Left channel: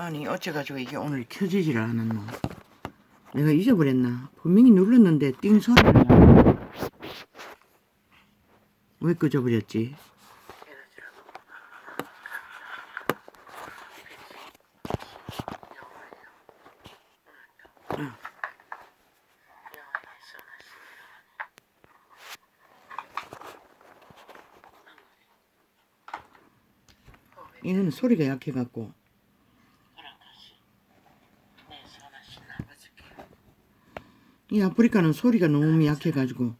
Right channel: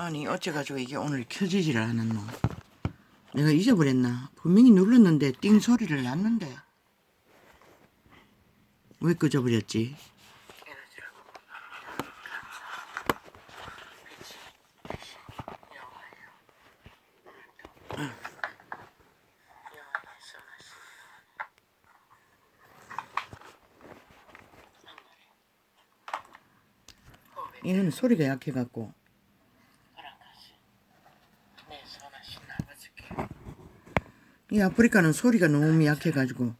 아니 어째가지고 이게 오늘 켜지지를 않았노. 내가 잊어버렸나. 분명히 눌렀는데 띵 소리를 났는데 왜 끄져버렸지? 이거는 소리가 약해갖고. 이 아프리카는 소리가 너무 약해가지고.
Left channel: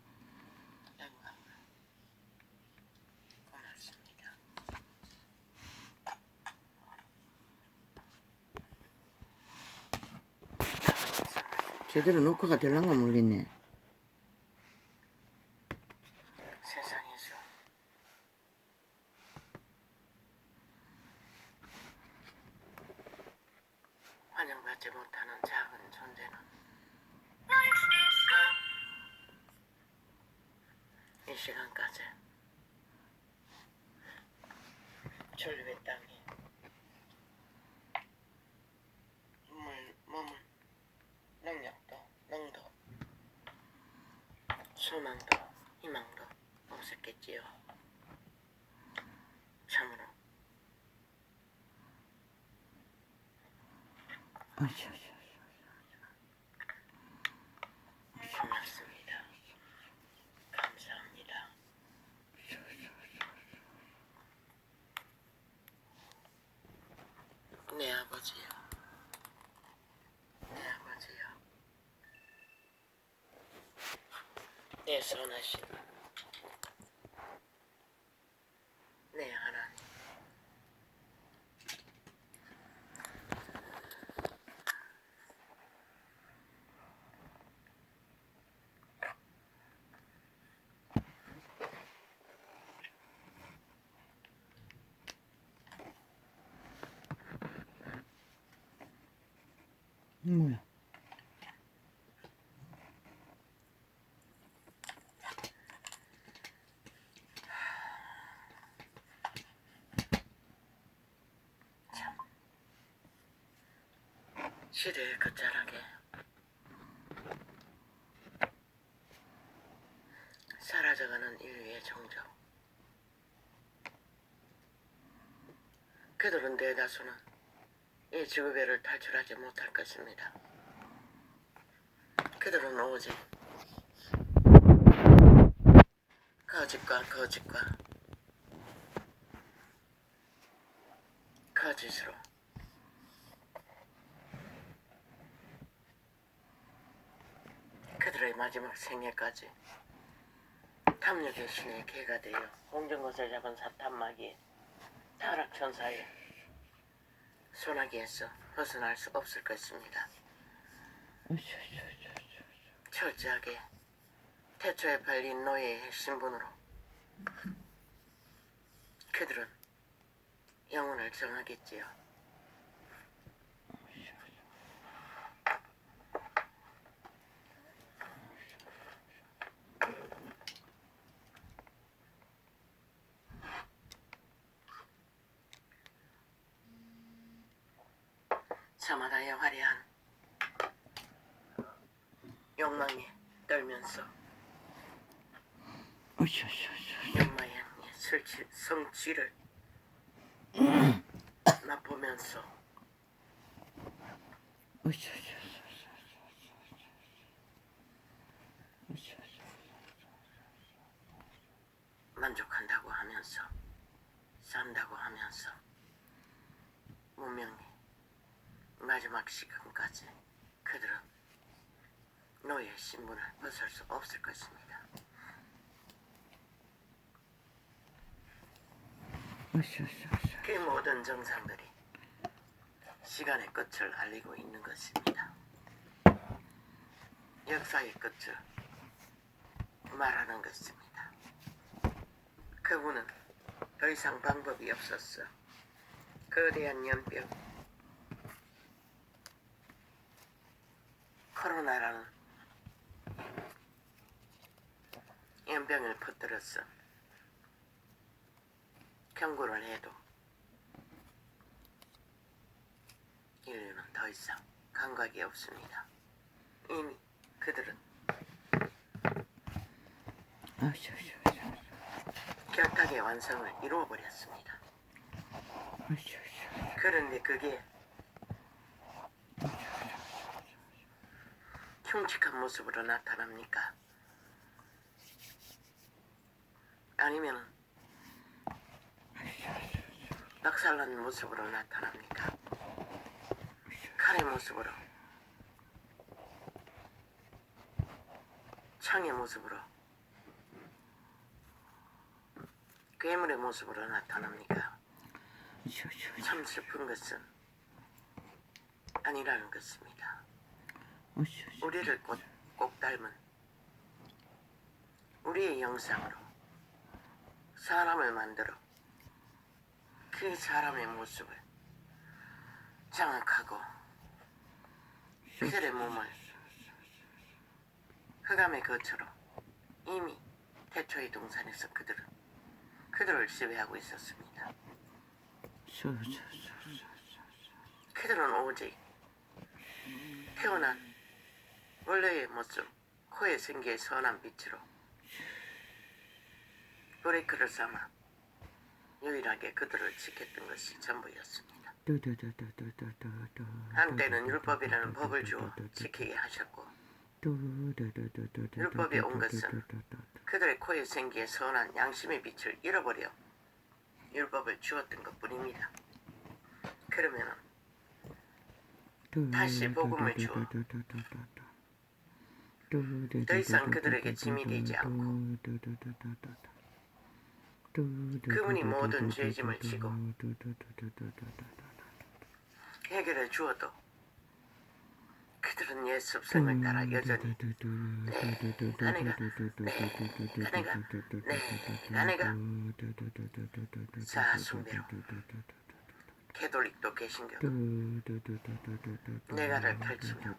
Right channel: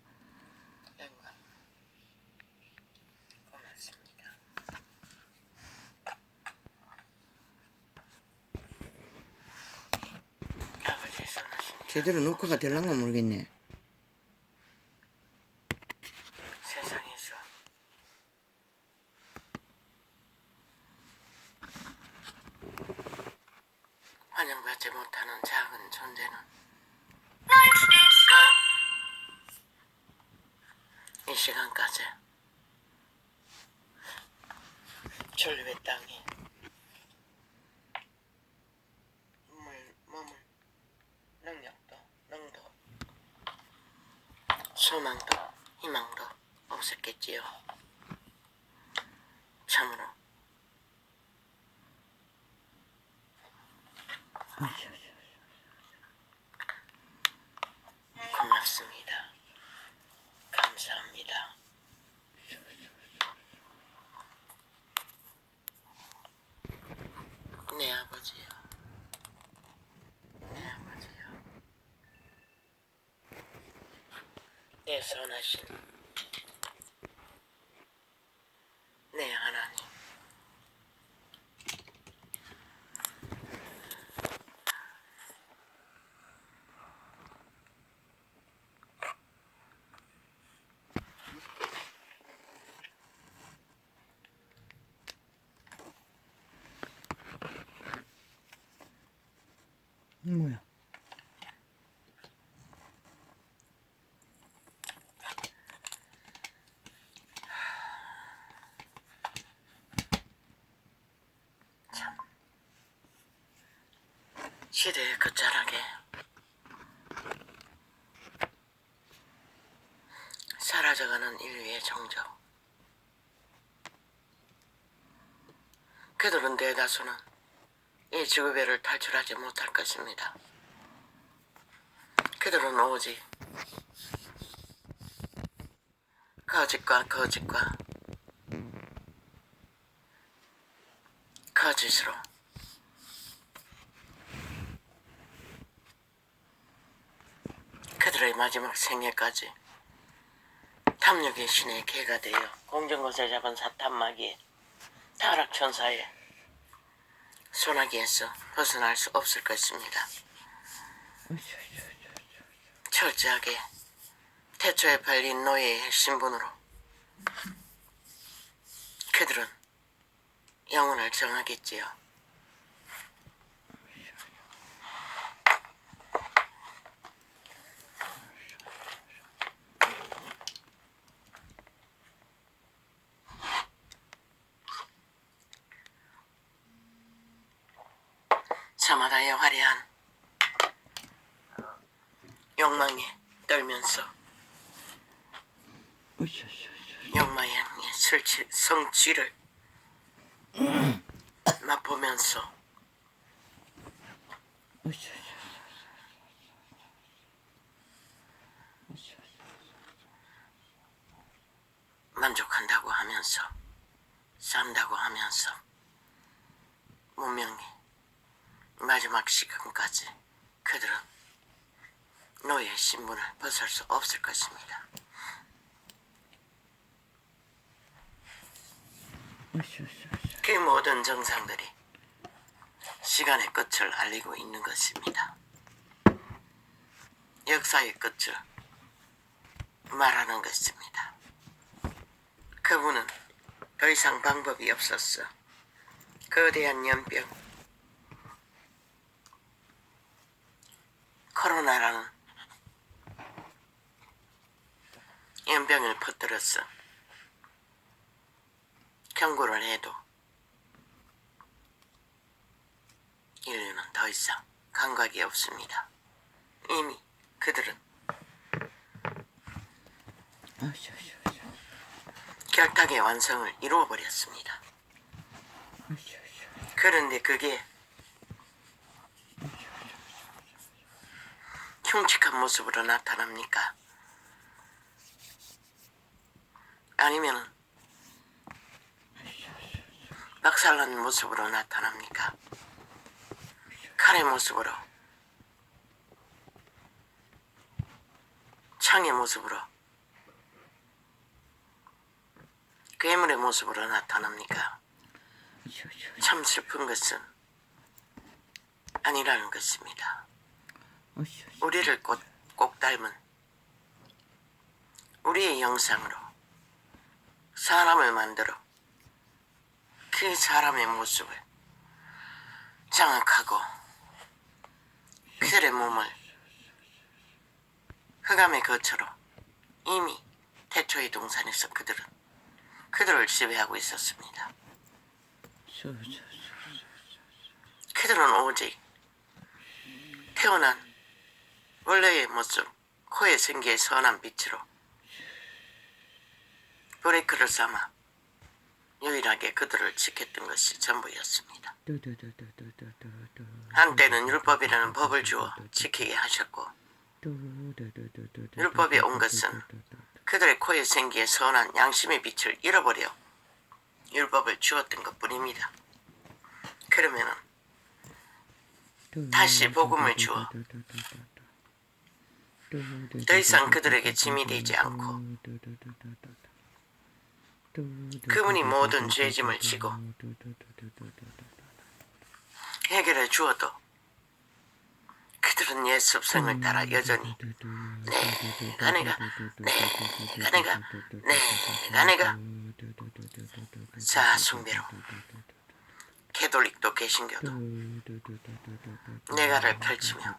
제대로 녹화가 될란가 모르겠네. 세상에서 환영받지 못하는 작은 존재는 이 시간까지 전류의 땅이 몸을 능력도 능도 소망도 희망도 없었겠지요. 참으로 고맙습니다. 감사합니다. 내 아버지요. 내 아버지요. 내 선하신 내 하나님. 뭐야? 시대의 끝자락에 사라져가는 인류의 정적. 그들은 대다수는 이 지구배를 탈출하지 못할 것입니다. 그들은 오직 거짓과 거짓과 거짓으로 그들의 마지막 생애까지 탐욕의 신의 개가 되어 공정것을 잡은 사탄마귀의 타락천사의 소나기에서 벗어날 수 없을 것입니다. 철저하게 태초에 발린 노예의 신분으로 그들은 영혼을 정하겠지요. 저마다의 화려한 욕망에 떨면서 욕망의 성취를 맛보면서 만족한다고 하면서 산다고 하면서 문명의 마지막 시간까지 그들은 노예 신분을 벗을 수 없을 것입니다. 그 모든 정상들이 시간의 끝을 알리고 있는 것입니다. 역사의 끝을 말하는 것입니다. 그분은 더 이상 방법이 없었어. 거대한 연병 코로나라는 연병을 퍼뜨렸어. 경고를 해도 더 이상 감각이 없습니다. 이미 그들은 결탁의 완성을 이루어버렸습니다. 그런데 그게 흉측한 모습으로 나타납니까? 아니면은 박살난 모습으로 나타납니까? 칼의 모습으로, 창의 모습으로, 괴물의 모습으로 나타납니까? 참 슬픈 것은 아니라는 것입니다. 우리를 꼭 닮은 우리의 형상으로 사람을 만들어 그 사람의 모습을 장악하고 그들의 몸을 흑암의 거처로 이미 태초의 동산에서 그들을 지배하고 있었습니다. 그들은 오직 태어난 원래의 모습, 코에 생기의 선한 빛으로 브레이크를 삼아 유일하게 그들을 지켰던 것이 전부였습니다. 한때는 율법이라는 법을 주어 지키게 하셨고, 율법이 온 것은 그들의 코에 생기의 선한 양심의 빛을 잃어버려 율법을 주었던 것뿐입니다. 그러면은 다시 복음을 주어 더 이상 그들에게 짐이 되지 않고 그분이 모든 죄짐을 지고 해결해 주어도 그들은 옛 습성을 따라 여전히 내가 자숭배로 캐톨릭도 개신교도 내가를 펼치며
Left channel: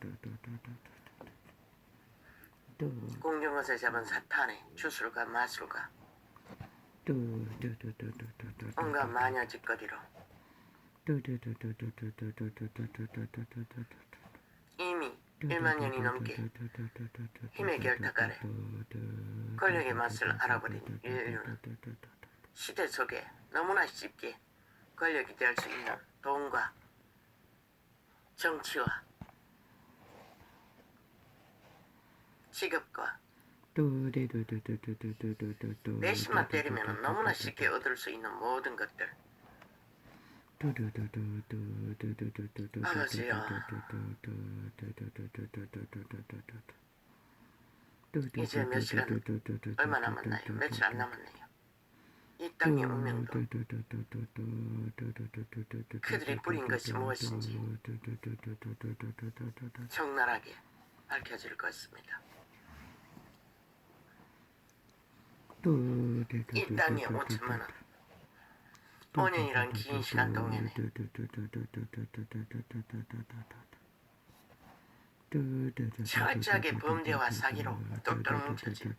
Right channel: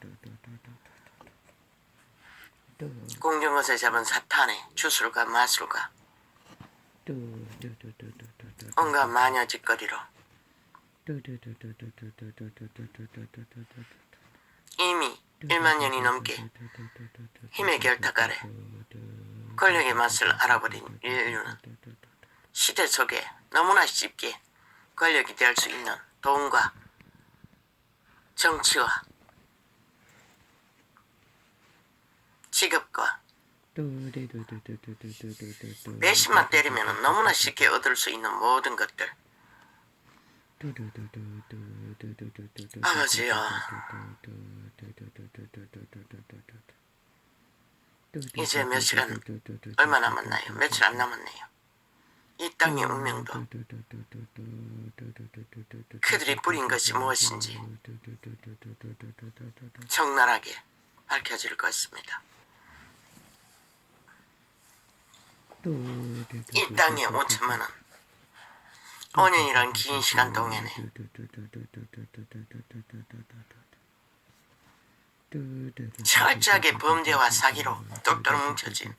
공중것을 잡은 사탄의 주술과 마술과 온갖 마녀 짓거리로 이미 1만 년이 넘게 힘의 결탁 아래 권력의 맛을 알아버린 인류는 시대 속에 너무나 쉽게 권력이 될 수 있는 돈과 정치와 직업과 몇십만 때리면 너무나 쉽게 얻을 수 있는 모든 것들. 아버지요, 이제 몇 시간 얼마 남았나요? 며칠 안 남았네요. 이 땅의 운명도 그들이 뿌린 것이 무엇인지 적나라하게 밝혀질 것입니다. 이 땅에 5천만 원, 5년이란 긴 시간 동안에 철저하게 범죄와 사기로 똘똘 뭉쳐진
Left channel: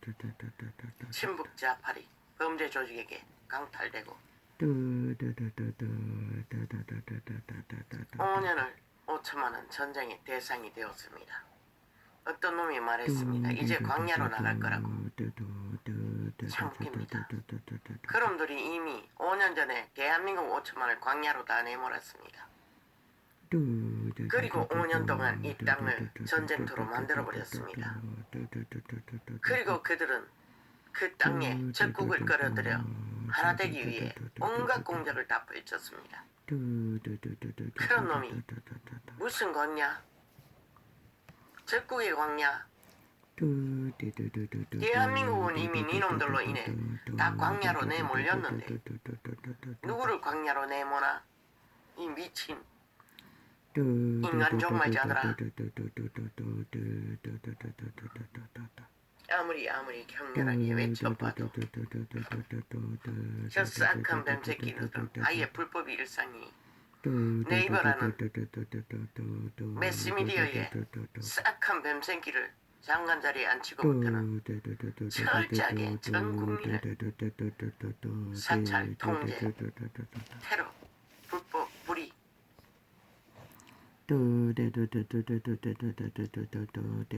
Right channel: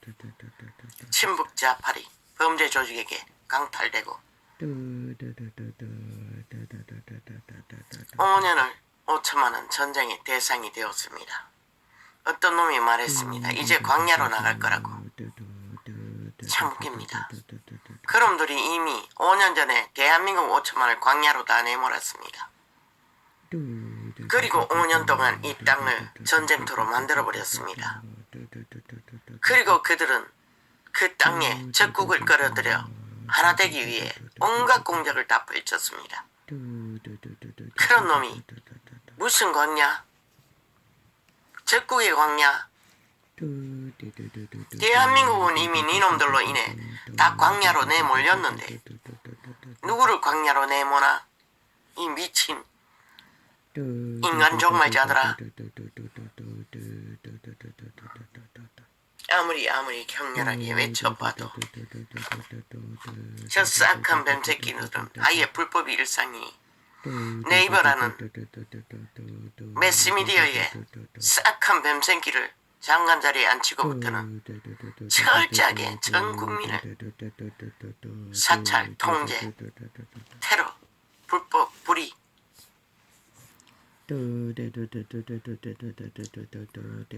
친북 좌파리 범죄 조직에게 강탈되고 5년을 5천만 원 전쟁의 대상이 되었습니다. 어떤 놈이 말했습니다. 이제 광야로 나갈 거라고. 참 웃깁니다. 그놈들이 이미 5년 전에 대한민국 5천만을 광야로 다 내몰았습니다. 그리고 5년 동안 이 땅을 전쟁터로 만들어버렸습니다. 그리고 그들은 그 땅에 적국을 끌어들여 하나 되기 위해 온갖 공작을 다 펼쳤습니다. 그런 놈이 무슨 광야? 적국의 광야? 대한민국은 이미 이놈들로 인해 다 광야로 내몰렸는데 누구를 광야로 내모나? 이 미친 인간 종말자들아. 아무리 격렬하게 외쳐봐도 저 싹한 뱀새끼들은 아예 불법이 일상이 네이버라는 매스미디어에 싹한 뱀새끼를 장관 자리에 앉히고부터는 철저하게 전 국민을 사찰, 통제, 테러, 불법, 불의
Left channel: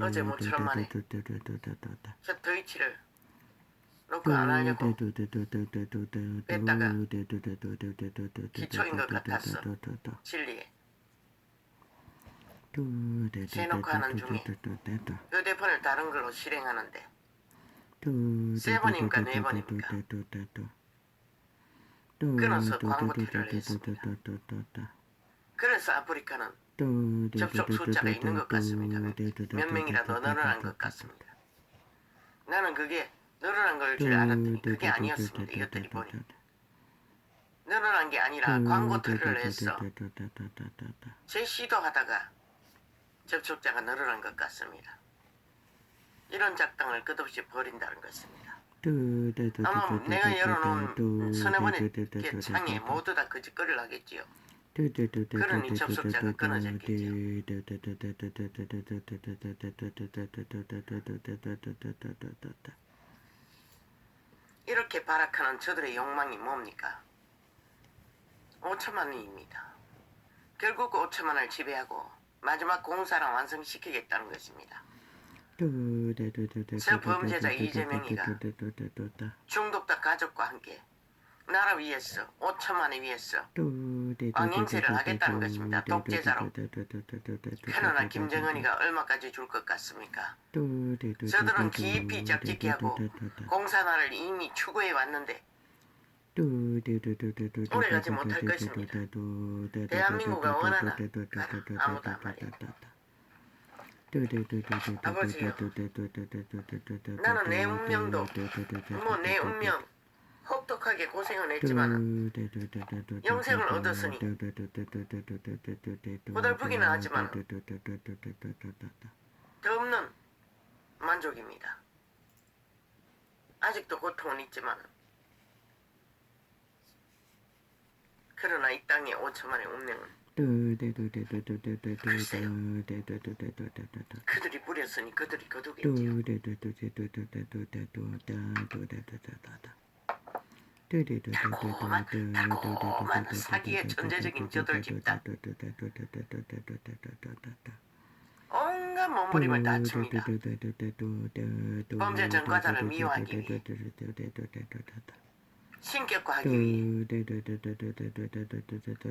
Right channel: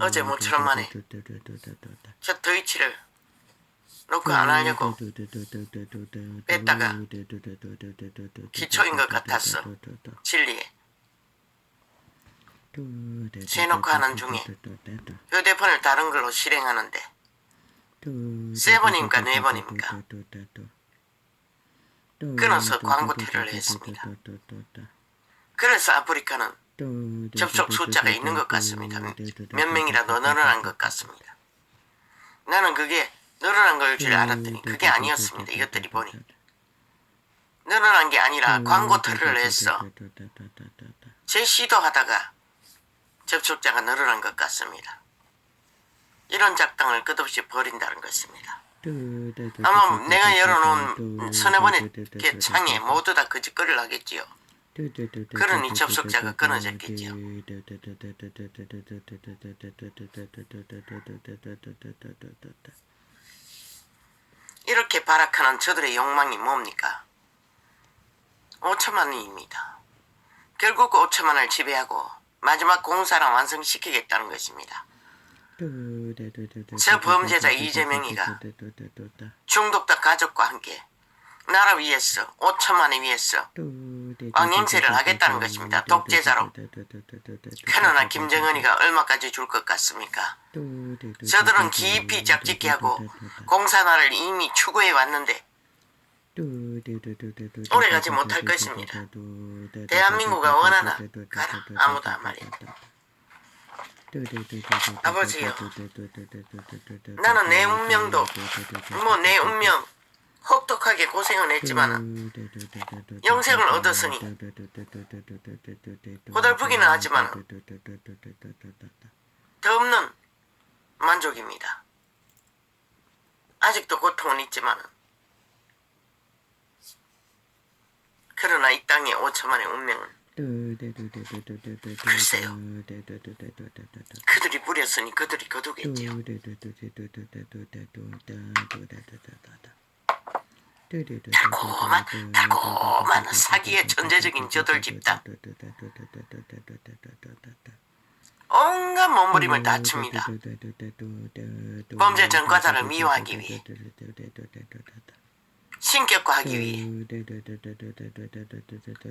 어제 모처럼 만에 저 더위치를 놓고 안 하려고 뺐다가 기초인 것 같았어. 진리에 세놓고 하는 중에 휴대폰을 다른 걸로 실행하는데 세 번인가 네 번입니까? 끊어서 광고 테러를 했습니다. 그래서 아프리카는 접속 숫자가 있는 것 같습니다. 몇 명이라도 늘어난 것 같습니다. 나는 그게 늘어난 걸 줄 알았더니 그게 아니었습니다. 이것들이 보니 늘어난 게 아니라 광고 테러를 했어. 재시도하다가 접속자가 늘어난 것 같습니다. 이런 작당을 끝없이 벌인다는 것입니다. 아마 내가 열어놓은 서너 번의 창에 모두 다 거짓거리를 하겠지요. 그러니 접속자가 끊어졌겠지요. 이렇게 발악하는 저들의 욕망이 뭡니까? 5천만 원입니다. 결국 5천만을 지배하고 마지막 공사를 완성시키겠다는 것입니다. 저 범죄자 이재명이가 중독자 가족과 함께 나라 위해서 5천만을 위해서 왕행세를 하겠다는 것입니다. 독재자로. 그러나 김정은이가 얼마까지 줄 것 같습니까? 저들은 깊이 적직히 하고 공산화를 이미 추구해 왔는데 오래가지 못할 것입니다. 대한민국가 원하나 가라. 아무도 안 말이야. 아버지요, 나는 내 운명도 내 운명 혹독하게 고생은 했지만 영생을 얻었으니 고달프기는 하지만 더 없는 만족입니다. 아직도 고통은 있지만 그러나 이 땅의 5천만의 운명은 글쎄요, 그들이 부렸으니 그들이 거두겠지요. 달콤한 사기의 천재적인 저들 집단, 온갖 몸부림을 다 칩니다. 범죄 전과자를 미화하기 위해, 신격화하기 위해,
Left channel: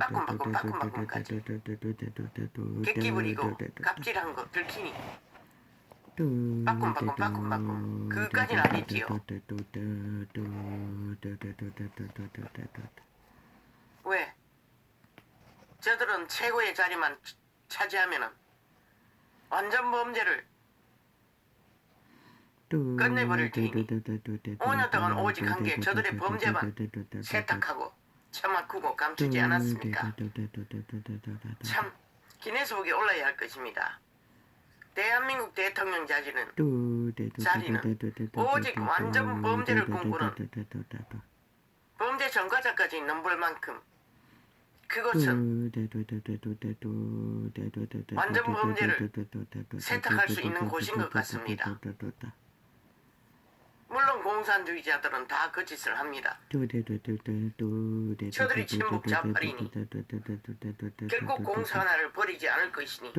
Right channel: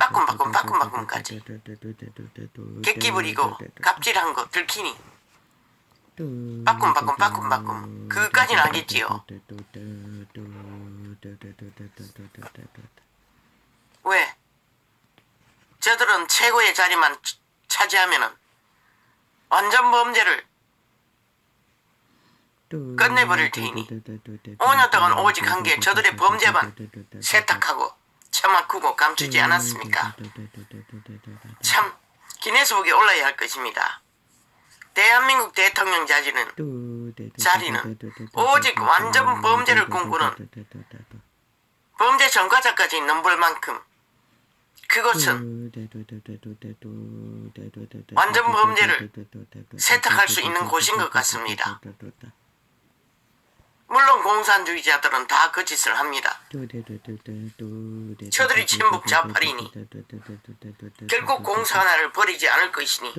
바꿈까지 객기 부리고 갑질한 거 들키니 바꿈 그까지는 알겠지요. 왜? 저들은 최고의 자리만 차지하면은 완전 범죄를 끝내버릴 테니 5년 동안 오직 한 게 저들의 범죄만 세탁하고 처맞고 감추지 않았습니까? 참 기네스북에 올라야 할 것입니다. 대한민국 대통령 자리는 오직 완전 범죄를 꿈꾸는 범죄 전과자까지 넘볼 만큼 그것은 완전 범죄를 세탁할 수 있는 곳인 것 같습니다. 물론 공산주의자들은 다 그 짓을 합니다. 저들이 친북 좌파리니 결국 공산화를 버리지 않을 것이니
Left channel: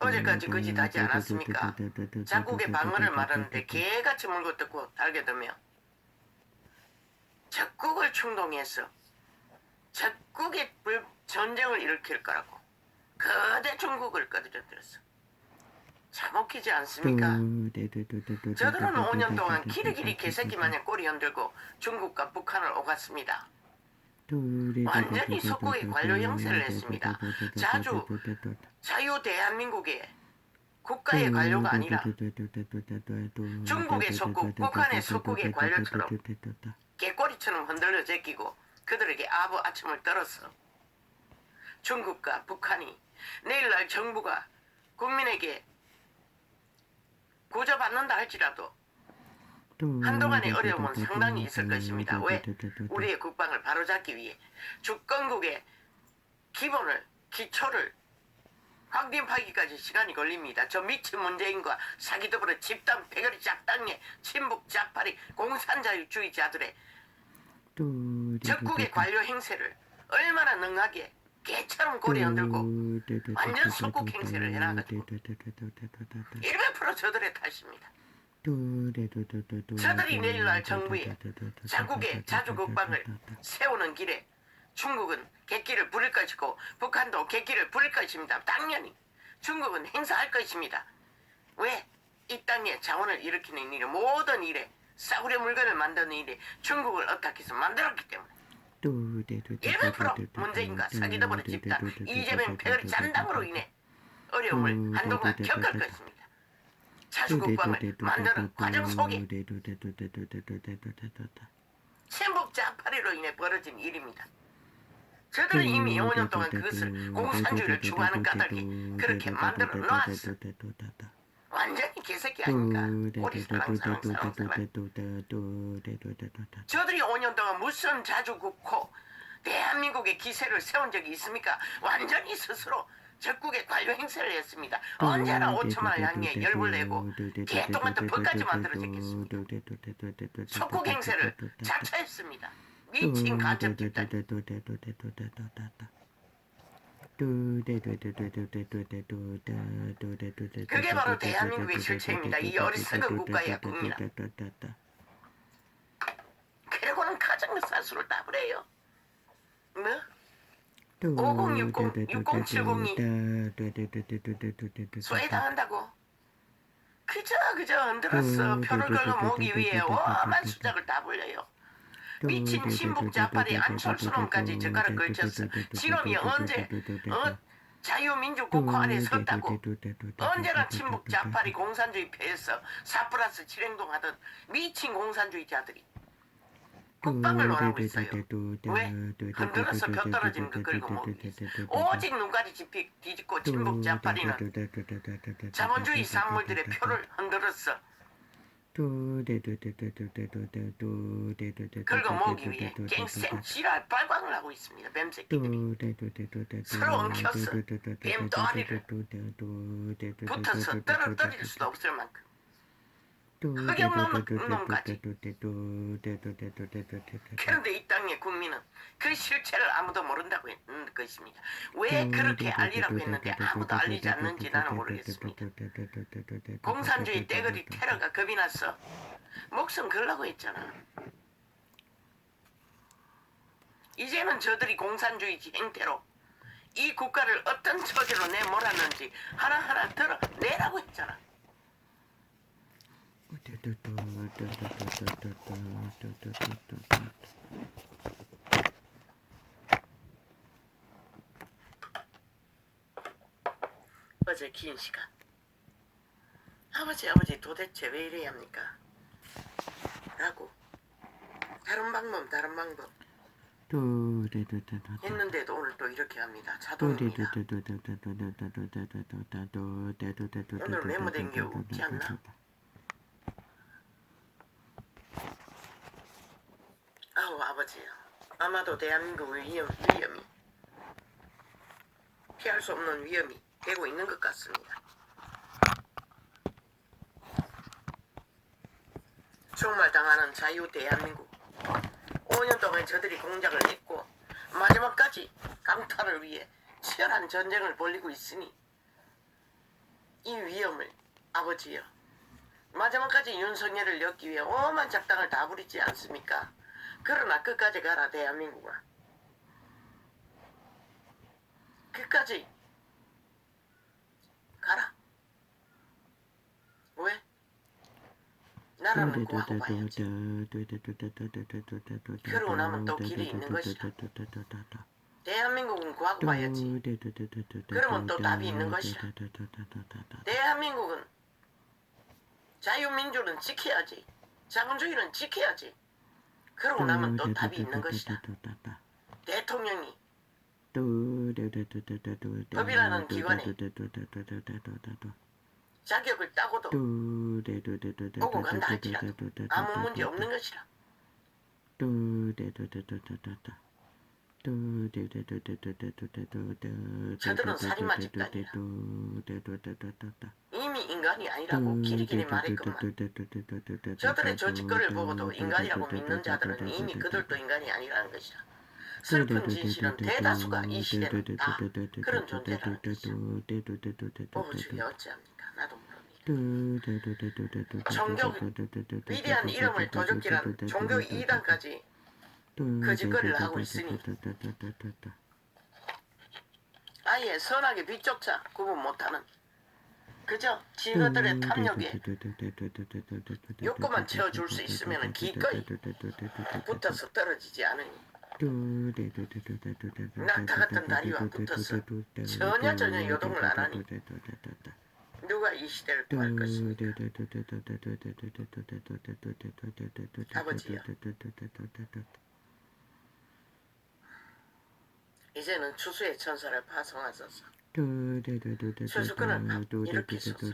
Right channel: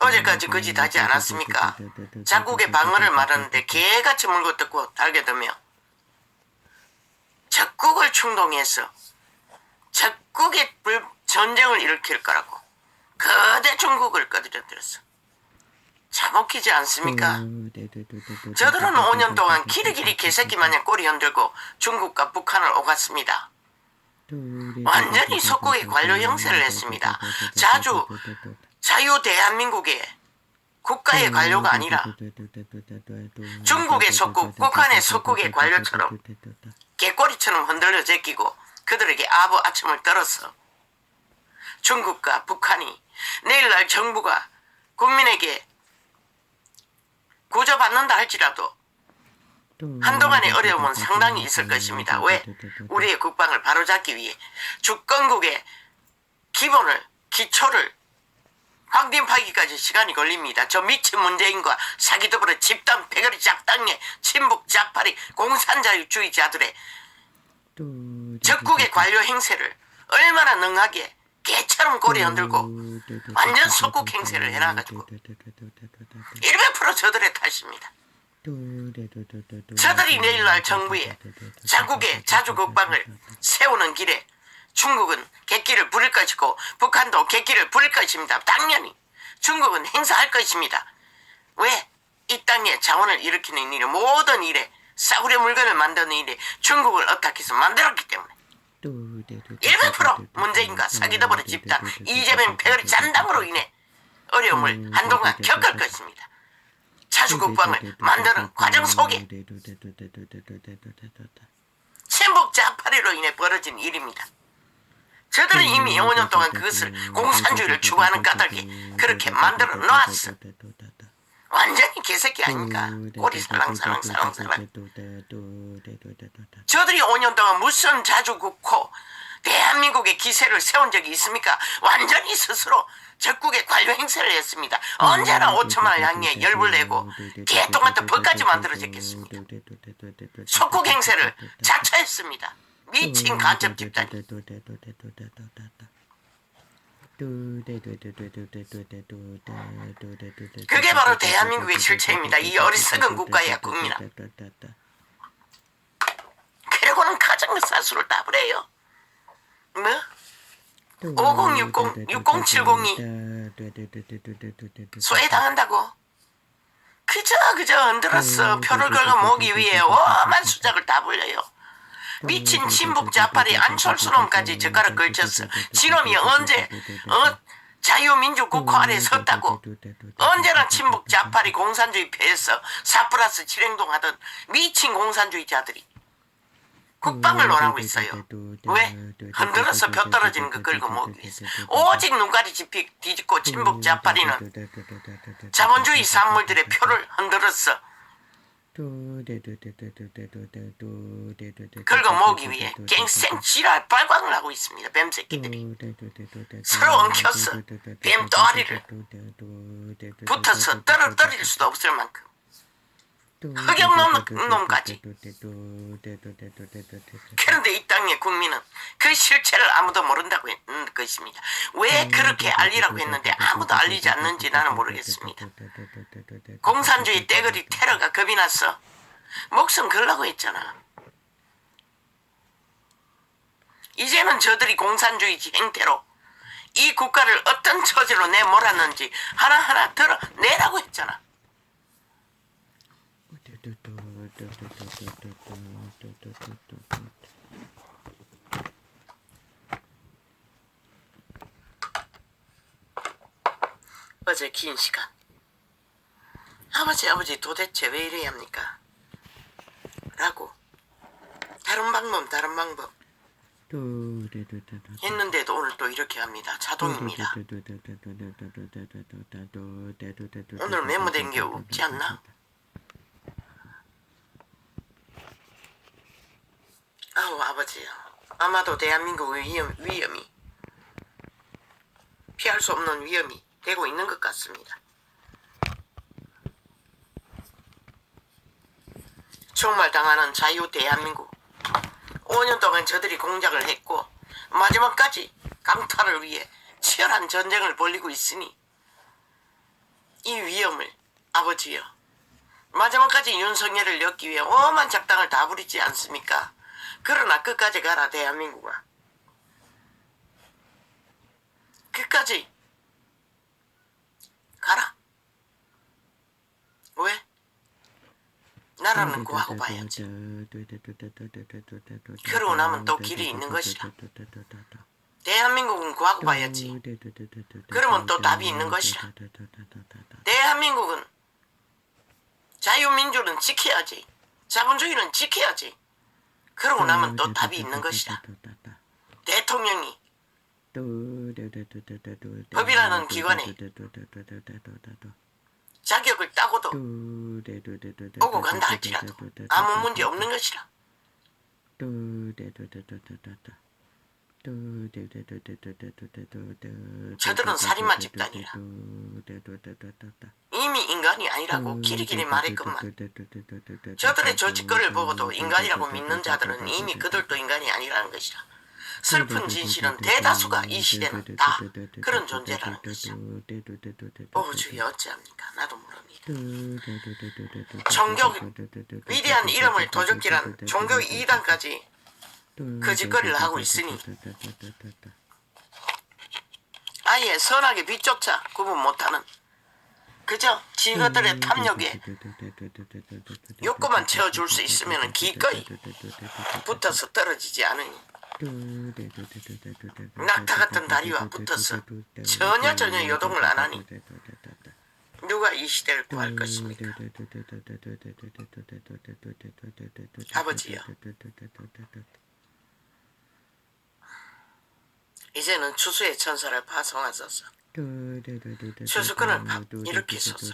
어제까지 그 짓 하지 않았습니까? 자국의 방어를 말하는데 개같이 물고 뜯고 달겨들며 적국을 충동해서 적국의 전쟁을 일으킬 거라고 거대 중국을 꺼들여들었어. 참 웃기지 않습니까? 저들은 5년 동안 기리기리 개새끼 마냥 꼬리 흔들고 중국과 북한을 오갔습니다. 완전히 속국의 관료 형세를 했습니다. 자유 대한민국의 국가의 관료가 아니라 중국의 속국, 북한의 속국의 관료처럼 개꼬리처럼 흔들려 제끼고 그들에게 아부 아첨을 떨어서 중국과 북한이 내일날 정부가 국민에게 구조받는다 할지라도 한동안의 어려움은 상당히 있을 것입니다. 왜? 우리의 국방을 바로잡기 위해 주권국의 기초를 확립하기까지 시간이 걸립니다. 저 미친 문재인과 사기더불어 집단 패거리 작당의 친북 좌파리 공산자유주의자들의 적국의 관료 행세를 얼마나 능하게 개처럼 고리 흔들고 완전 속국 행세를 해놔가지고 100% 저들의 탓입니다. 저들이 내일날 정부에 자국의 자주국방을 세우는 길에 중국은 객기를 부릴 것이고 북한도 객기를 부릴 것입니다. 당연히 중국은 행사할 것입니다. 왜? 이 땅에 자원을 일으키는 일에 모든 일에 싸구려 물건을 만드는 일에 중국을 어떻게 해서 만들었기 때문에 100% 문재인과 사기더불어 집단 이재명 패거리 잔당으로 인해 어려움을 한동안 겪을 것입니다. 자주국방을 만드는 과정 속에 친북 좌파리로 인해 벌어진 일입니다. 저들은 이미 5년 동안 그것을 공산주의를 추구하는 까닭이 그렇게 만들어 놓았어. 완전히 개새끼 아닙니까? 꼬리 살랑살랑. 저들이 5년 동안 무슨 자주국호 대한민국의 기세를 세운 적이 있습니까? 완전히 스스로 적국의 관료 행세를 했습니다. 언제나 5천만을 향해 열불 내고 개똥같은 법까지 만들어졌겠습니다. 속국 행세를 자처했습니다. 미친 간첩 집단이. 그게 바로 대한민국의 실체입니다. 이 어리석은 국가의 국민아. 그러고는 가정사수를 따버려요. 뭐? 5060, 6070이 소외당한다고? 그저 흔들었어. 표를 걸고 모기 위해 오만 수작을 다 불려요. 미친 친북 좌파리 안철수놈까지 젓가락 걸쳤어. 지놈이 언제 자유민주 국호 아래 섰다고? 언제나 친북 좌파리 공산주의 패에서 4+7 행동하던 미친 공산주의자들이 국방을 논하고 있어요. 왜? 흔들어서 벼 떨어지는 거 긁어 모으기 위해서. 오직 눈가리 뒤집고 친북 좌파리는 자본주의 산물들의 표를 흔들어서 긁어 모으기 위해 갱생 지랄 발광을 하고 있습니다. 뱀새끼들이 서로 엉켜서 뱀 또아리를 붙어서 떨어뜨릴 수도 없을 만큼 흑역놈 놈까지. 그런데 이 땅의 국민은 그 실체를 아무도 모른다고 했는 것입니다. 왜 그렇게 알리라고 했는데 아무도 알리지 않는지 나는 모르겠습니다. 공산주의 떼거리 테러가 겁이 났어. 목숨 걸라고 했잖아. 이제는 저들이 공산주의 행태로 이 국가를 어떤 처지로 내몰았는지 하나하나 드러내라고 했잖아. 어제 긴 시간 아버지 도대체 왜 이래야 합니까? 라고 다른 방법 했는데도 오늘 또 이렇게 합니다. 자동입니다. 오늘 메모된 게 없지 않나? 아우 아버지, 아마도 대한민국의 위험이 피할 수 없는 위험이 되고 있는 것 같습니다. 총말당하는 자유 대한민국. 5년 동안 저들이 공작을 했고 마지막까지 강탈을 위해 치열한 전쟁을 벌이고 있으니 이 위험을 아버지여 마지막까지 윤석열을 엮기 위해 오만 작당을 다 부리지 않습니까? 그러나 끝까지 가라 대한민국아. 끝까지 가라. 왜? 나라는 구하고 봐야지. 그러고 나면 또 길이 있는 것이라. 대한민국은 구하고 봐야지. 그러면 또 답이 있는 것이라. 대한민국은 자유민주는 지켜야지. 자본주의는 지켜야지. 그러고 나면 또 답이 있는 것이라. 대통령이 법이라는 기관에 자격을 따고도 오고 간다 할지라도 아무 문제 없는 것이라. 저들은 살인마 집단이라. 이미 인간이 아니라고 길이길이 말했건만 저들의 조직거리를 보고도 인간이라고 믿는 자들은 이미 그들도 인간이 아니라는 것이라. 슬픈 진실은 대다수가 이 시대는 다 그런 존재라는 것이죠. 보호주의 어찌합니까? 나도 모릅니다. 종교 위대한 이름을 도적질한 종교 이단까지 거짓거리를 하고 있으니 아예 선악의 빛조차 구분 못하는 그저 지그들의 탐욕에 욕구만 채워줄 수 있으면 기꺼이 붙어서 떨어지지 않으니 낙타 같은 다리와 붙어서 전혀 요동을 안 하니 누가 이 시대를 구할 것입니까? 아버지요, 이제는 추수의 천사를 파송하소서. 추수꾼을 일으키소서.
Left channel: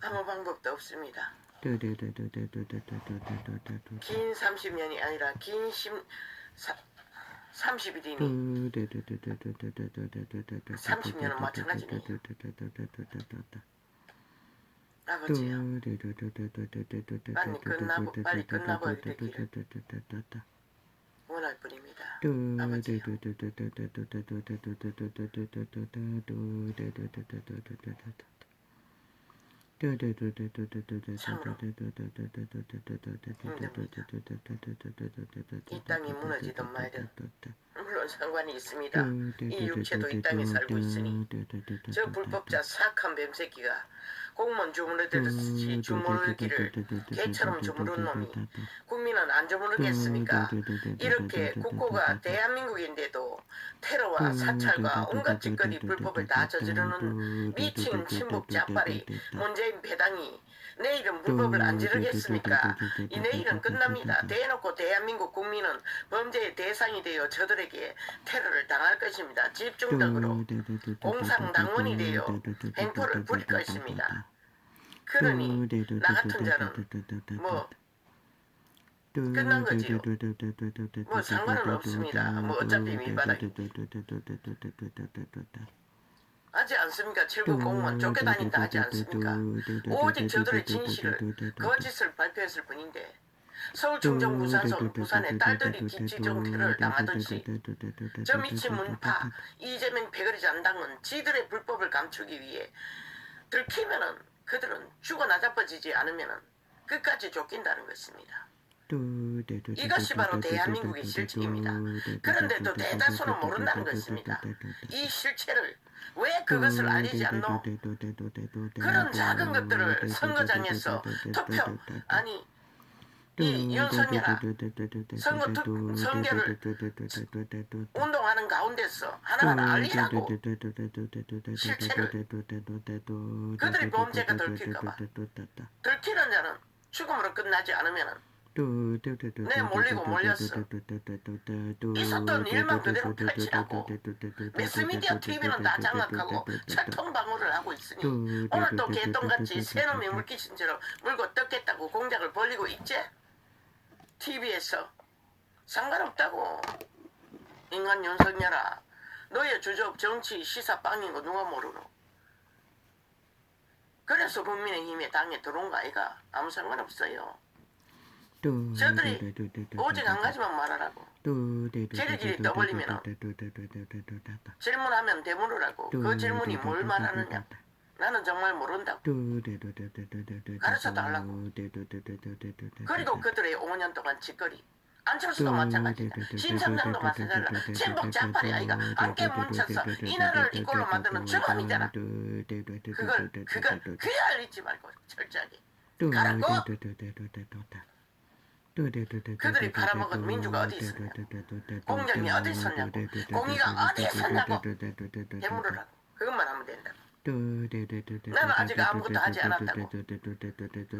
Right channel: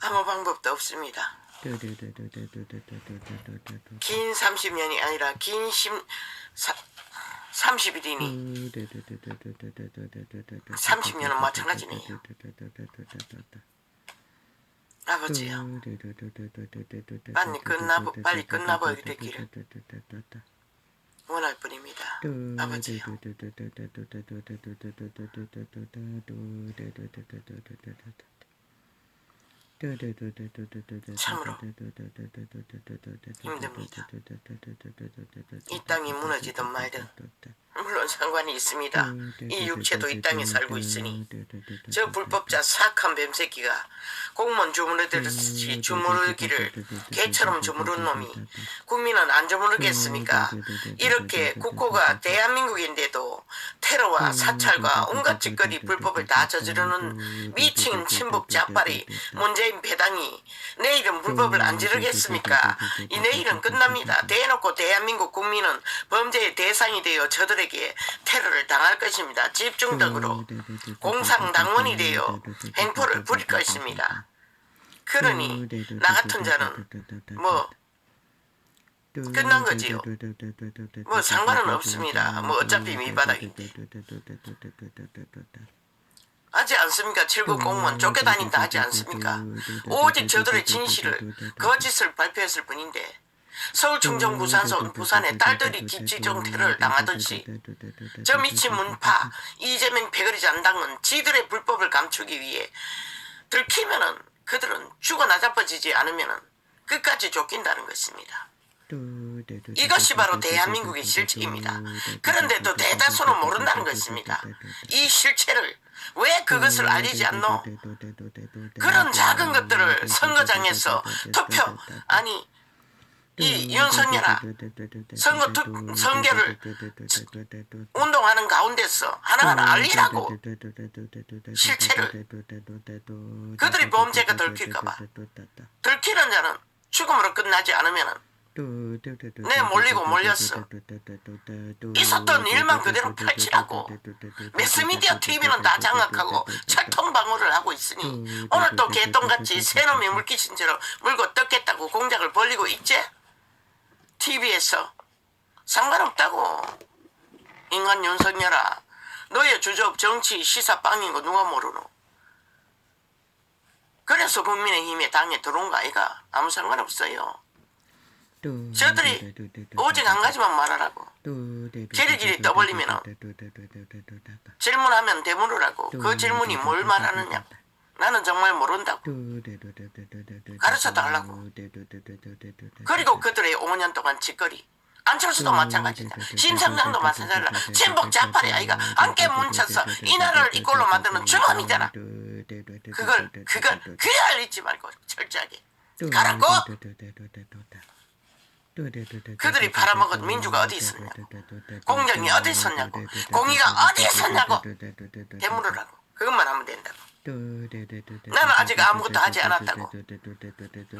아무 방법도 없습니다. 긴 30년이 아니라 긴 30일이니 30년은 마찬가지네요. 아버지요, 빨리 끝나버리게 되기를 원할 뿐입니다. 아버지요. 참으로 힘듭니다. 이 땅이 무너지든 말든 물론 상관이 있습니다. 이 육체도 이 땅에 살고 있으니 저 불법자 사악한 뱀새끼가 공무원 주무르듯이 주무르기를 개처럼 주무른 놈이 국민은 안 주무르겠습니까? 이렇게 국호가 대한민국인데도 테러와 사찰과 온갖 짓거리 불법을 다 저지르는 미친 친북 짝발이 문재인 배당이 내일은 불법을 안 지르겠습니까? 이 내일은 끝납니다. 대놓고 대한민국 국민은 범죄의 대상이 되어 저들에게 테러를 당할 것입니다. 집중적으로 공상당원이 되어 행포를 부릴 것입니다. 그러니 나 같은 자는 뭐 끝난 거지요. 뭐 상관은 없습니다. 뭐 어차피 밑바닥인데. 하지 않습니까? 7급 공무원 쫓겨다닌다 하지 않습니까? 오직 저들의 진실을 거짓을 발표했을 뿐인데 서울 충청 부산서울 부산의 딸들이 집지정 테러를 당하듯이 저 미친 문파 이재명 패거리 잔당은 지들의 불법을 감추기 위해 들키면은 그들은 죽어 나자빠지지 않으면은 끝까지 쫓긴다는 것입니다. 이것이 바로 대한민국의 실체입니다. 그런데도 대다수는 모른다는 것입니다. 이 실체를 왜 그것을 알리지 않노? 그런 작은 것들을 선거장에서 투표 아니 이 윤석열아 선거를 운동하는 가운데서 하나하나 알리라고 실체를 그들이 범죄가 들킬까봐 들키는 자는 죽음으로 끝나지 않으면은 내 몰리고 몰렸어. 있었던 일만 그대로 펼치라고. 매스미디어 TV는 다 장악하고 철통방어를 하고 있으니 오늘 또 개똥같이 새놈이 물귀신 채로 물고 뜯겠다고 공작을 벌리고 있지? TV에서 상관없다고. 인간 윤석열아, 너의 주접 정치 시사 빵인 거 누가 모르노? 그래서 국민의힘에 당에 들어온 거 아이가? 아무 상관없어요. 저들이 오직 한 가지만 말하라고. 지리지리 떠벌리면 질문하면 대물으라고. 그 질문이 뭘 말하느냐. 나는 정말 모른다고. 가르쳐달라고. 그리고 그들의 5년 동안 짓거리. 안철수도 마찬가지다. 심상정도 마찬가지다. 친북 좌파리 아이가 함께 뭉쳐서 이 나라를 이꼴로 만드는 주범이잖아. 그걸 알리지 말고 철저하게 가라고. 그들이 팔아먹은 민주가 어디 있었냐고. 공정이 어디 있었냐고. 공의가 어디 있었냐고. 대물으라고. 그것만 하면 된다고. 나는 아직 아무것도 하지 않았다고.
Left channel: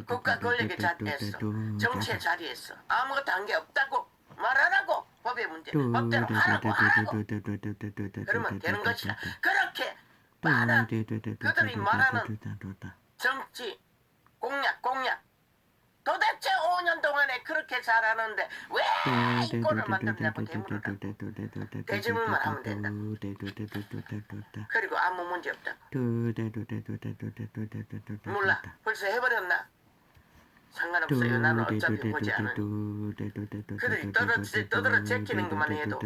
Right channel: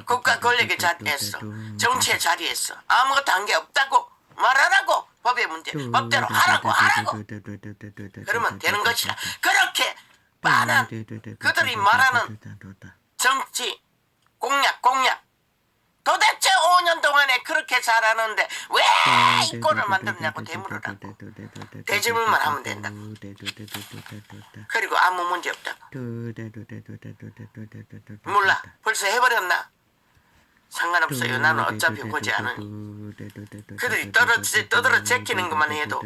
국가 권력의 자리에서 정치의 자리에서 아무것도 한 게 없다고 말하라고. 법의 문제 법대로 하라고. 그러면 되는 것이다. 그렇게 많은 그들이 말하는 정치 공약 도대체 5년 동안에 그렇게 잘하는데 왜 이 꼴을 만들었냐고 대물으라고. 대질문만 하면 된다고. 그리고 아무 문제 없다고. 몰라. 벌써 해버렸나? 상관없어요. 나는 어차피 보지 않으니. 그들이 떠들어 제끼는 것만 해도,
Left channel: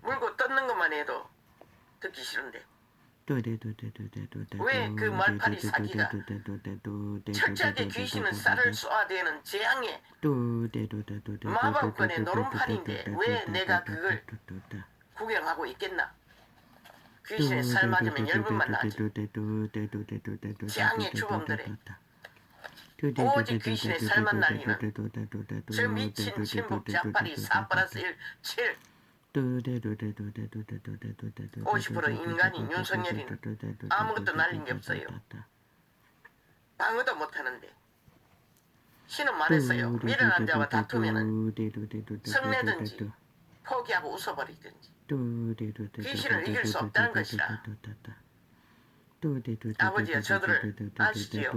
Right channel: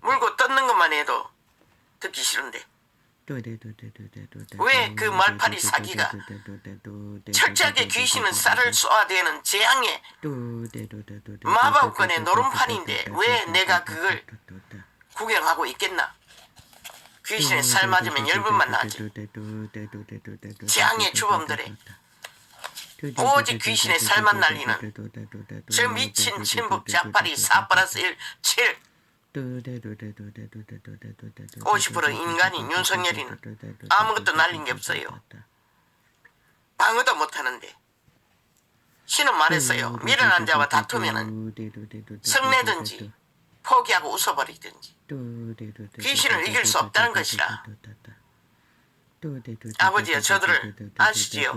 물고 뜯는 것만 해도 듣기 싫은데 왜 그 말파리 사기가 철저하게 귀신은 쌀을 쏘아대는 재앙의 마법권의 노름판인데 왜 내가 그걸 구경하고 있겠나? 귀신의 살 맞으면 열분만 나지. 재앙의 주범들의 오직 귀신의 살만 날리는 저 미친 신북 자파리 4+1 7 50% 인간인 윤석열이는 아무것도 날린 게 없어요. 방어도 못하는데 신은 말했어요. 미련한 자와 다투면은 성내든지 포기하고 웃어버리든지 귀신을 이길 수 없다는 것이라. 아버지여 저들을 아시지요?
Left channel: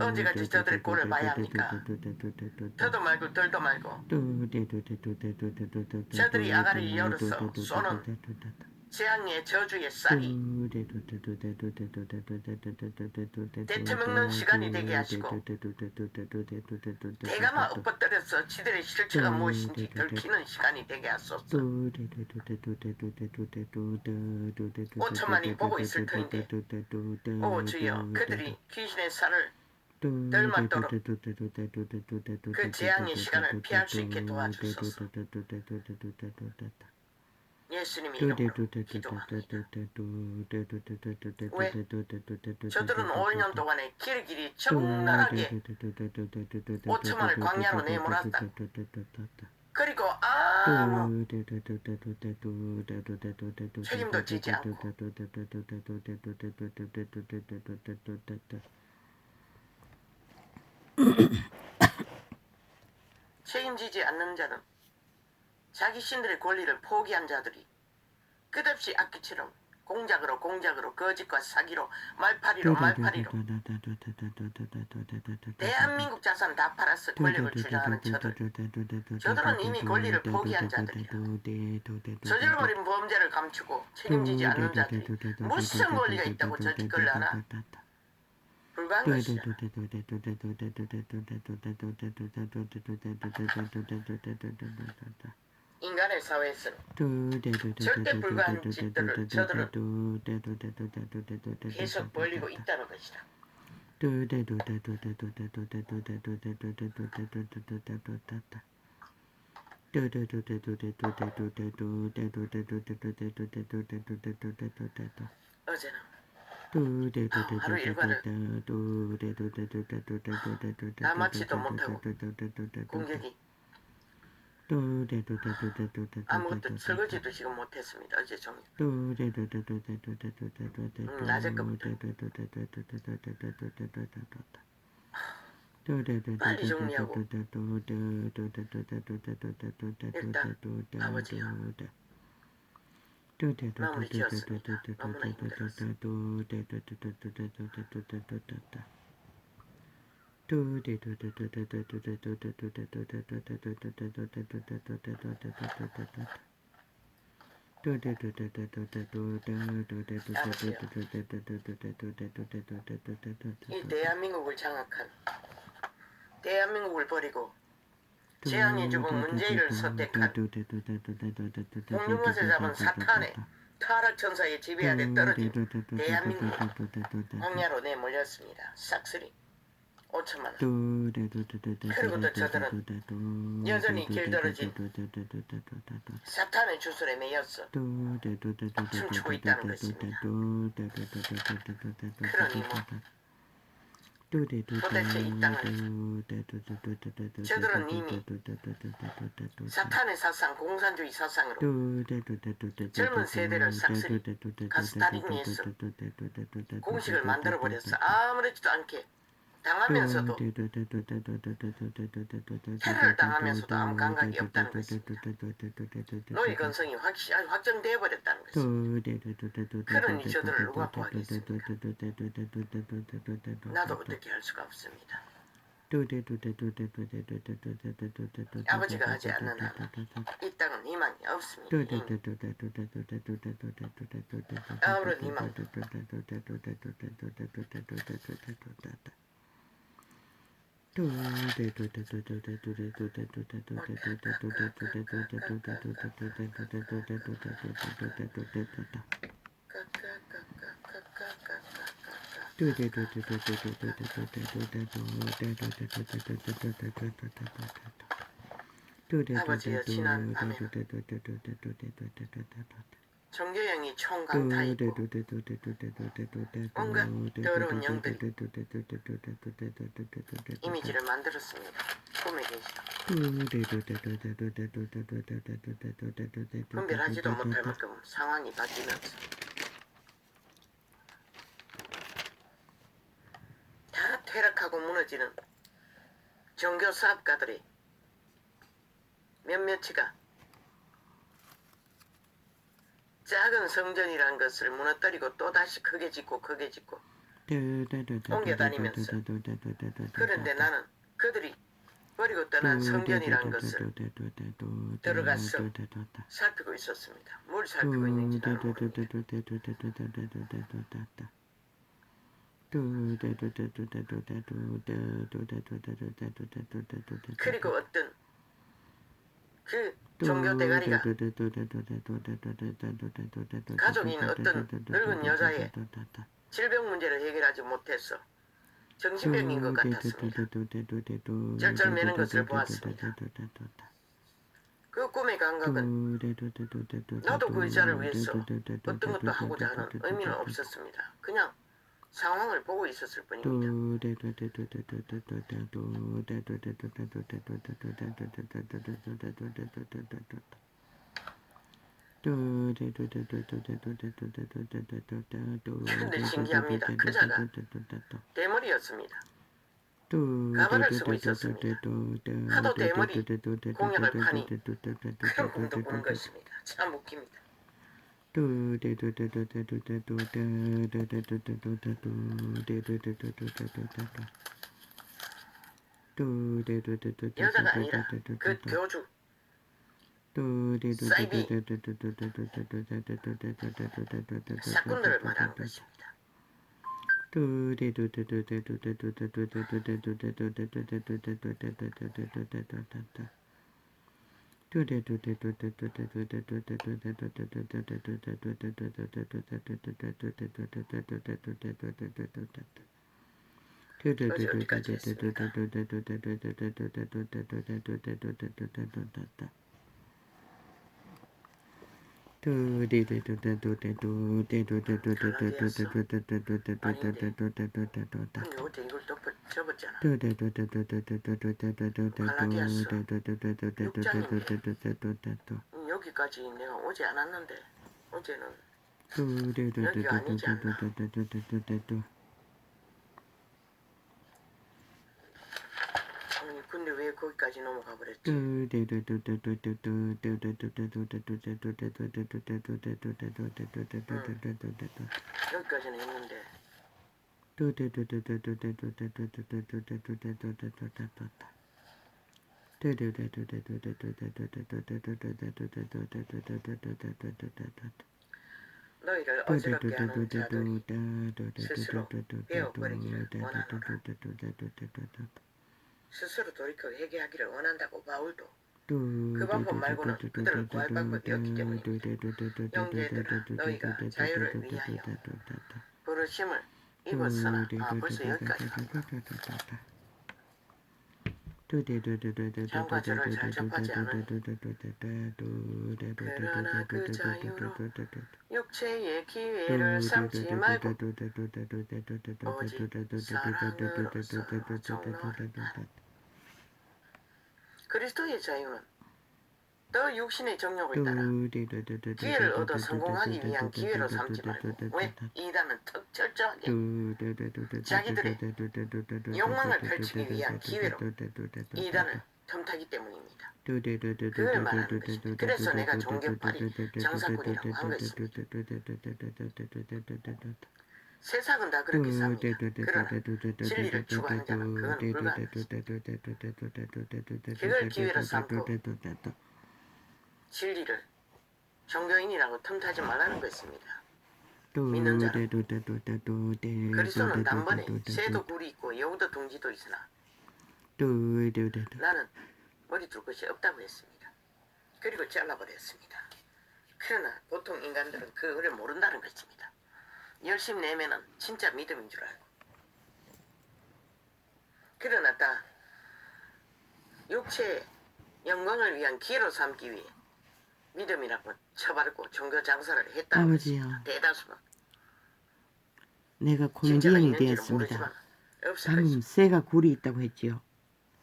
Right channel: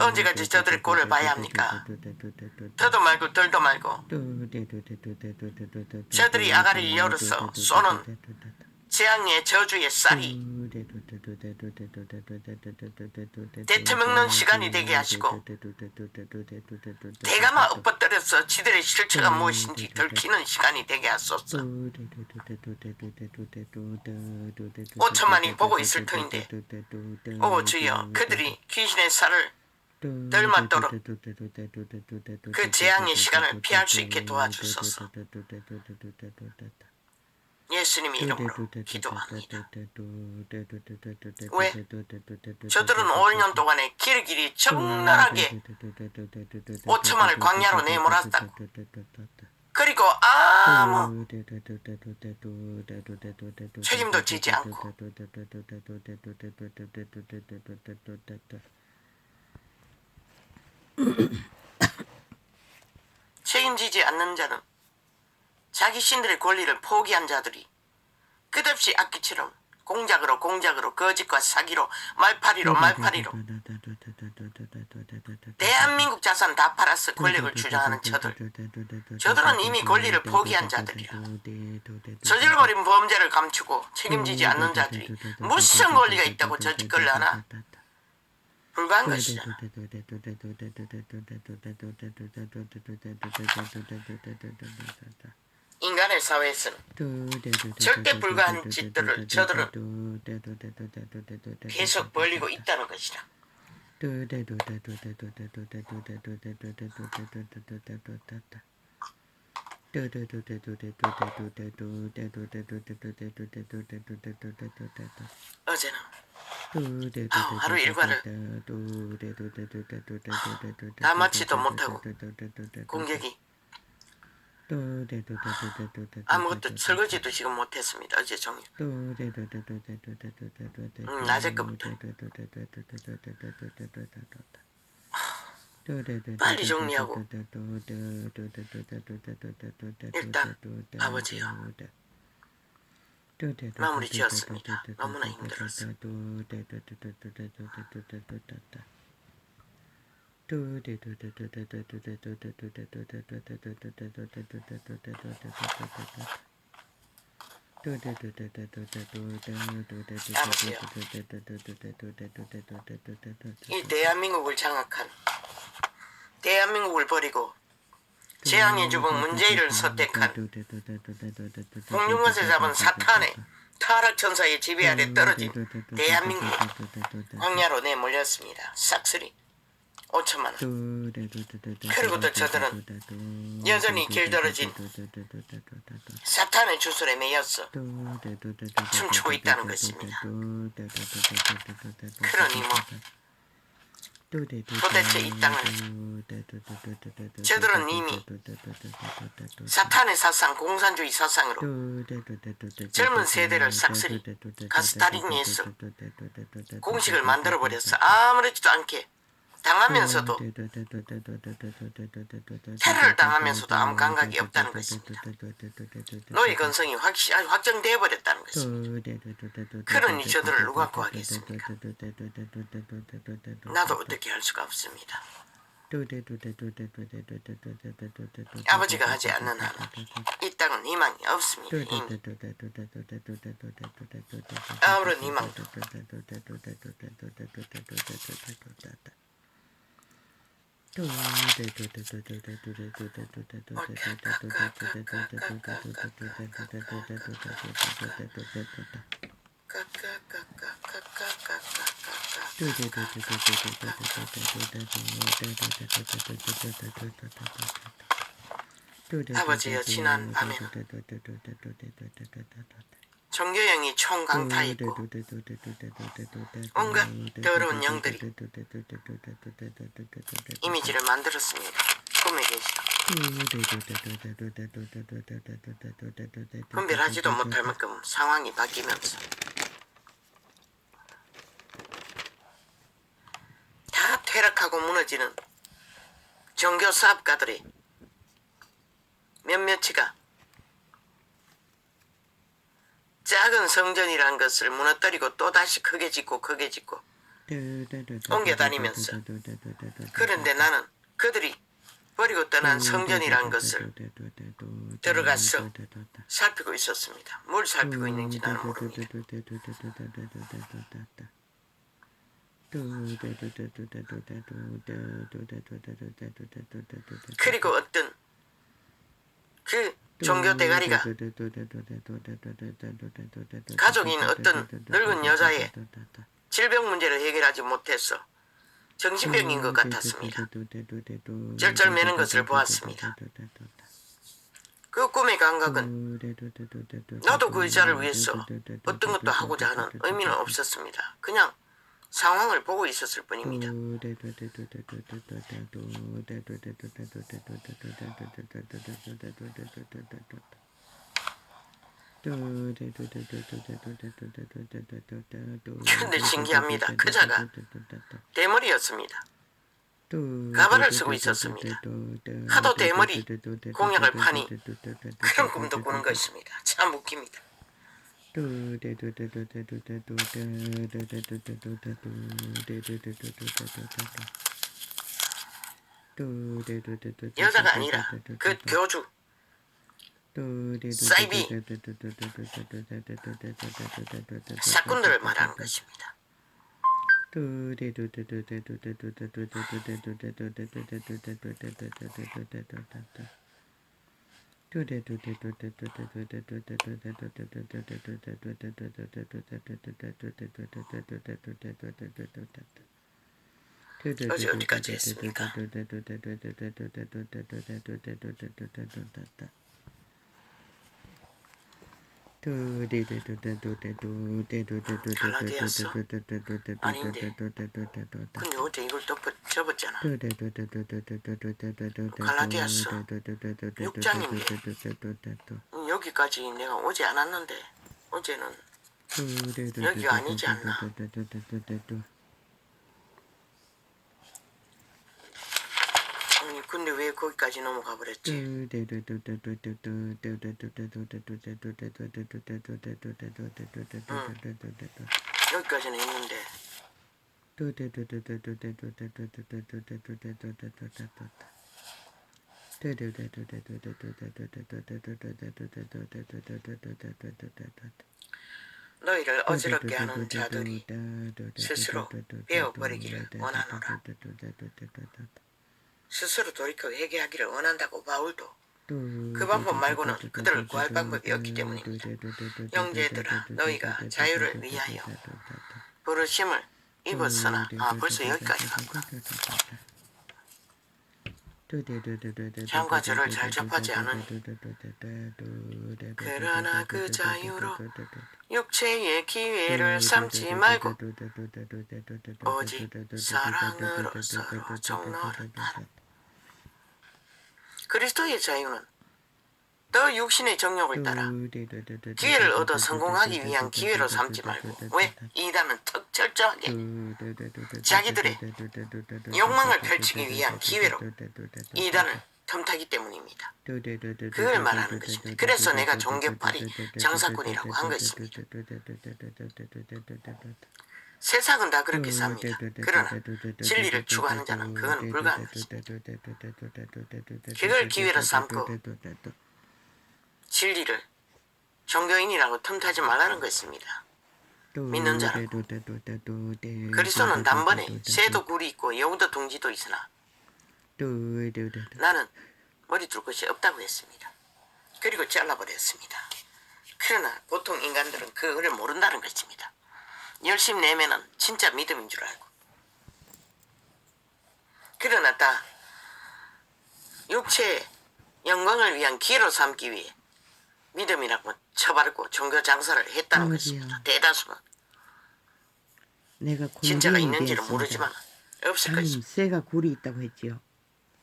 언제까지 저들의 꼴을 봐야 합니까? 더도 말고 덜도 말고 저들이 아가리를 열어서 쏘는 재앙의 저주의 쌀이 데쳐먹는 시간이 되게 하시고 대가마 엎어뜨려서 지들의 실체가 무엇인지 들키는 시간이 되게 하소서. 5천만이 보고 있을 터인데 오 주여 그들이 귀신의 살을 덜 맞도록 그 재앙의 시간을 피할 수 있게 도와주소서. 예수님 이름으로 기도합니다. 왜? 저들은 5년 동안에 길길이 적나라하게 5천만을 광야로 내몰았다. 그리고 아무 책임도 지지 않고 책임지지 않는 자는 자기 신들의 권리를 포기한 자들이 끝없이 악기처럼 공작으로 거짓과 사기로 말파리로 대한민국 자산 다 팔아서 권력을 주장하는 저들은 이미 권리를 포기한 자들이라. 저질거린 범죄를 감추고 책임지지 않는 자들이 무슨 권리가 있다고 저짓거려 하나? 불가한 것이다. 인간의 사회에서는 절대 불가한 짓들을 저들은 계속 벌리고 있다는 것이다. 어제는 하루 일과를 다 마치도 못하고 공격이 아무것도 설거지도 지금 못했습니다. 어제 종일. 낮에 거부터 빨리 정리하고 일단 아버지요 마무리 지었습니다. 너무나 힘들었어. 이 대한민국을 장악한 대한민국을 버리고 재앙의 주범 문재인을 선택한 홍룡것에 잡은 사탄의 타락천사의 지배 아래 떨어진 대한민국 광야로 내몰렸습니다. 싹쓸이 5천만 원. 그리고 또 저들은 여전히 길들어진 사탄의 주술에 매였어 춤추고 있다는 것입니다. 그러니 뭐 도대체 이 땅을 저들은 이미 사탄의 사상, 공산주의 사상으로 젊은 세대를 싹쓸이 가스타링 예술 공식을 만들어버렸어. 아무렇지도 않게 당하면서도 테러를 당하면서도 아무 감각이 없다는 것입니다. 노예 건성이 확정되어 버렸다는 것입니다. 그러니 저들을 누가 구하겠습니까? 나도 어떻게 할 수가 없습니다. 아버지가 하지 않는 한 이 땅은 희망이 없습니다. 이미. 아무런 희망도 아버지여 지난 밤에는 종교형이 총강타 있고 온갖 더러운 영들이 이미지를 만들었습니다. 꿈에 계시다. 분별하지도 못할 만큼 상황이 바뀌면서 다 퇴락하고 무너지는 종교 사업가들이 몇몇이가 작은 성전이란 것을 무너뜨리고 또다시 크게 짓고 옮겨다니면서 그런데 나는 그들이 버리고 떠난 성전이란 것을 들어가서 살피고 있었습니다. 뭘 살피고 있는지 나는 모릅니다. 그리고 어떤 그 종교 대가리가 가족인 어떤 늙은 여자의 질병 문제를 해결하지 못해서 정신병인 것 같았습니다. 절절매는 것을 보았습니다. 그 꿈의 감각은 나도 그 여자를 위해서 어떤 것도 하고자 하는 의미는 없었습니다. 그냥 상황을 보고 있었을 뿐입니다. 그런데 신기합니다. 그자가 대머리였습니다. 가발을 쓰고 있었습니다. 하도 대머리 공약을 파니 그런 꿈도 꾸는 것입니다. 참 웃깁니다. 여자가 아니라 그 교주 사이비 사건들을 말하는 것입니다. 어제 어디까지 했습니까? 갈라디아서 아닌데 근데 어제 이걸 접었잖아. 갈라디아서 6장인데 여기까지 내가 오지 않았는데 어제는 여기가 아니지 않나. 아니 근데 왜 거기까지 넘어가 버렸지? 여기까지는 했는데 너희를 어지럽게 하는 자들이 스스로 베어버리기를 원하노라. 스스로 돌이켜 회개하기를 원한다고 바울도 그 방법 말고는 그들을 구할 방법이 없기 때문입니다. 형제들아 너희가 자유를 위하여 부르심을 입었으나 벌써 여기까지 간다. 장과 저를 잘 접하지 않으니 그러나 그 자유로 육체의 기회를 삼지 말고 오직 사랑으로 서로 종노하라. 그리스도의 자유는 너 육신의 정욕을 따라 기회를 얻어 성공하기 위한 기회로 삼지 말고 왜? 이단은 턱 철저하게 자기들의 욕망을 펼치기 위한 기회로 이단을 틈타기 때문입니다. 그걸 말하는 것입니다. 그래서 내가 종교팔이 장사꾼이라고 한 것입니다. 세상은 다 그렇게 삽니다. 그러나 진리를 추구하는 자는 그건 불가한 것입니다. 그걸 기회로 삼고 진리를 종교인이라고 틈타지 말라는 것입니다. 믿는 자는 그리스도는 단번에 새도 굴이 있고 여우도 둥지도 있으나 나는 머리 둘 것이 없다고 했습니다. 그리고 잘라버렸습니다. 그러나 보통 인간들은 그거를 모른다는 것입니다. 열심 내면은 진짜 믿음인 줄 알고. 그러나 다 육체의 영광을 위한 기회로 삼기 위해 믿음이라고 쳐바르고 종교 장사를 했다는 아버지요. 것입니다. 대다수는 내가 진짜가 곤기인이 있는지는 되었습니다. 모르지만 없을 장님 것입니다. 쇠가 굴이 있다고 했지요.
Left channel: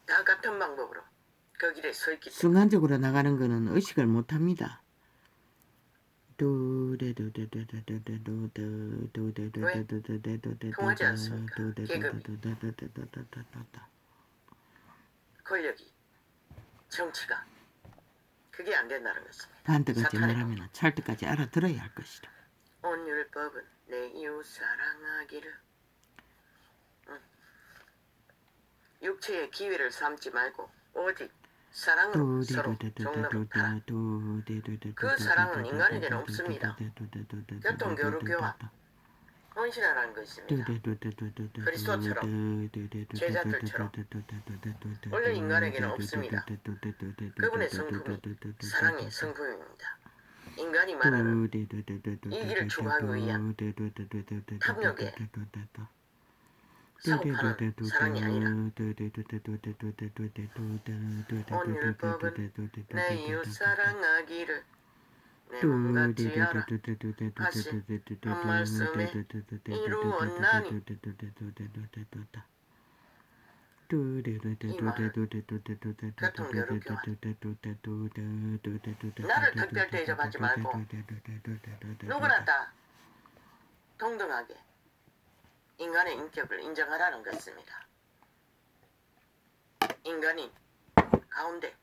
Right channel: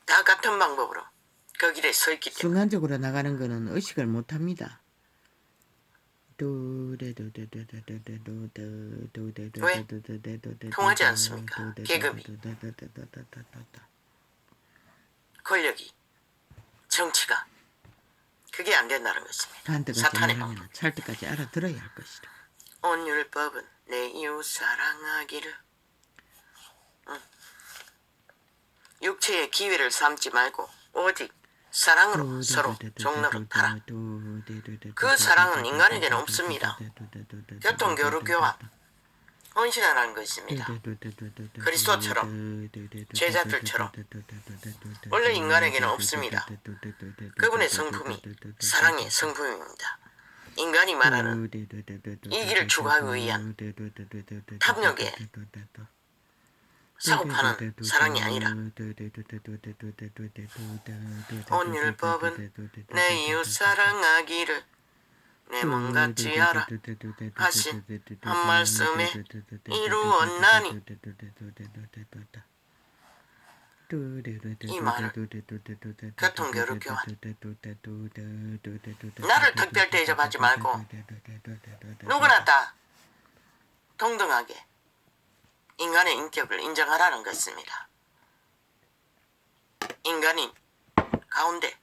다 같은 방법으로 그 길에 서 있기 때문에 순간적으로 나가는 거는 의식을 못합니다. 통하지 않습니까? 계급이, 권력이, 정치가 그게 안 된다는 것입니다. 한때까지 사탄의 말하면 찰 때까지 알아들어야 할 것이다. 온 율법은 내 이웃 사랑하기를. 육체의 기회를 삼지 말고 오직 사랑으로 서로 종로를 타라. 그 사랑은 인간에게는 없습니다. 교통교류교와 헌신하라는 것입니다. 그리스도처럼 제자들처럼 원래 인간에게는 없습니다. 그분의 성품이 사랑의 성품입니다. 인간이 말하는 이 길을 추구하기 위한 탐욕에 사고파는 사랑이 아니라 온 율법은 내 이웃 사랑하기를 내 몸같이 하라 하신 한 말씀에 이루었나니. 이 말을 교통교류교환 나를 특별 대접하지 말고 누구나 다 동등하게 인간의 인격을 인정하라는 것입니다. 인간인 가운데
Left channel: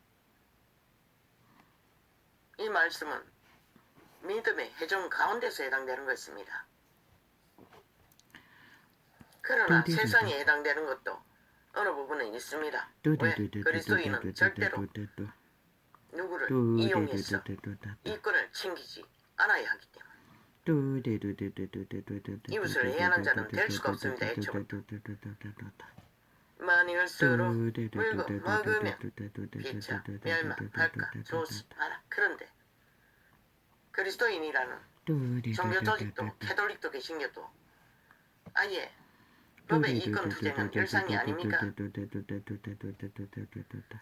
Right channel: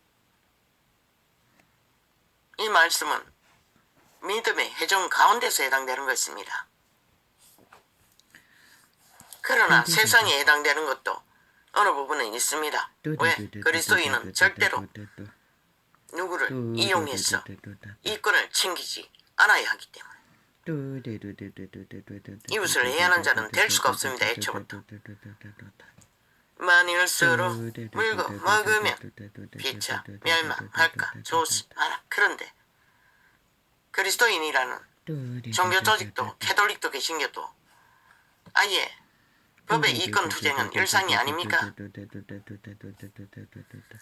이 말씀은 믿음의 해종 가운데서 해당되는 것입니다. 그러나 세상에 해당되는 것도 어느 부분은 있습니다. 왜? 그리스도인은 절대로 누구를 이용해서 이권을 챙기지 않아야 하기 때문에. 이웃을 해하는 자는 될 수가 없습니다. 애초부터. 만일수로 물고 먹으면 피차 멸망할까 조심하라. 그런데 그리스도인이라는 종교 조직도 캐톨릭도 개신교도 아예 법의 이권 투쟁은 일상이 아닙니까?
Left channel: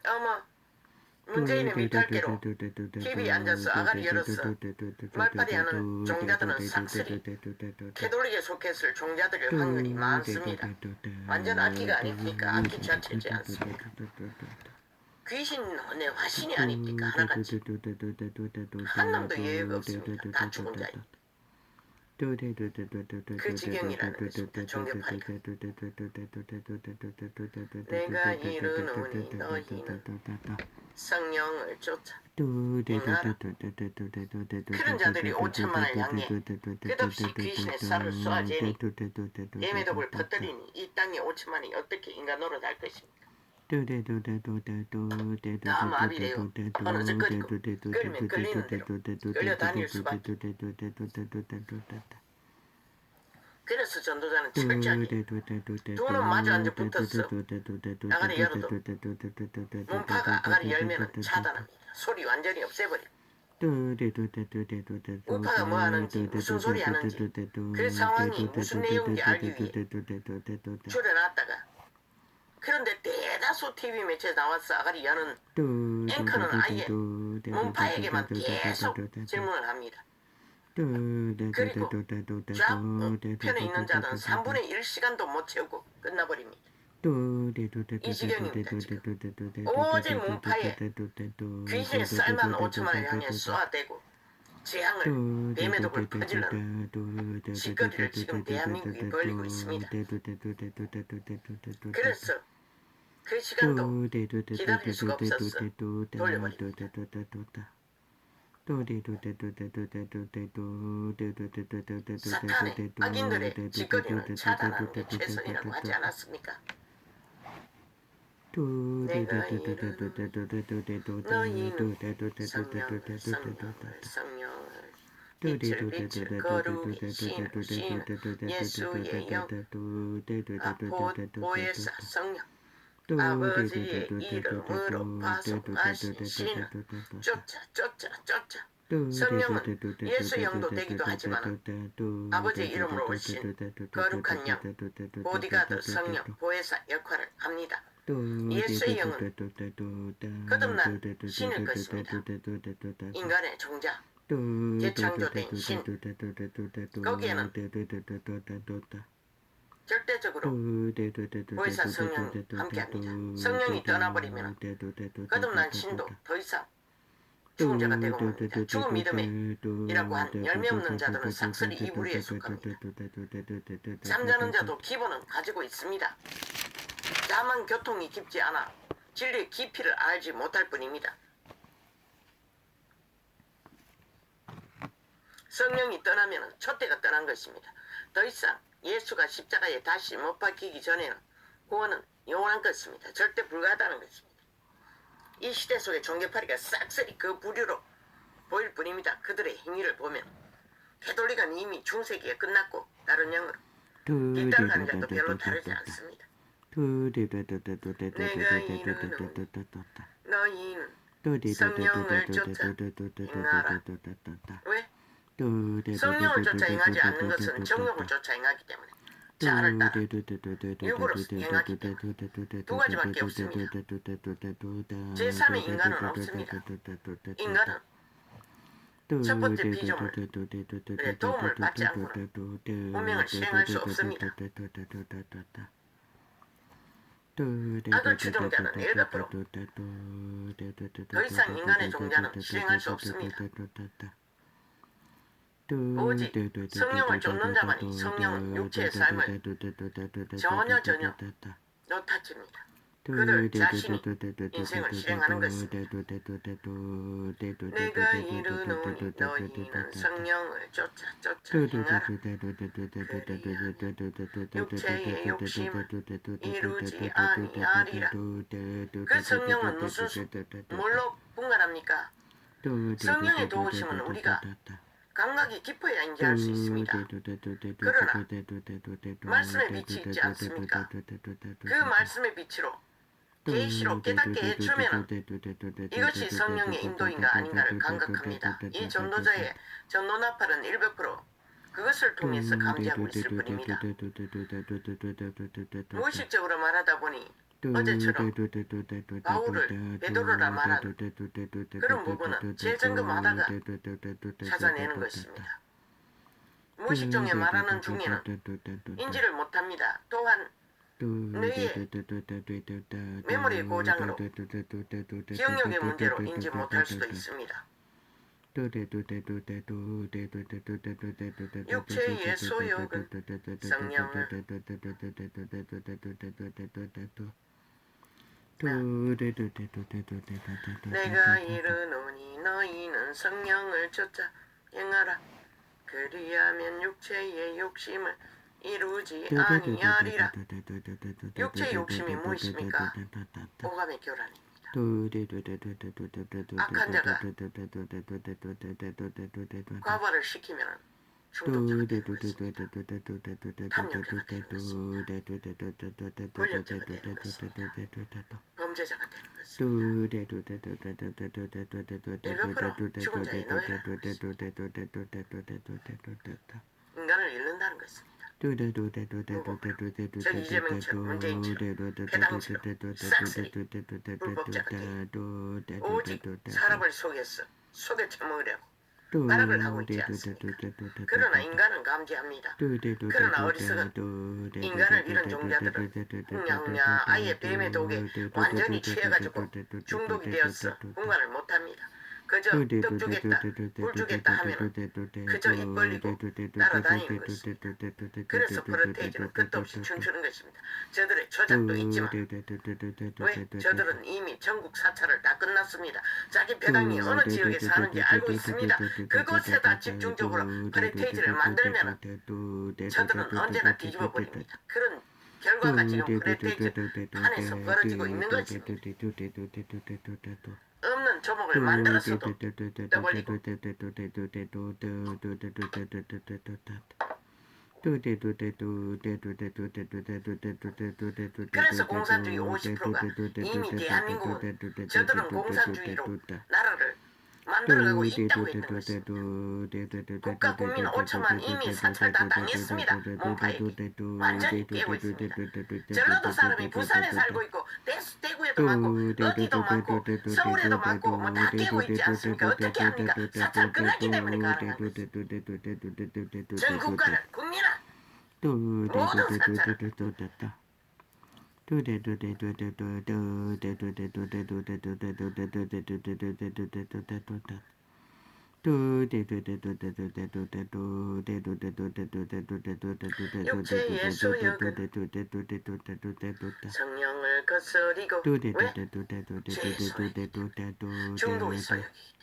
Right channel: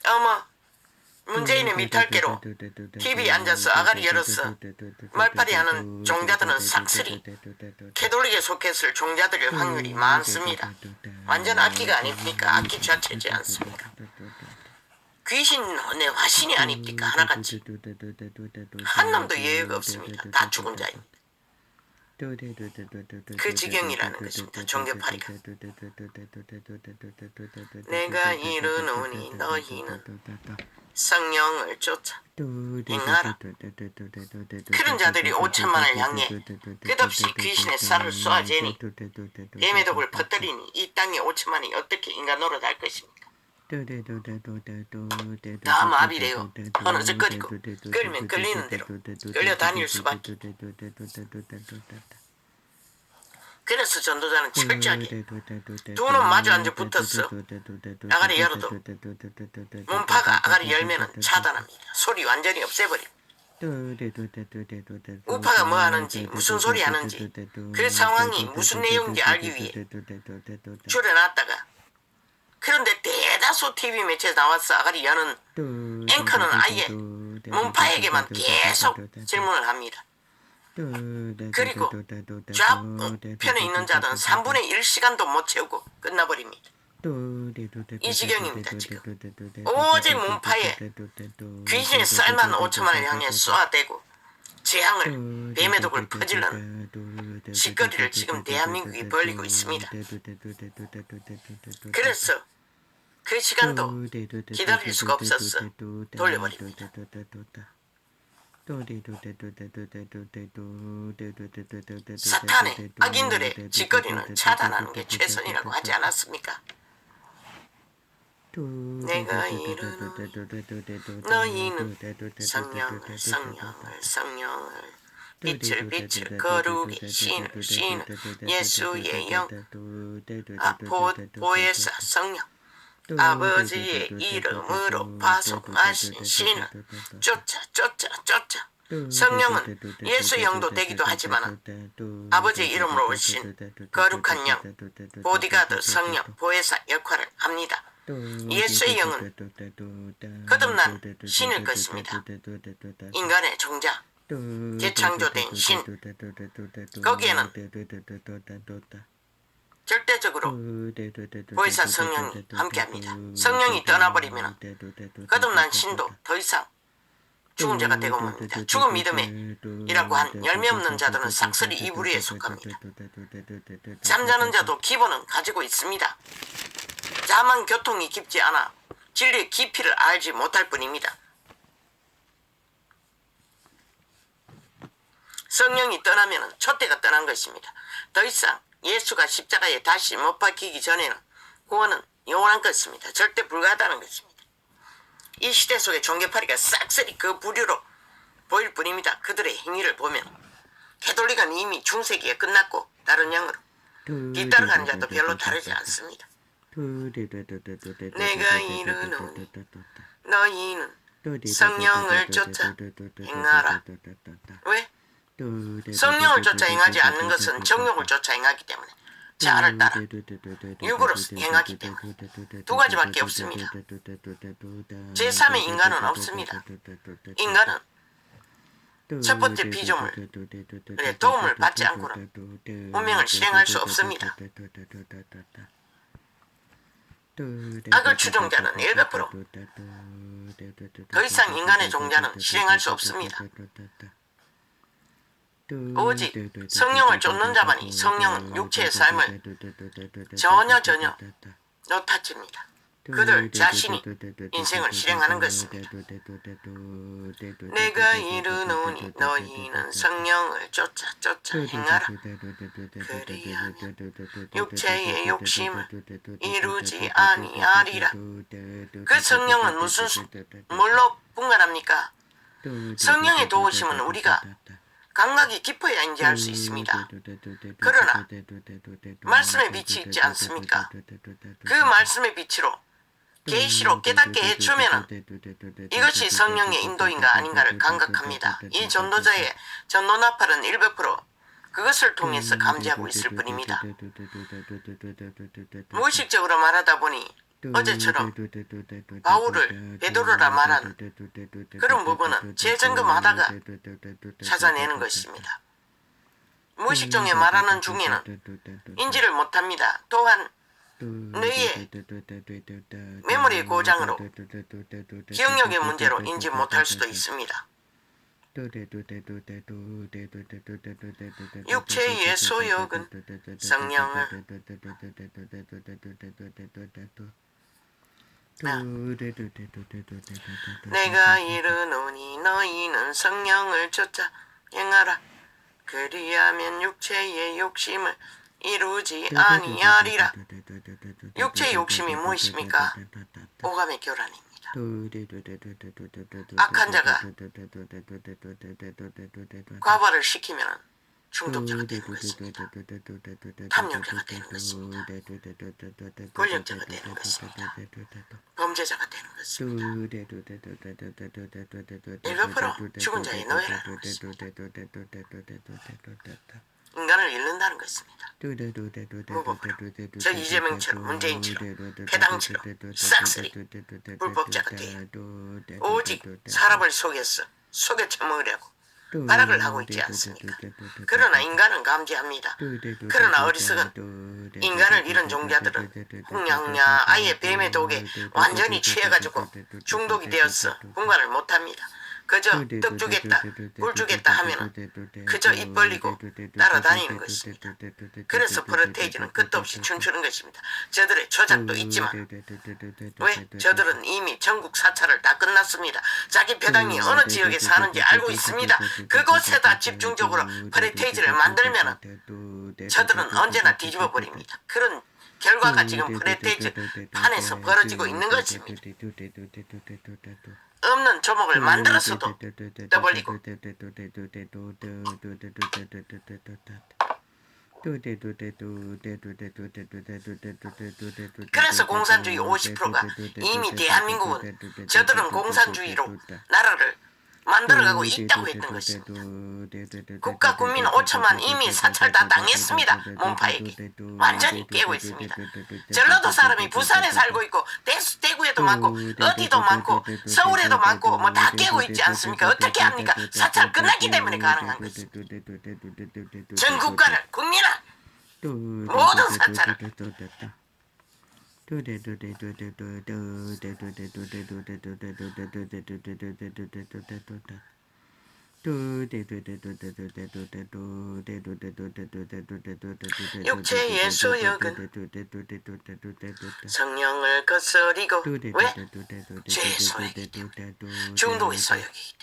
어머 문재인의 밑할개로 TV에 앉아서 아가리 열어서 말파리하는 종자들은 싹쓸이 캐톨릭에 속했을 종자들일 확률이 많습니다. 완전 악기가 아닙니까? 악기 자체지 않습니까? 귀신의 화신이 아닙니까? 하나같이 한 놈도 예외가 없습니다. 다 죽은 자입니다. 그 지경이라는 것입니다. 종교파리가. 내가 이르노니 너희는 성령을 쫓아 행하라. 그런 자들이 5천만을 향해 끝없이 귀신의 쌀을 쏘아재니 예매독을 퍼뜨리니 이 땅에 5천만이 어떻게 인간 노릇할 것입니까? 다 마비래요. 어느적거리고 끌면 끌리는 대로 끌려다닐 수밖에. 그래서 전도자는 철저하게 두 놈 마주 앉아 붙었어. 아가리 열어도 문파가 아가리 열면은 차단합니다. 소리 완전히 없애버립니다. 우파가 뭐 하는지 무슨 소리 하는지 그 상황이 무슨 내용인지 알기 위해 줄여놨다가 그런데 대다수 TV 매체에 나와서 아가리 여는 앵커는 아예 문파에게만 계속 질문을 합니다. 그리고 좌편에 있는 자들은 3분의 1시간도 못 채우고 끝나버립니다. 이 지경입니다. 지금 오직 문파에 귀신의 쌀만 5천만을 향해 쏘아대고 재앙을 뱀의독을 퍼질러는 짓거리를 지금 대한민국이 벌이고 있습니다. 그래서 그 시간도 기다릴 수가 없었어 돌려버립니다. 사탄의 악인들의 짓거리는 차단하는 게 최선이라고 하지 않았습니까? 내가 이르노니 너희는 성령을 빛을 거룩이 신을 예수의 영 보혜사 성령 아버지의 이름으로 파송하신 신은 쫓아. 성령은 예수 영도 되기도 하지만 아버지의 이름으로 오신 거룩한 영, 보디가드 성령, 보혜사 역할을 합니다. 예수의 영은 거듭난 신일 것입니다. 인간의 종자, 재창조된 신. 거기에는 절대적으로 보혜사 성령이 함께합니다. 성령이 떠나버리면 거듭난 신도 더 이상 죽은 자가 되고 맙니다. 죽은 믿음이라고 한 열매 없는 자들은 싹쓸이 이 부류에 속합니다. 잠자는 자도 기본은 가지고 있습니다. 다만 교통이 깊지 않아 진리의 깊이를 알지 못할 뿐입니다. 성령이 떠나면 촛대가 떠난 것입니다. 더 이상 예수가 십자가에 다시 못 박히기 전에는 구원은 영원한 것입니다. 절대 불가하다는 것입니다. 이 시대 속의 종교파리가 싹쓸이 그 부류로 보일 뿐입니다. 그들의 행위를 보면 캐톨릭은 이미 중세기에 끝났고 다른 영으로 뒤따라가는 자도 별로 다르지 않습니다. 내가 이르노니 너희는 성령을 쫓아 행하라. 왜? 성령을 쫓아 행하지 않는 것은 정욕을 쫓아 행하기 때문에 자아를 따라 육으로 행하기 때문에 두 가지밖에 없습니다. 제3의 인간은 없습니다. 인간은 첫 번째 피조물의 도움을 받지 않고는 운명을 실행할 수 없습니다. 악을 추종자는 100%. 더 이상 인간의 종자는 실행할 수 없습니다. 오직 성령을 쫓는 자만이 성령은 육체의 삶을 전혀 놓아칩니다. 그들 자신이 인생을 실행하는 것입니다. 내가 이르노니 너희는 성령을 쫓아 행하라. 그리하면 육체의 욕심을 이루지 아니하리라. 그 성령은 뭘로 분간합니까? 성령의 도우심은 우리가 감각이 깊어야 인지할 수 있습니다. 그러나 말씀의 빛이 있지 않습니까? 그 말씀의 빛으로 계시로 깨닫게 해주면 이것이 성령의 인도인가 아닌가를 감각합니다. 이 전도자의 전도 나팔은 100% 그것을 통해서 감지하고 있을 뿐입니다. 무의식적으로 말하다 보니 어제처럼 바울을 베드로라 말한 그런 부분은 재점검하다가 찾아내는 것입니다. 무의식적에 말하는 중에는 인지를 못합니다. 또한 뇌의 메모리 고장으로 기억력의 문제로 인지 못할 수도 있습니다. 육체의 소욕은 성령을 내가 이르노니 너희는 성령을 쫓아 행하라. 그리하면 육체의 욕심을 이루지 아니하리라. 육체의 욕심이 무엇입니까? 오감의 교란입니다. 악한 자가 과발을 시키면 중독자가 되는 것입니다. 탐욕자가 되는 것입니다. 권력자가 되는 것입니다. 범죄자가 되는 것입니다. 100% 죽은 자의 노예라는 것입니다. 인간을 잃는다는 것입니다. 무법으로 저 이재명처럼 문재인처럼 해당처럼 싹쓸이 불법자가 되어 오직 사람을 속여 처먹으려고 발악을 하고 있지 않습니까? 그러나 인간은 감지합니다. 그러나 어리석은 인간을 잃은 종자들은 흥냥냐 아예 뱀의 독에 완전히 취해가지고 중독이 되어서 분간을 못합니다. 그저 떡 주겠다, 꿀 주겠다 하면 그저 입 벌리고 따라다니는 것입니다. 그래서 프로테이지는 끝도 없이 춤추는 것입니다. 저들의 조작도 있지만 왜? 저들은 이미 전국 사찰을 다 끝났습니다. 자기 배당이 어느 지역에 사는지 알고 있습니다. 그곳에다 집중적으로 프로테이지를 만들면 저들은 언제나 뒤집어 버립니다. 그런 결과가 지금 프로테이지 판에서 벌어지고 있는 것입니다. 없는 조목을 만들었어도 떠벌리고 그래서 공산주의 50%가 이미 대한민국은 저들은 공산주의로 나라를 만들어가고 있다고 했던 것입니다. 국가 국민 5천만 이미 사찰 다 당했습니다. 문파에게 완전히 깨고 있습니다. 전라도 사람이 부산에 살고 있고 대구에도 많고 어디도 많고 서울에도 많고 뭐 다 깨고 있지 않습니까? 어떻게 합니까? 사찰 끝났기 때문에 가능한 것입니다. 전 국가를 국민을 모든 사찰을 육체의 소욕은 성령을 거스리고 왜? 죄의 소욕이기 때문에 중독의 소욕이기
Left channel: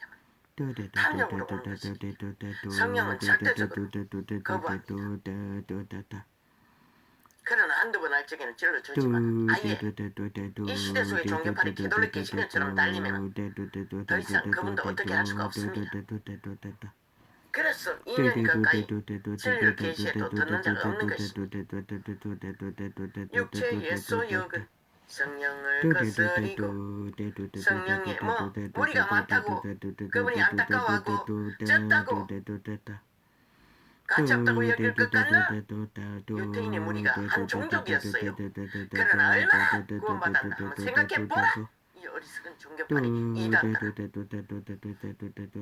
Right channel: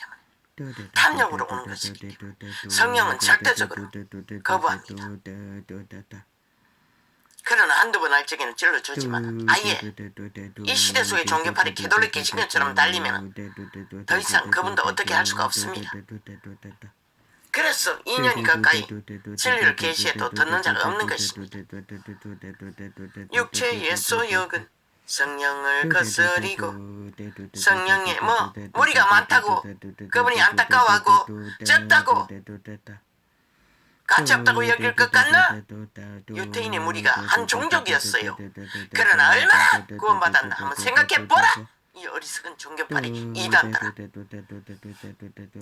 때문에 탐욕으로 오는 것이기 때문에 성령은 절대적으로 거부합니다. 그러나 한두 번 할 적에는 찔러주지만 아예 이 시대 속의 종교팔이 개돌리기 신경처럼 달리면 더 이상 그분도 어떻게 할 수가 없습니다. 그래서 2년이 가까이 진리를 계시해도 듣는 자가 없는 것입니다. 육체의 소욕은 성령을 거스리고 성령의 무리가 많다고 그분이 안타까워하고 적다고 가치 없다고 여길 것 같나? 유태인의 무리가 한 종족이었어요. 그러나 얼마나 구원받았나 한번 생각해보라. 이 어리석은 종교팔이 이단들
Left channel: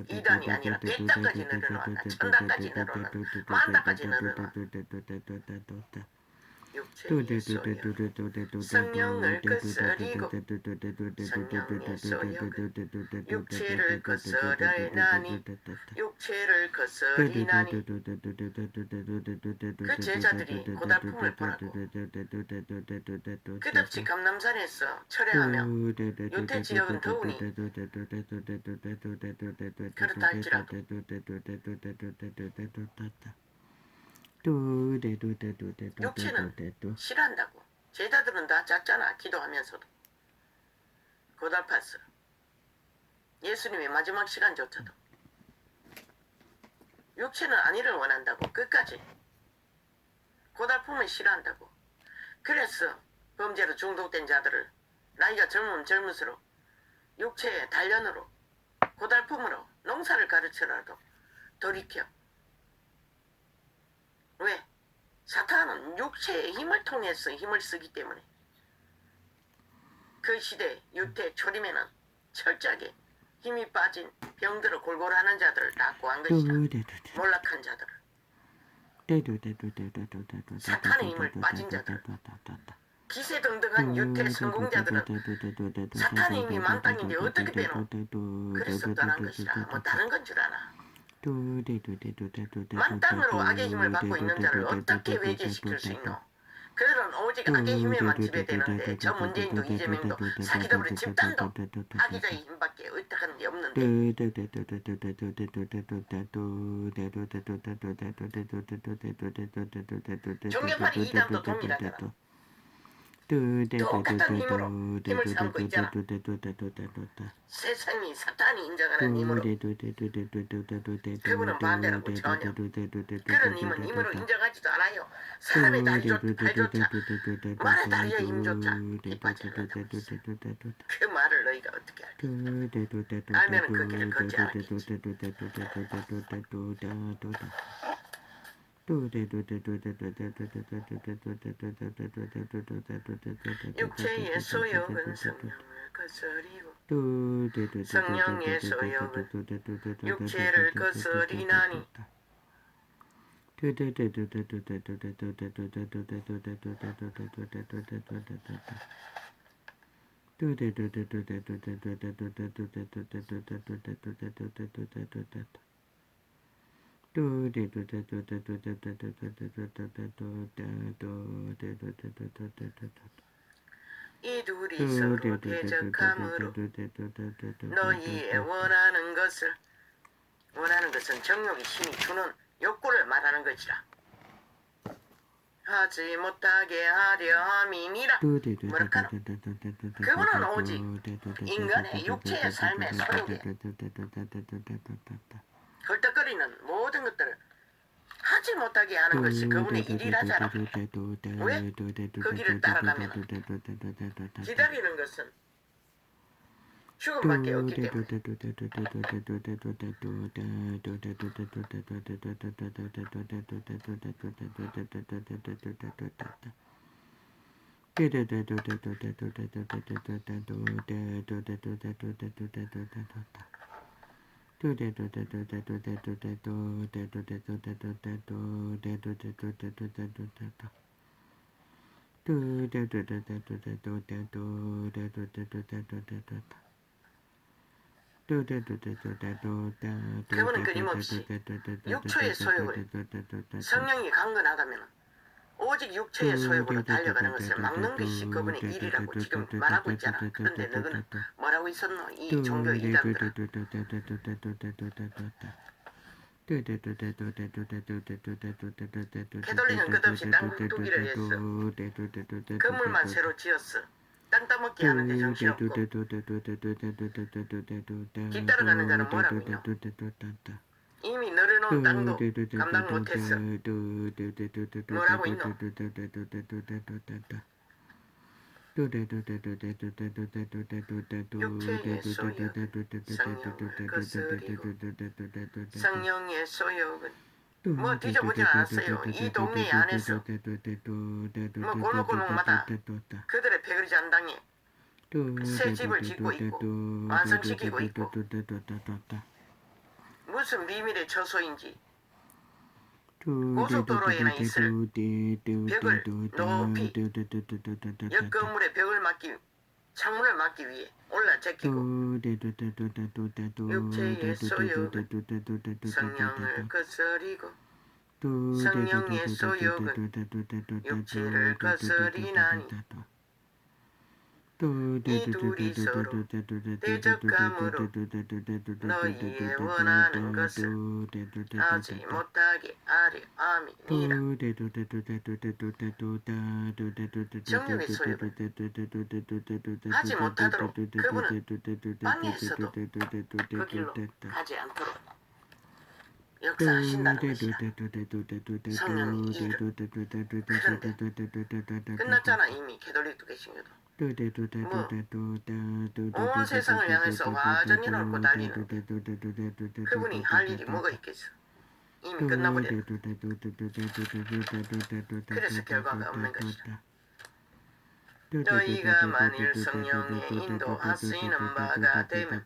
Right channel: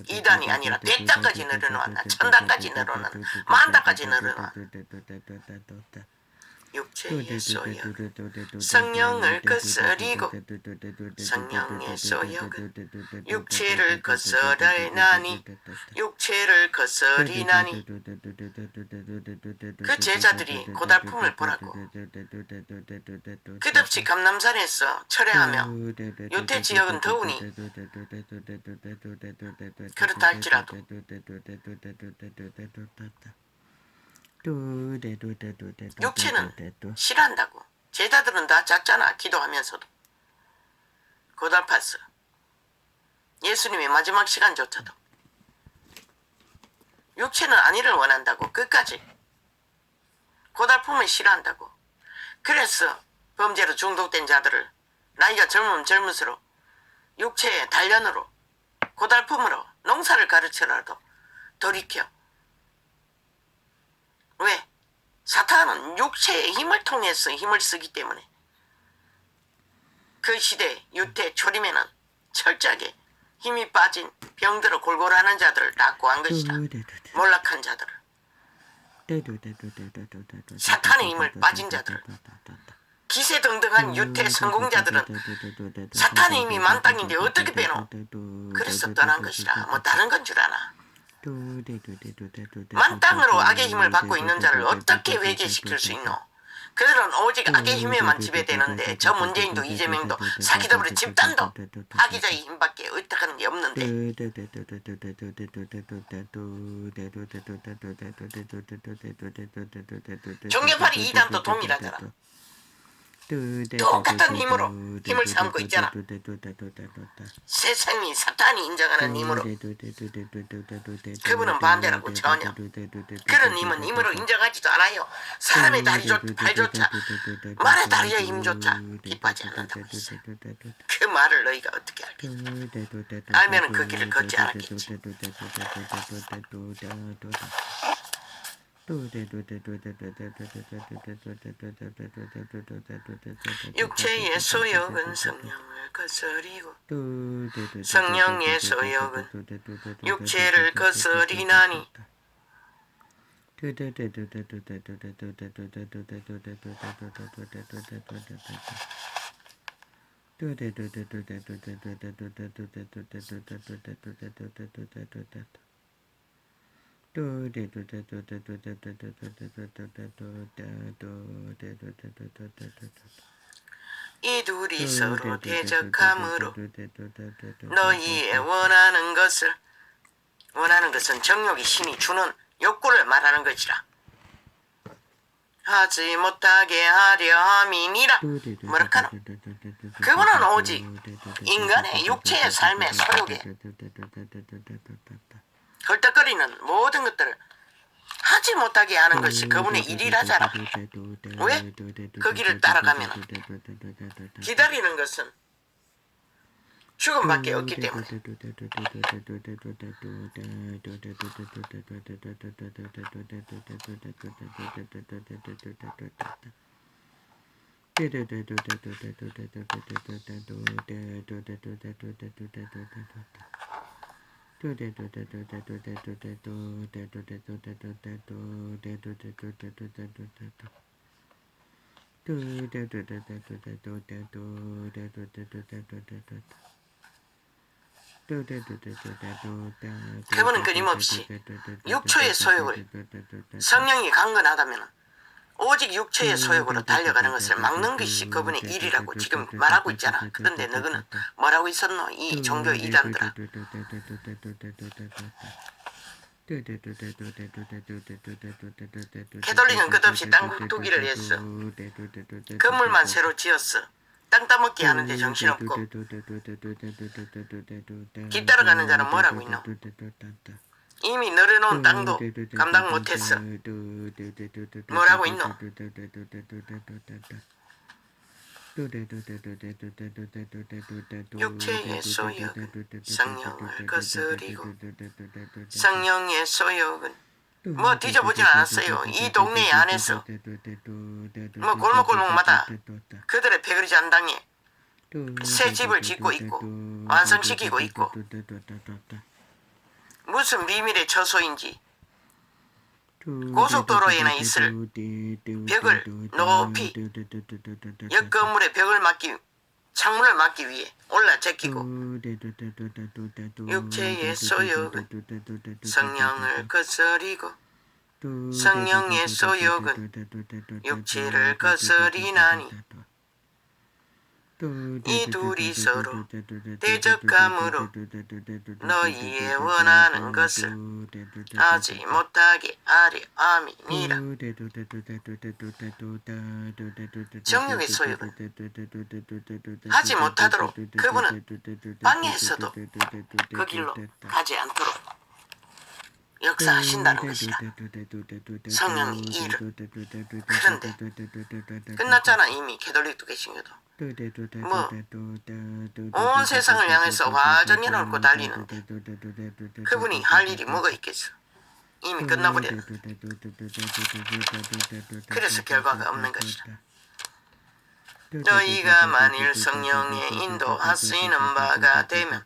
이단이 아니라 백단까지 늘어놓았다. 천단까지 늘어놓았다. 만단까지 늘어놓았다. 육체의 소욕 성령을 거스리고 성령의 소욕은 육체를 거스리나니 육체를 거스리나니 그 제자들이 고달픔을 보라고 끝없이 감남산에서 철회하며 유태 지역은 더우니 그렇다 할지라도 육체는 싫어한다고. 제자들은 다 작잖아. 기도하면서도 고달팠어. 예수님의 마지막 시간조차도 육체는 안위를 원한다고. 끝까지 고달픔을 싫어한다고. 그래서 범죄로 중독된 자들을 나이가 젊을수록 육체의 단련으로 고달픔으로 농사를 가르쳐라도 돌이켜. 왜? 사탄은 육체의 힘을 통해서 힘을 쓰기 때문에 그 시대 유태 초림에는 철저하게 힘이 빠진 병들어 골골하는 자들을 다 구한 것이다. 몰락한 자들을 사탄의 힘을 빠진 자들 기세등등한 유태 성공자들은 사탄의 힘이 만땅인데 어떻게 빼노? 그래서 떠난 것이라. 뭐 다른 건 줄 아나. 만땅으로 악의 힘을 받고 있는 자를 어떻게 회개시킬 수 있노? 그들은 오직 악의 힘에만 지배되는데 저 문재인도 이재명도 사기더블의 집단도 악의자의 힘밖에 의탁하는 게 없는데 종교팔이 이단도 동일하더라. 똑같은 힘으로 힘을 삼고 있잖아. 세상이 사탄이 인정하는 힘으로 그분은 반대라고 전혀. 그런 힘은 힘으로 인정하지도 않아요. 사람의 발조차 말의 다리의 힘조차 기뻐하지 않는다고 했어. 그 말을 너희가 어떻게 알겠어? 알면은 그 길을 걷지 않았겠지. 육체의 소욕은 성령을 거스리고 성령의 소욕은 육체를 거스리나니 이 둘이 서로 대적함으로 너희의 원하는 것은 정욕이 힘이 주는 욕구를 말하는 것이라. 하지 못하게 하려 함이니라. 뭐랄까노? 그거는 오직 인간의 육체의 삶의 소욕에 헐떡거리는 모든 것들을 하지 못하게 하는 것이 그분의 일이라잖아. 왜? 그 길을 따라가면 기다리는 것은 죽음밖에 없기 때문에. 그분은 끊임없이 육초의 소욕을 성령이 강건하다면 오직 육체의 소욕으로 달려가는 것을 막는 것이 그분의 일이라고 지금 말하고 있잖아. 그런데 너희는 뭐라고 있었노? 이 종교 이단들은. 캐톨릭은 끝없이 땅 두기를 했어. 건물만 새로 지었어. 땅 따먹기 하는데 정신없고. 뒤따라가는 자는 뭐라고 있노? 이미 늘어놓은 땅도 감당 못했어. 뭐라고 있노? 육체의 소욕은 성령을 거스리고 성령의 소욕은 뭐 뒤져보진 않았어요. 이 동네 안에서 뭐 골목골목마다 그들의 배그리 잔당에 새 집을 짓고 있고 완성시키고 있고 무슨 비밀의 처소인지 고속도로에나 있을 벽을 높이 옆 건물의 벽을 막기 창문을 막기 위해 올라 제끼고 육체의 소욕은 성령을 거스리고 성령의 소욕은 육체를 거스리나니 이 둘이 서로 대적함으로 너희의 원하는 것을 하지 못하게 하려 함이니라. 정욕의 소욕을 하지 못하도록 그분은 방해했어도 그 길로 가지 않도록 역사하신다는 것이다. 성령의 일을. 그런데 끝났잖아. 이미 캐톨릭도 개신교도. 뭐 온 세상을 향해서 화전이 넘고 달리는데 그분이 할 일이 뭐가 있겠어. 이미 끝나버렸네. 그래서 결과가 없는 것이다. 너희가 만일 성령의 인도하시는 바가 되면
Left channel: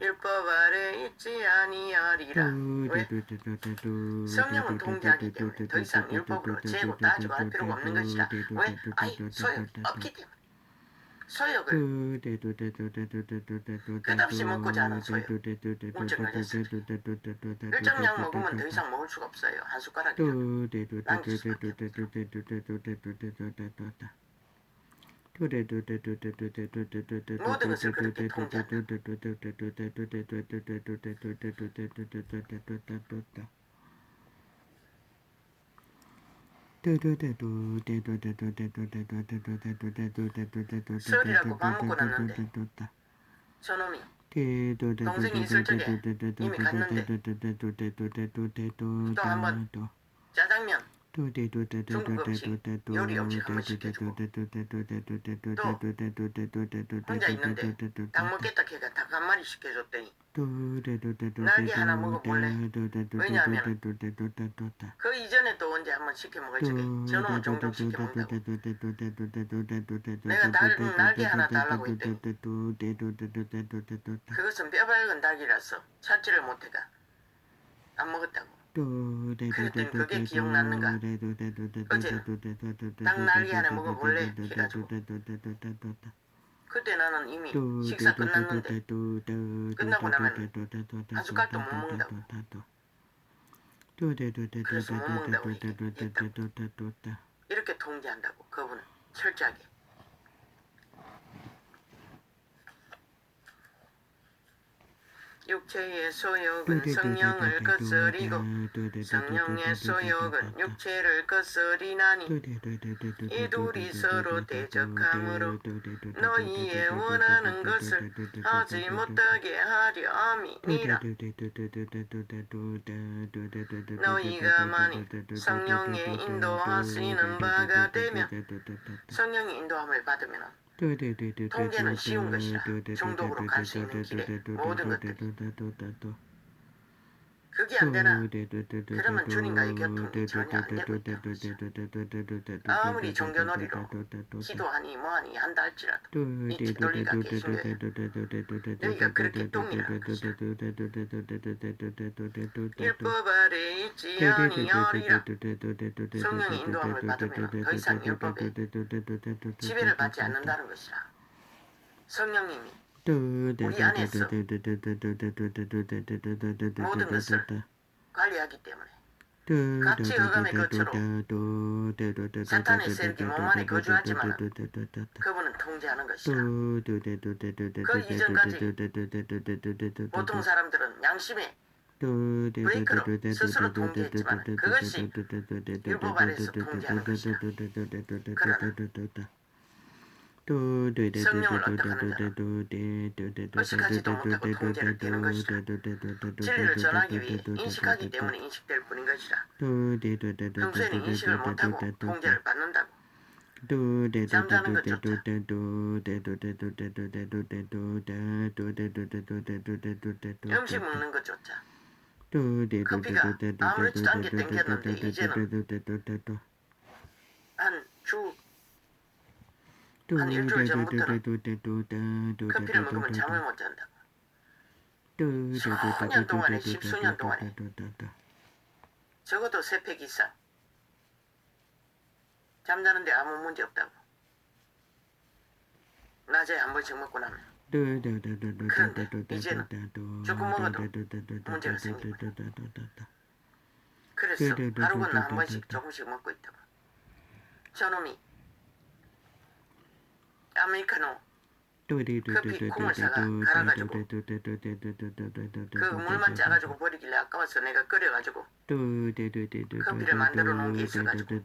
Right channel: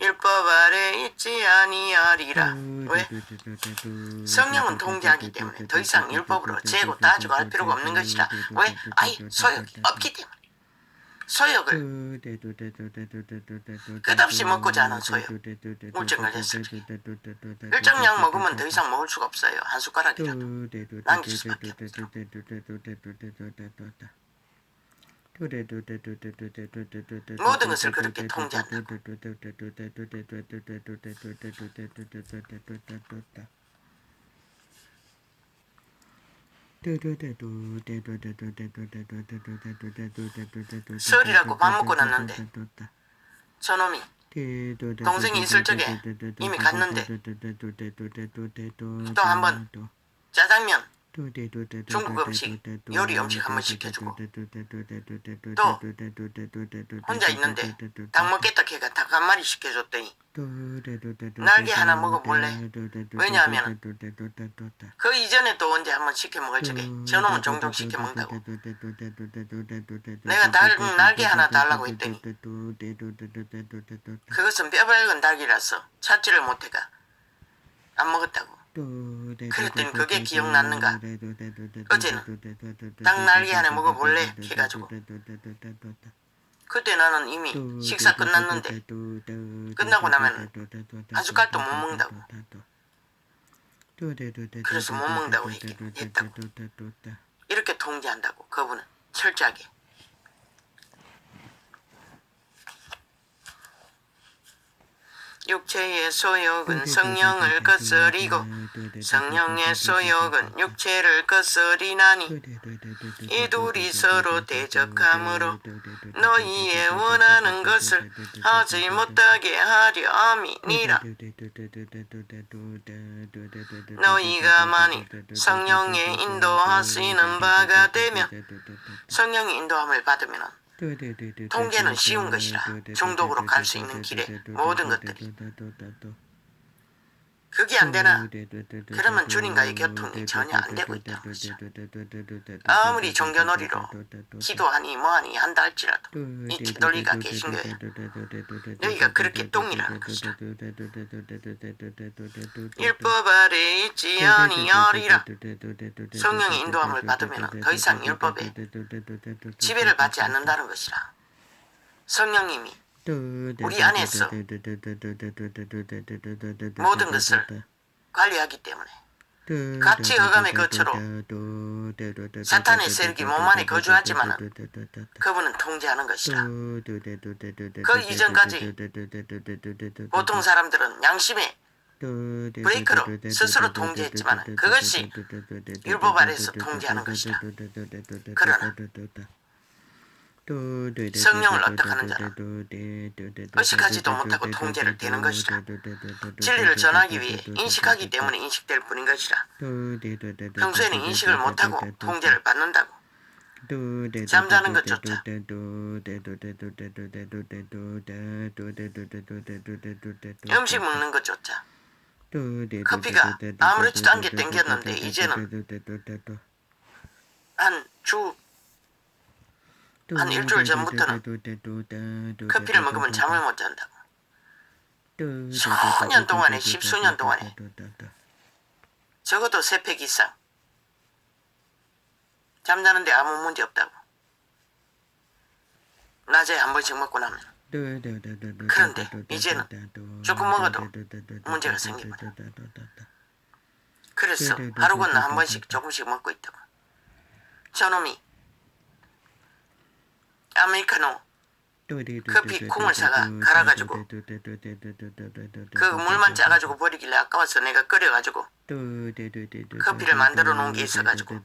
율법 아래 있지 아니하리라. 왜? 성령은 통제하기 때문에 더 이상 율법으로 재고 따지고 할 필요가 없는 것이라. 왜? 아예 소욕이 없기 때문에. 소욕을 끝없이 먹고자 하는 소욕. 우울증 걸렸을 때 일정 량 먹으면 더 이상 먹을 수가 없어요. 한 숟가락이라도 남길 수밖에 없어. 모든 것을 그렇게 통제한다. 설이라고 밥 먹고 났는데 저놈이 동생이 있을 적에 이미 갔는데 또 한번 짜장면 중국 음식 요리 음식 한번 시켜주고 또 혼자 있는데 닭 먹겠다 걔가 닭 한 마리 시켜줬더니 날개 하나 먹어볼래? 왜냐하면 그 이전에 또 언제 한번 시켜 먹을 적에 저놈은 종종 시켜 먹는다고. 내가 날개 하나 달라고 했더니 그것은 뼈발은 닭이라서 찾지를 못해가 안 먹었다고. 그랬더니 그게 기억났는가? 어제는 닭 날개 하나 먹어볼래? 해가지고 그때 나는 이미 식사 끝났는데 끝나고 나면 한 숟갈도 못 먹는다고. 그래서 못 먹는다고 했다고. 이렇게 통제한다고 그분은 철저하게. 육체의 소욕은 성령을 거스리고 성령의 소욕은 육체를 거스리나니 이 둘이 서로 대적하므로 너희의 원하는 것을 하지 못하게 하려 함이니라. 너희가 만일 성령의 인도하시는 바가 되면 성령의 인도함을 받으면 통제는 쉬운 것이라. 중독으로 갈 수 있는 길에 모든 것들이. 그게 안 되나? 그러면 주님과의 교통이 전혀 안 되고 있다는 것이죠. 아무리 종교놀이로 기도하니 뭐하니 한다 할지라도 이 뒤돌리가 계신 거예요. 여기가 그렇게 똥이라는 것이라. 율법 아래 있지 아니하리라. 성령의 인도함을 받으면 더 이상 율법에 지배를 받지 않는다는 것이라. 성령님이 우리 안에서 모든 것을 관리하기 때문에 같이 흑암의 거처로 사탄의 세력이 몸 안에 거주하지만 그분은 통제하는 것이라. 그 이전까지 보통 사람들은 양심의 브레이크로 스스로 통제했지만 그것이 율법 아래서 통제하는 것이라. 그러나 성령을 어떻게 하는 자는 의식하지도 못하고 통제를 되는 것이라. 진리를 전하기 위해 인식하기 때문에 인식될 뿐인 것이라. 평소에는 인식을 못하고 통제를 받는다고. 잠자는 것조차 음식 먹는 것조차 커피가 아무렇지도 않게 땡겼는데 이제는 한 일주일 전부터는 커피를 먹으면 잠을 못 잔다고. 수년 동안에 10수년 동안에 적어도 3팩 이상 잠자는데 아무 문제 없다고. 낮에 한 번씩 먹고 나면. 그런데 이제는 조금 먹어도 문제가 생깁니다. 그래서 하루 건너 한 번씩 조금씩 먹고 있다고. 저놈이 아메리카노 커피 콩을 사가 갈아가지고 그 물만 짜가지고 버리길래 아까워서 내가 끓여가지고 커피를 만들어 놓은 게 있어가지고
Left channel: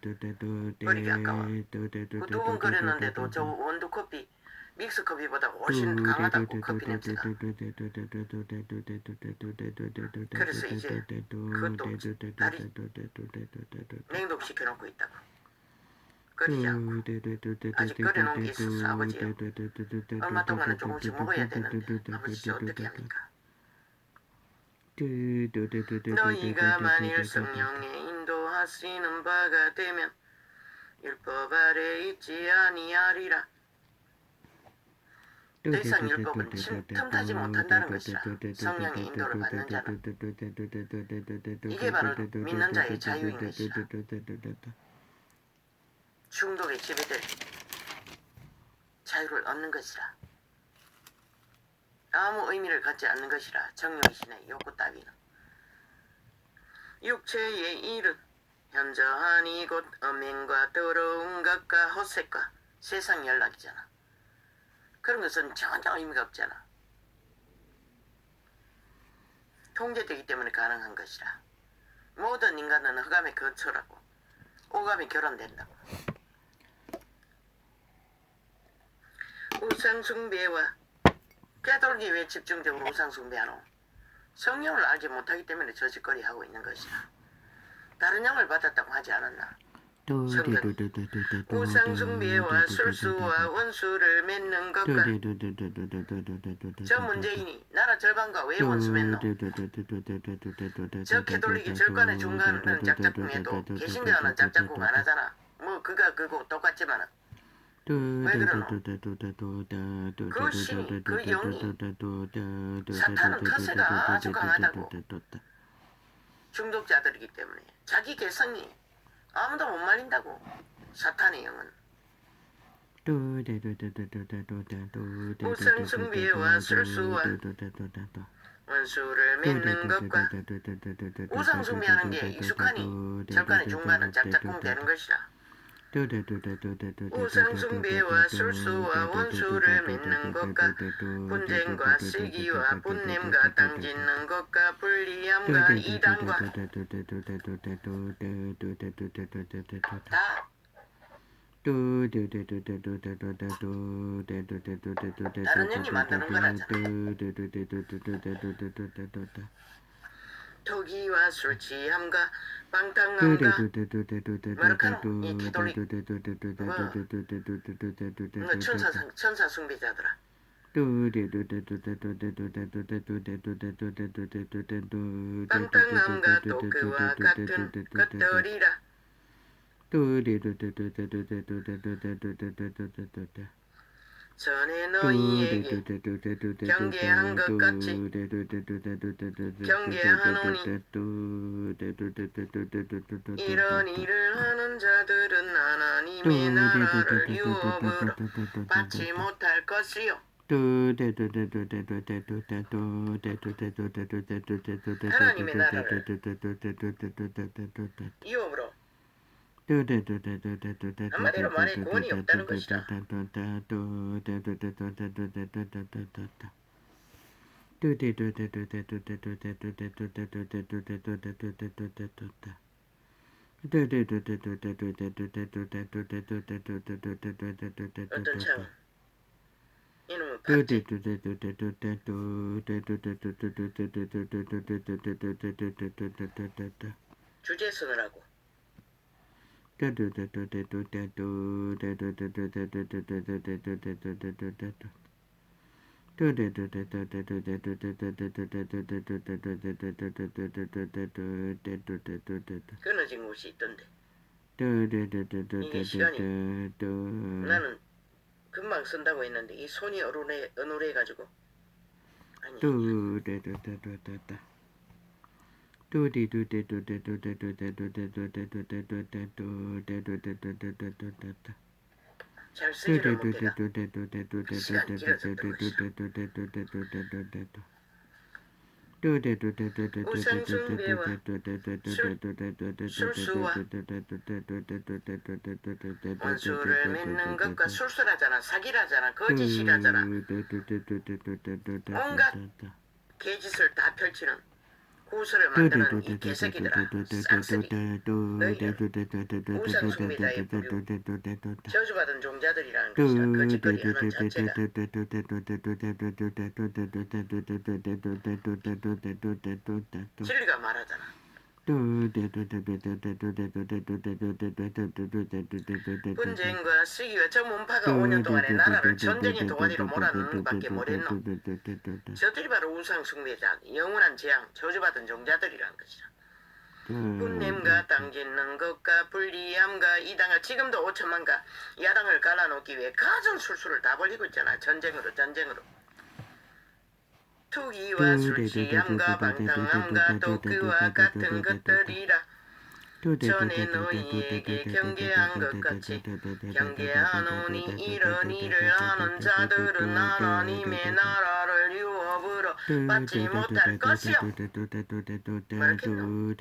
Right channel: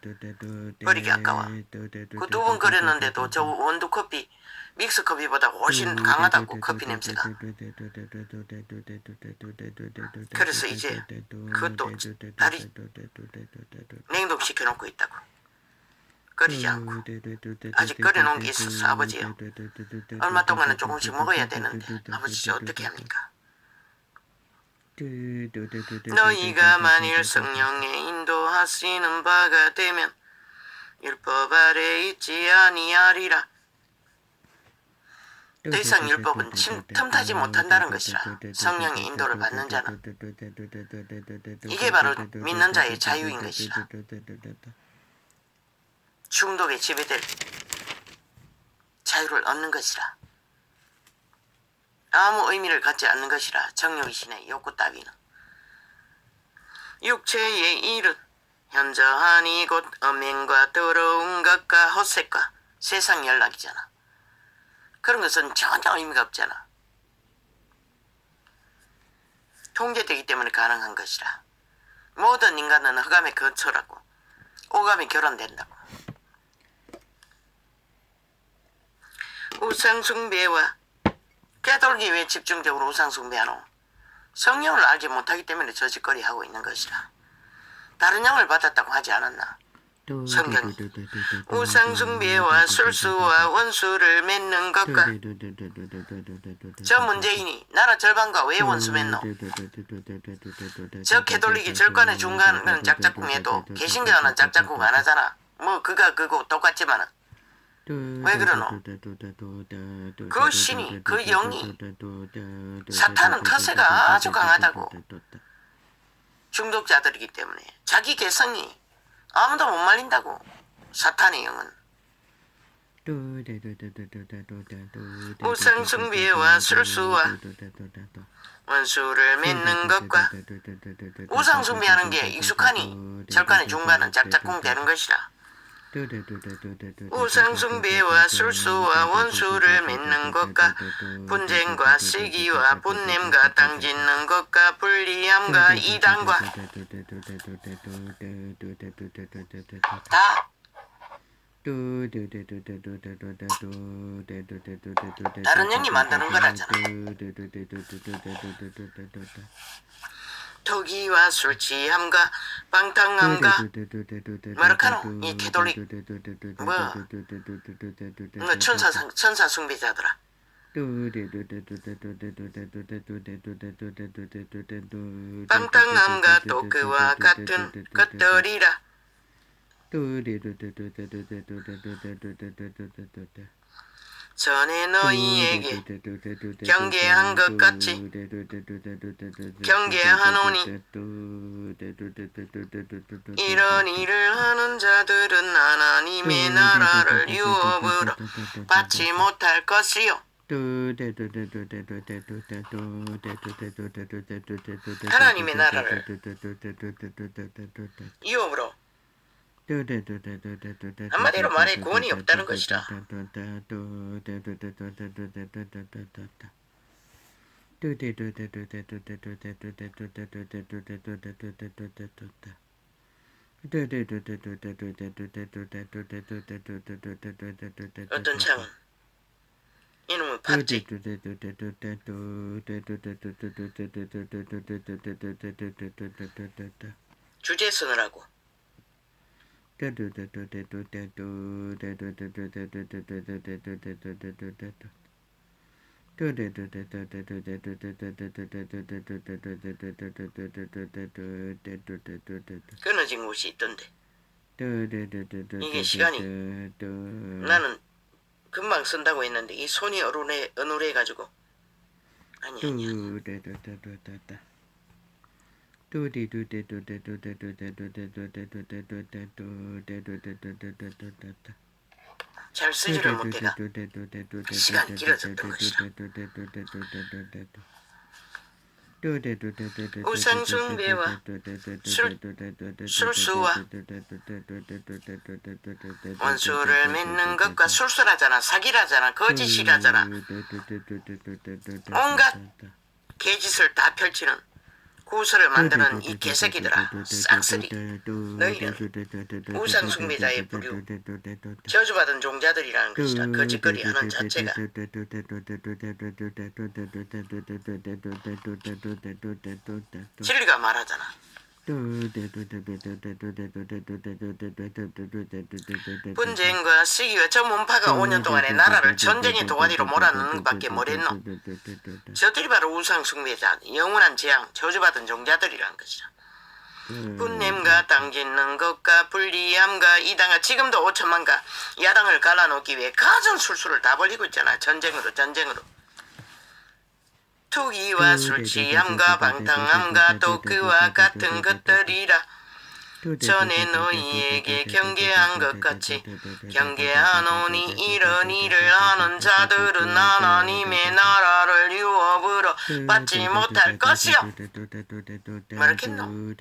버리기 아까워. 그 2번 끓였는데도 저 원두 커피 믹스 커피보다 훨씬 강하다고 커피 냄새가. 그래서 이제 그것도 다리 냉동시켜 놓고 있다고. 끓이지 않고. 아직 끓여놓은 게 있어서 아버지요. 얼마 동안은 조금씩 먹어야 되는데 아버지 어떻게 합니까? 너희가 만일 성령의 인도하시는 바가 되면 율법 아래 있지 아니하리라. 더 이상 율법은 틈타지 못한다는 것이라. 성령의 인도를 받는 자는 이게 바로 믿는 자의 자유인 것이라. 중독에 지배될 자유를 얻는 것이라. 아무 의미를 갖지 않는 것이라. 정령이신의 욕구 따위는. 육체의 일은 현저하니 곧 음행과 더러운 것과 헛색과 세상 연락이잖아. 그런 것은 전혀 의미가 없잖아. 통제되기 때문에 가능한 것이라. 모든 인간은 흑암의 거처라고. 오감이 결혼된다고. 우상숭배와 깨돌기 왜 집중적으로 우상숭배하노? 성령을 알지 못하기 때문에 저 짓거리 하고 있는 것이라. 다른 영을 받았다고 하지 않았나? 성경이 우상숭배와 술수와 원수를 맺는 것과 저 문재인이 나라 절반과 왜 원수 맺노? 저 캐톨릭이 절간에 중간은 짝짝꿍해도 개신교는 짝짝꿍 안 하잖아. 뭐 그가 그거 똑같지만은 왜 그러노? 그 신이 그 영이 사탄은 터세가 아주 강하다고. 중독자들이기 때문에 자기 개성이 아무도 못 말린다고. 사탄의 영은 우상숭배와 술수와 원수를 맺는 것과 우상숭배하는 게 익숙하니 절간에 중간은 짝짝꿍 되는 것이라. 우상숭배와 술수와 원수를 맺는 것과 분쟁과 시기와 분냄과 땅짓는 것과 불리함과 이단과 다 다른 영이 만드는 거라잖아. 토기와 술취함과 방탕함과 마르카노 이 캐톨릭 뭐 천사 숭배자더라. 방탕함과 또 그와 같은 것들이라. 전에 너희에게 경계한 것 같이 경계하노니 이런 일을 하는 자들은 하나님의 나라를 유업으로 받지 못할 것이요 하나님의 나라를 유업으로 한마디로 말해 구원이 없다는 것이다. 어떤 차원? 이놈은 팥지. 주제 쓰느라고. 끊어진 곳이 있던데. 이게 시간이 나는 금방 쓴다고 했는데 이 손이 어눌해가지고 아니 잘 쓰지를 못해가 시간이 길어졌던 것이다. 우상숭배와 술수와 원수를 맺는 것과 술수라잖아. 사기라잖아. 거짓이라잖아. 온갖 개짓을 다 펼치는 구설을 만드는 이 개새끼들아. 싹쓸이 너희는 우상숭배자의 부류 저주받은 종자들이라는 것이다. 거짓거리 하는 자체가. 진리가 말하잖아. 분쟁과 시기와 저 문파가 5년 동안에 나라를 전쟁의 도가니로 몰아넣는 밖에 뭐랬노. 저들이 바로 우상숭배자, 영원한 재앙, 저주받은 종자들이란 것이다. 분냄과 땅짓는 것과 불리함과 이당과 지금도 5천만가 야당을 갈라놓기 위해 가전 술수를 다 벌리고 있잖아. 전쟁으로. 투기와 술취함과 방탕함과 또 그와 같은 것들이라. 전에 너희에게 경계한 것 같이 경계하노니 이런 일을 하는 자들은 하나님의 나라를 유업으로 받지 못할 것이요. 뭐랬겠노?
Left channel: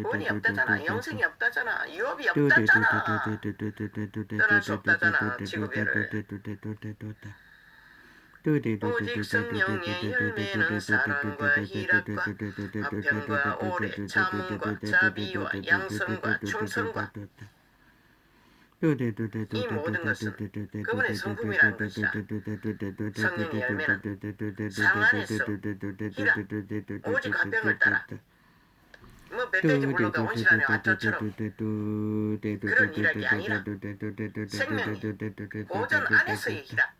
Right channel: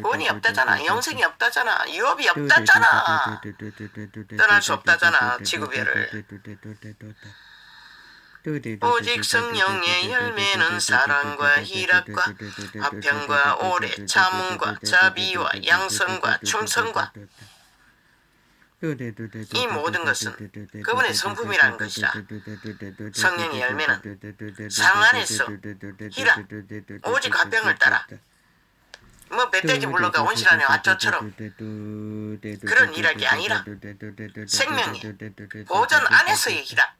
구원이 없다잖아. 영생이 없다잖아. 유업이 없다잖아. 떠날 수 없다잖아. 지구별을. 오직 성령의 열매는 사랑과 희락과 화평과 오래 참음과 자비와 양선과 충성과 이 모든 것은 그분의 성품이라는 것이다. 성령의 열매는 사랑 안에서 희락 오직 화평을 따라 뭐 멧돼지 물러가 온실 안에 왔죠처럼 그런 희락이 아니라 생명이 보존 안에서의 희락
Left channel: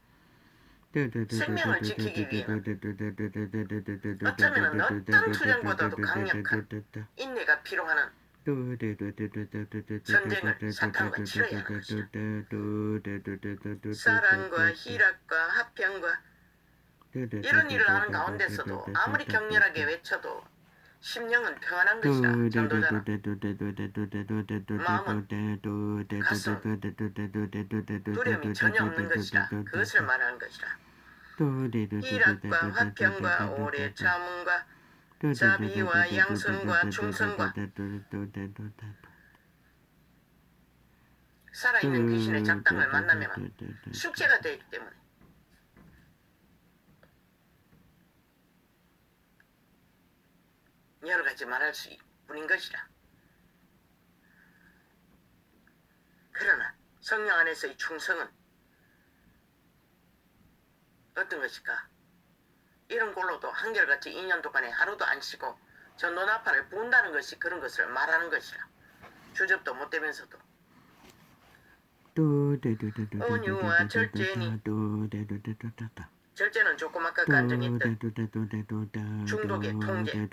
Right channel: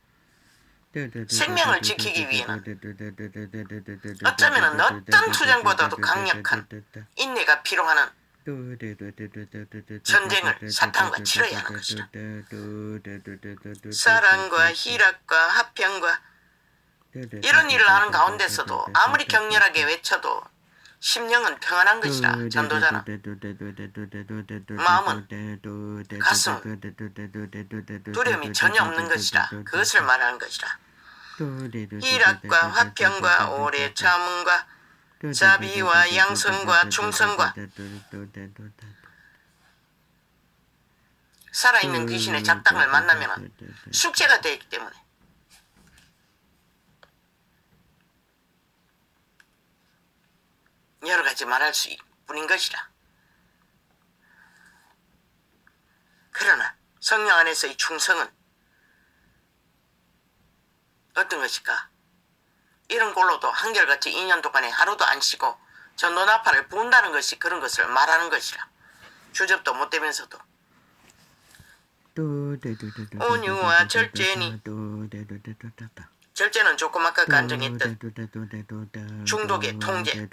생명을 지키기 위해는 어쩌면 어떤 투쟁보다도 강력한 인내가 필요하는 전쟁을 사탄과 치러야 하는 것이다. 사랑과 희락과 화평과 이런 일을 하는 가운데서도 아무리 격렬하게 외쳐도 심령은 평안한 것이다. 전도자는 마음은 가슴 두려움이 전혀 없는 것이다. 그것을 말하는 것이다. 희락과 화평과 오래 참음과 자비와 양선과 충성과 살아있는 귀신의 작당을 만나면 숙제가 되기 때문에. 여러 가지 말할 수 뿐인 것이라. 그러나 성령 안에서의 충성은 어떤 것일까? 이런 꼴로도 한결같이 2년 동안에 하루도 안 쉬고 저 논아파를 부은다는 것이 그런 것을 말하는 것이라. 주접도 못 되면서도 온유와 절제니, 절제는 조금 아까 간증했던 중독의 통제,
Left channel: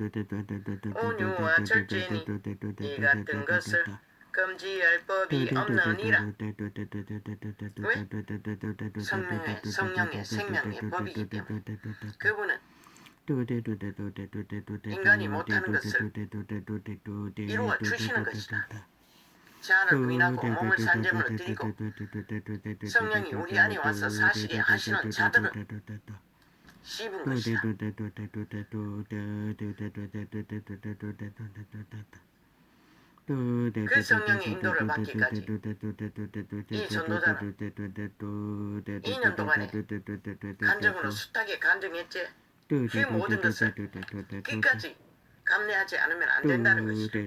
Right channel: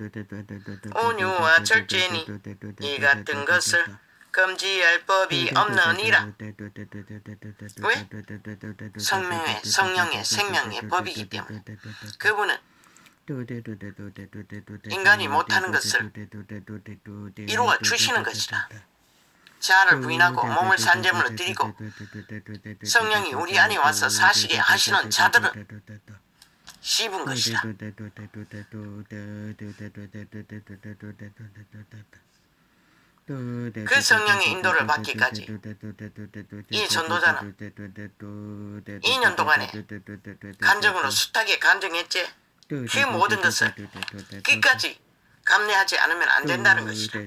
온유와 절제니 이 같은 것을 금지할 법이 없느니라. 왜? 성령의 생명의 법이기 때문에. 그분은 인간이 못하는 것을 이루어 주시는 것이다. 자아를 부인하고 몸을 산제물로 드리고 성령이 우리 안에 와서 사시게 하시는 자들은 씹은 것이다. 그 성령의 인도를 받기까지 이 전도자는 2년 동안에 간증으로 숱하게 간증했지. 그 모든 것을 끝까지 감내하지 않으면 안 된다는 것이다.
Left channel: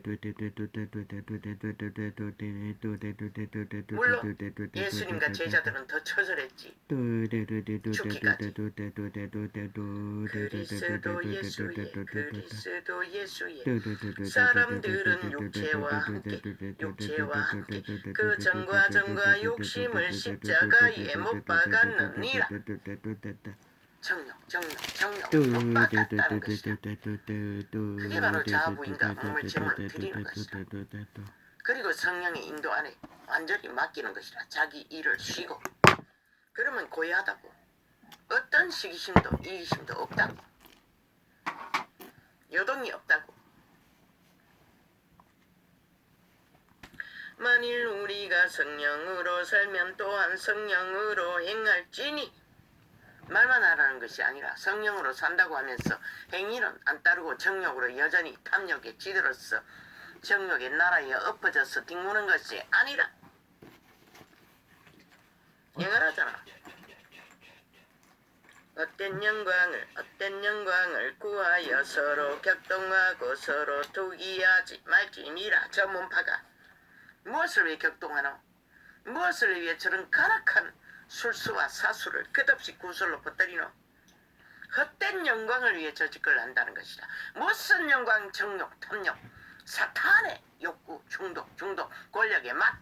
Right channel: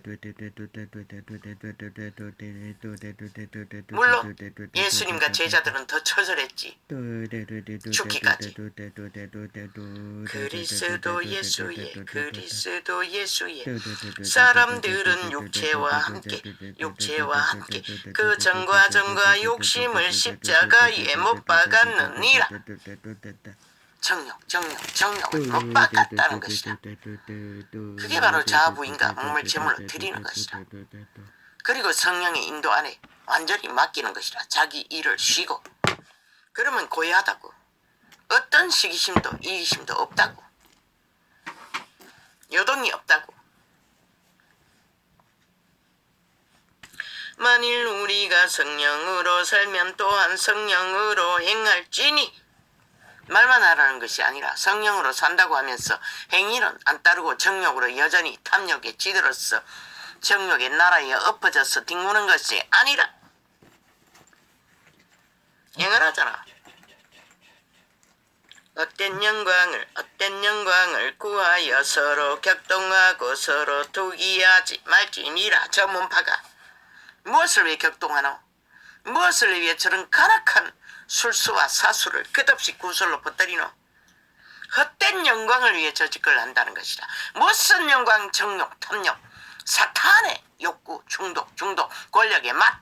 물론 예수님과 제자들은 더 처절했지. 죽기까지. 그리스도 예수의, 그리스도 예수의. 사람들은 육체와 함께 그 정과 욕심을 십자가에 못 박았느니라. 정욕을 못 박았다는 것이다. 그게 바로 자아부인과 몸을 제물로 드리는 것이다. 그리고 성령의 인도 안에 완전히 맡기는 것이라. 자기 일을 쉬고. 그러면 고요하다고. 어떤 시기심도 이기심도 없다고. 요동이 없다고. 만일 우리가 성령으로 살면 또한 성령으로 행할지니. 말만 하라는 것이 아니라 성령으로 산다고 하면서 행위는 안 따르고 정욕으로 여전히 탐욕에 찌들어서 정욕의 나라에 엎어져서 뒹구는 것이 아니라 영원하잖아. 헛된 영광을 구하여 서로 격동하고 서로 투기하지 말지니라. 저 문파가 무엇을 위해 격동하노? 무엇을 위해 저런 가락한 술수와 사수를 끝없이 구설로 퍼뜨리노? 헛된 영광을 위해 저 짓을 한다는 것이라. 무슨 영광, 정욕, 탐욕, 사탄의 욕구, 중독, 권력의 맛.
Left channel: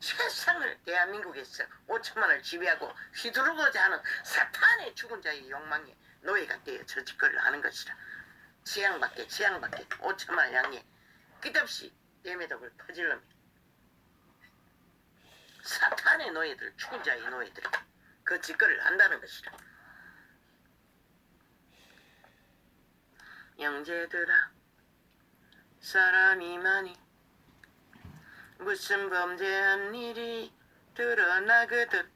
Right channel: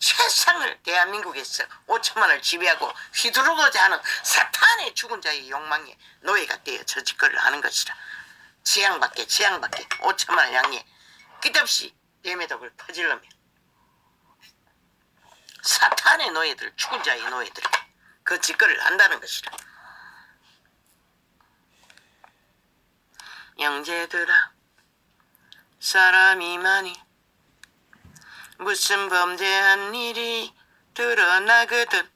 세상을 대한민국에서 5천만을 지배하고 휘두르고자 하는 사탄의 죽은 자의 욕망에 노예가 되어 저 짓을 하는 것이라. 지향받게 5천만을 향해 끝없이 대매독을 퍼질러며 사탄의 노예들, 죽은 자의 노예들 그 짓거리를 한다는 것이라. 형제들아, 사람이 많이 무슨 범죄한 일이 드러나거든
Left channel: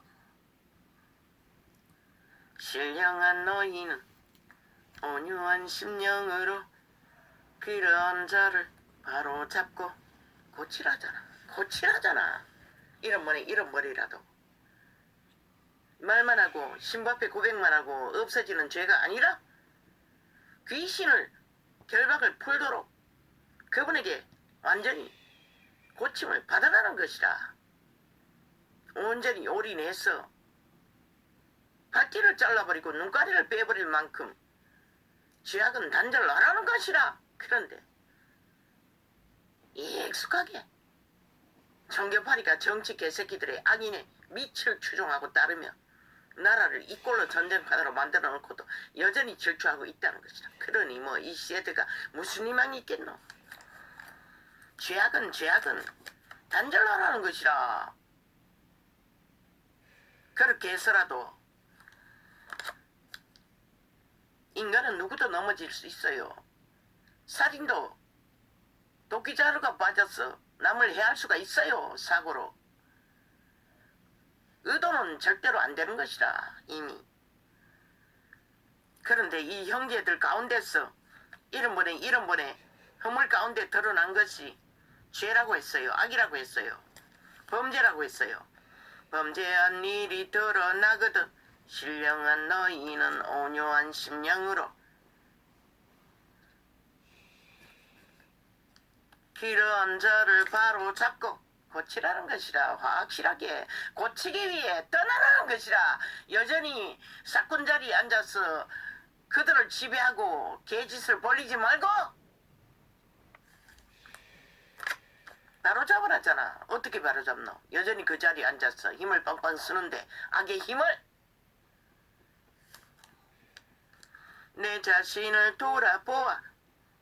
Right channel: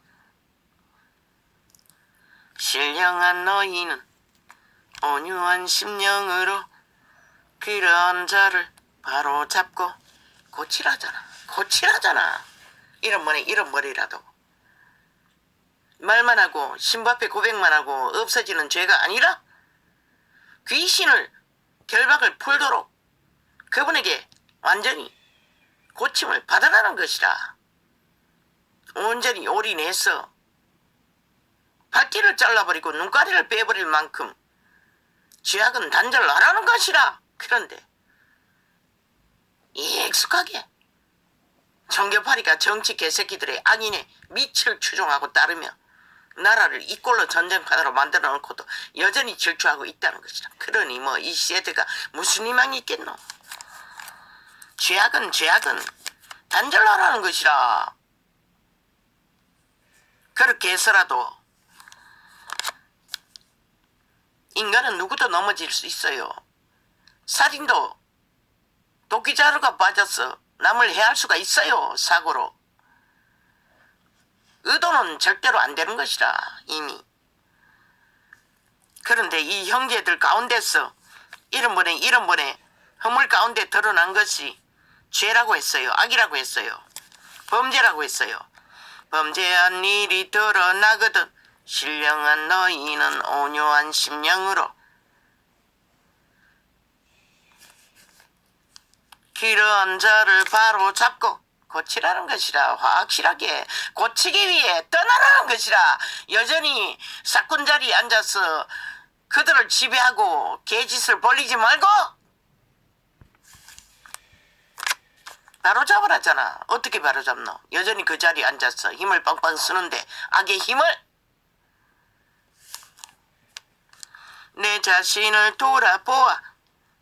신령한 너희는 온유한 심령으로 그런 자를 바로 잡고 고치라잖아. 이런 머리라도 말만 하고 신부 앞에 고백만 하고 없어지는 죄가 아니라 귀신을 결박을 풀도록 그분에게 완전히 고침을 받아라는 것이라. 온전히 올인해서 발뒤를 잘라버리고 눈가리를 빼버릴 만큼 죄악은 단절하라는 것이라. 그런데 익숙하게 정교파리가 정치 개새끼들의 악인의 미치를 추종하고 따르며 나라를 이 꼴로 전쟁판으로 만들어 놓고도 여전히 질주하고 있다는 것이라. 그러니 뭐 이 세대가 무슨 희망이 있겠노? 죄악은 단절하라는 것이라. 그렇게 해서라도 인간은 누구도 넘어질 수 있어요. 살인도 도끼자루가 빠져서 남을 해할 수가 있어요. 사고로. 의도는 절대로 안 되는 것이라. 이미. 그런데 이 형제들 가운데서 이런 번에 허물 가운데 드러난 것이 죄라고 했어요. 악이라고 했어요. 범죄라고 했어요. 범죄한 일이 드러나거든 신령한 너희는 온유한 심령으로 그런 자를 바로 잡고 고치라는 것이라. 확실하게 고치기 위해 떠나라는 것이라. 여전히 사건 자리에 앉아서 그들을 지배하고 개짓을 벌리지 말고 바로 잡으라잖아. 어떻게 바로 잡노? 여전히 그 자리에 앉아서 힘을 빵빵 쓰는데 악의 힘을. 내 자신을 돌아보아.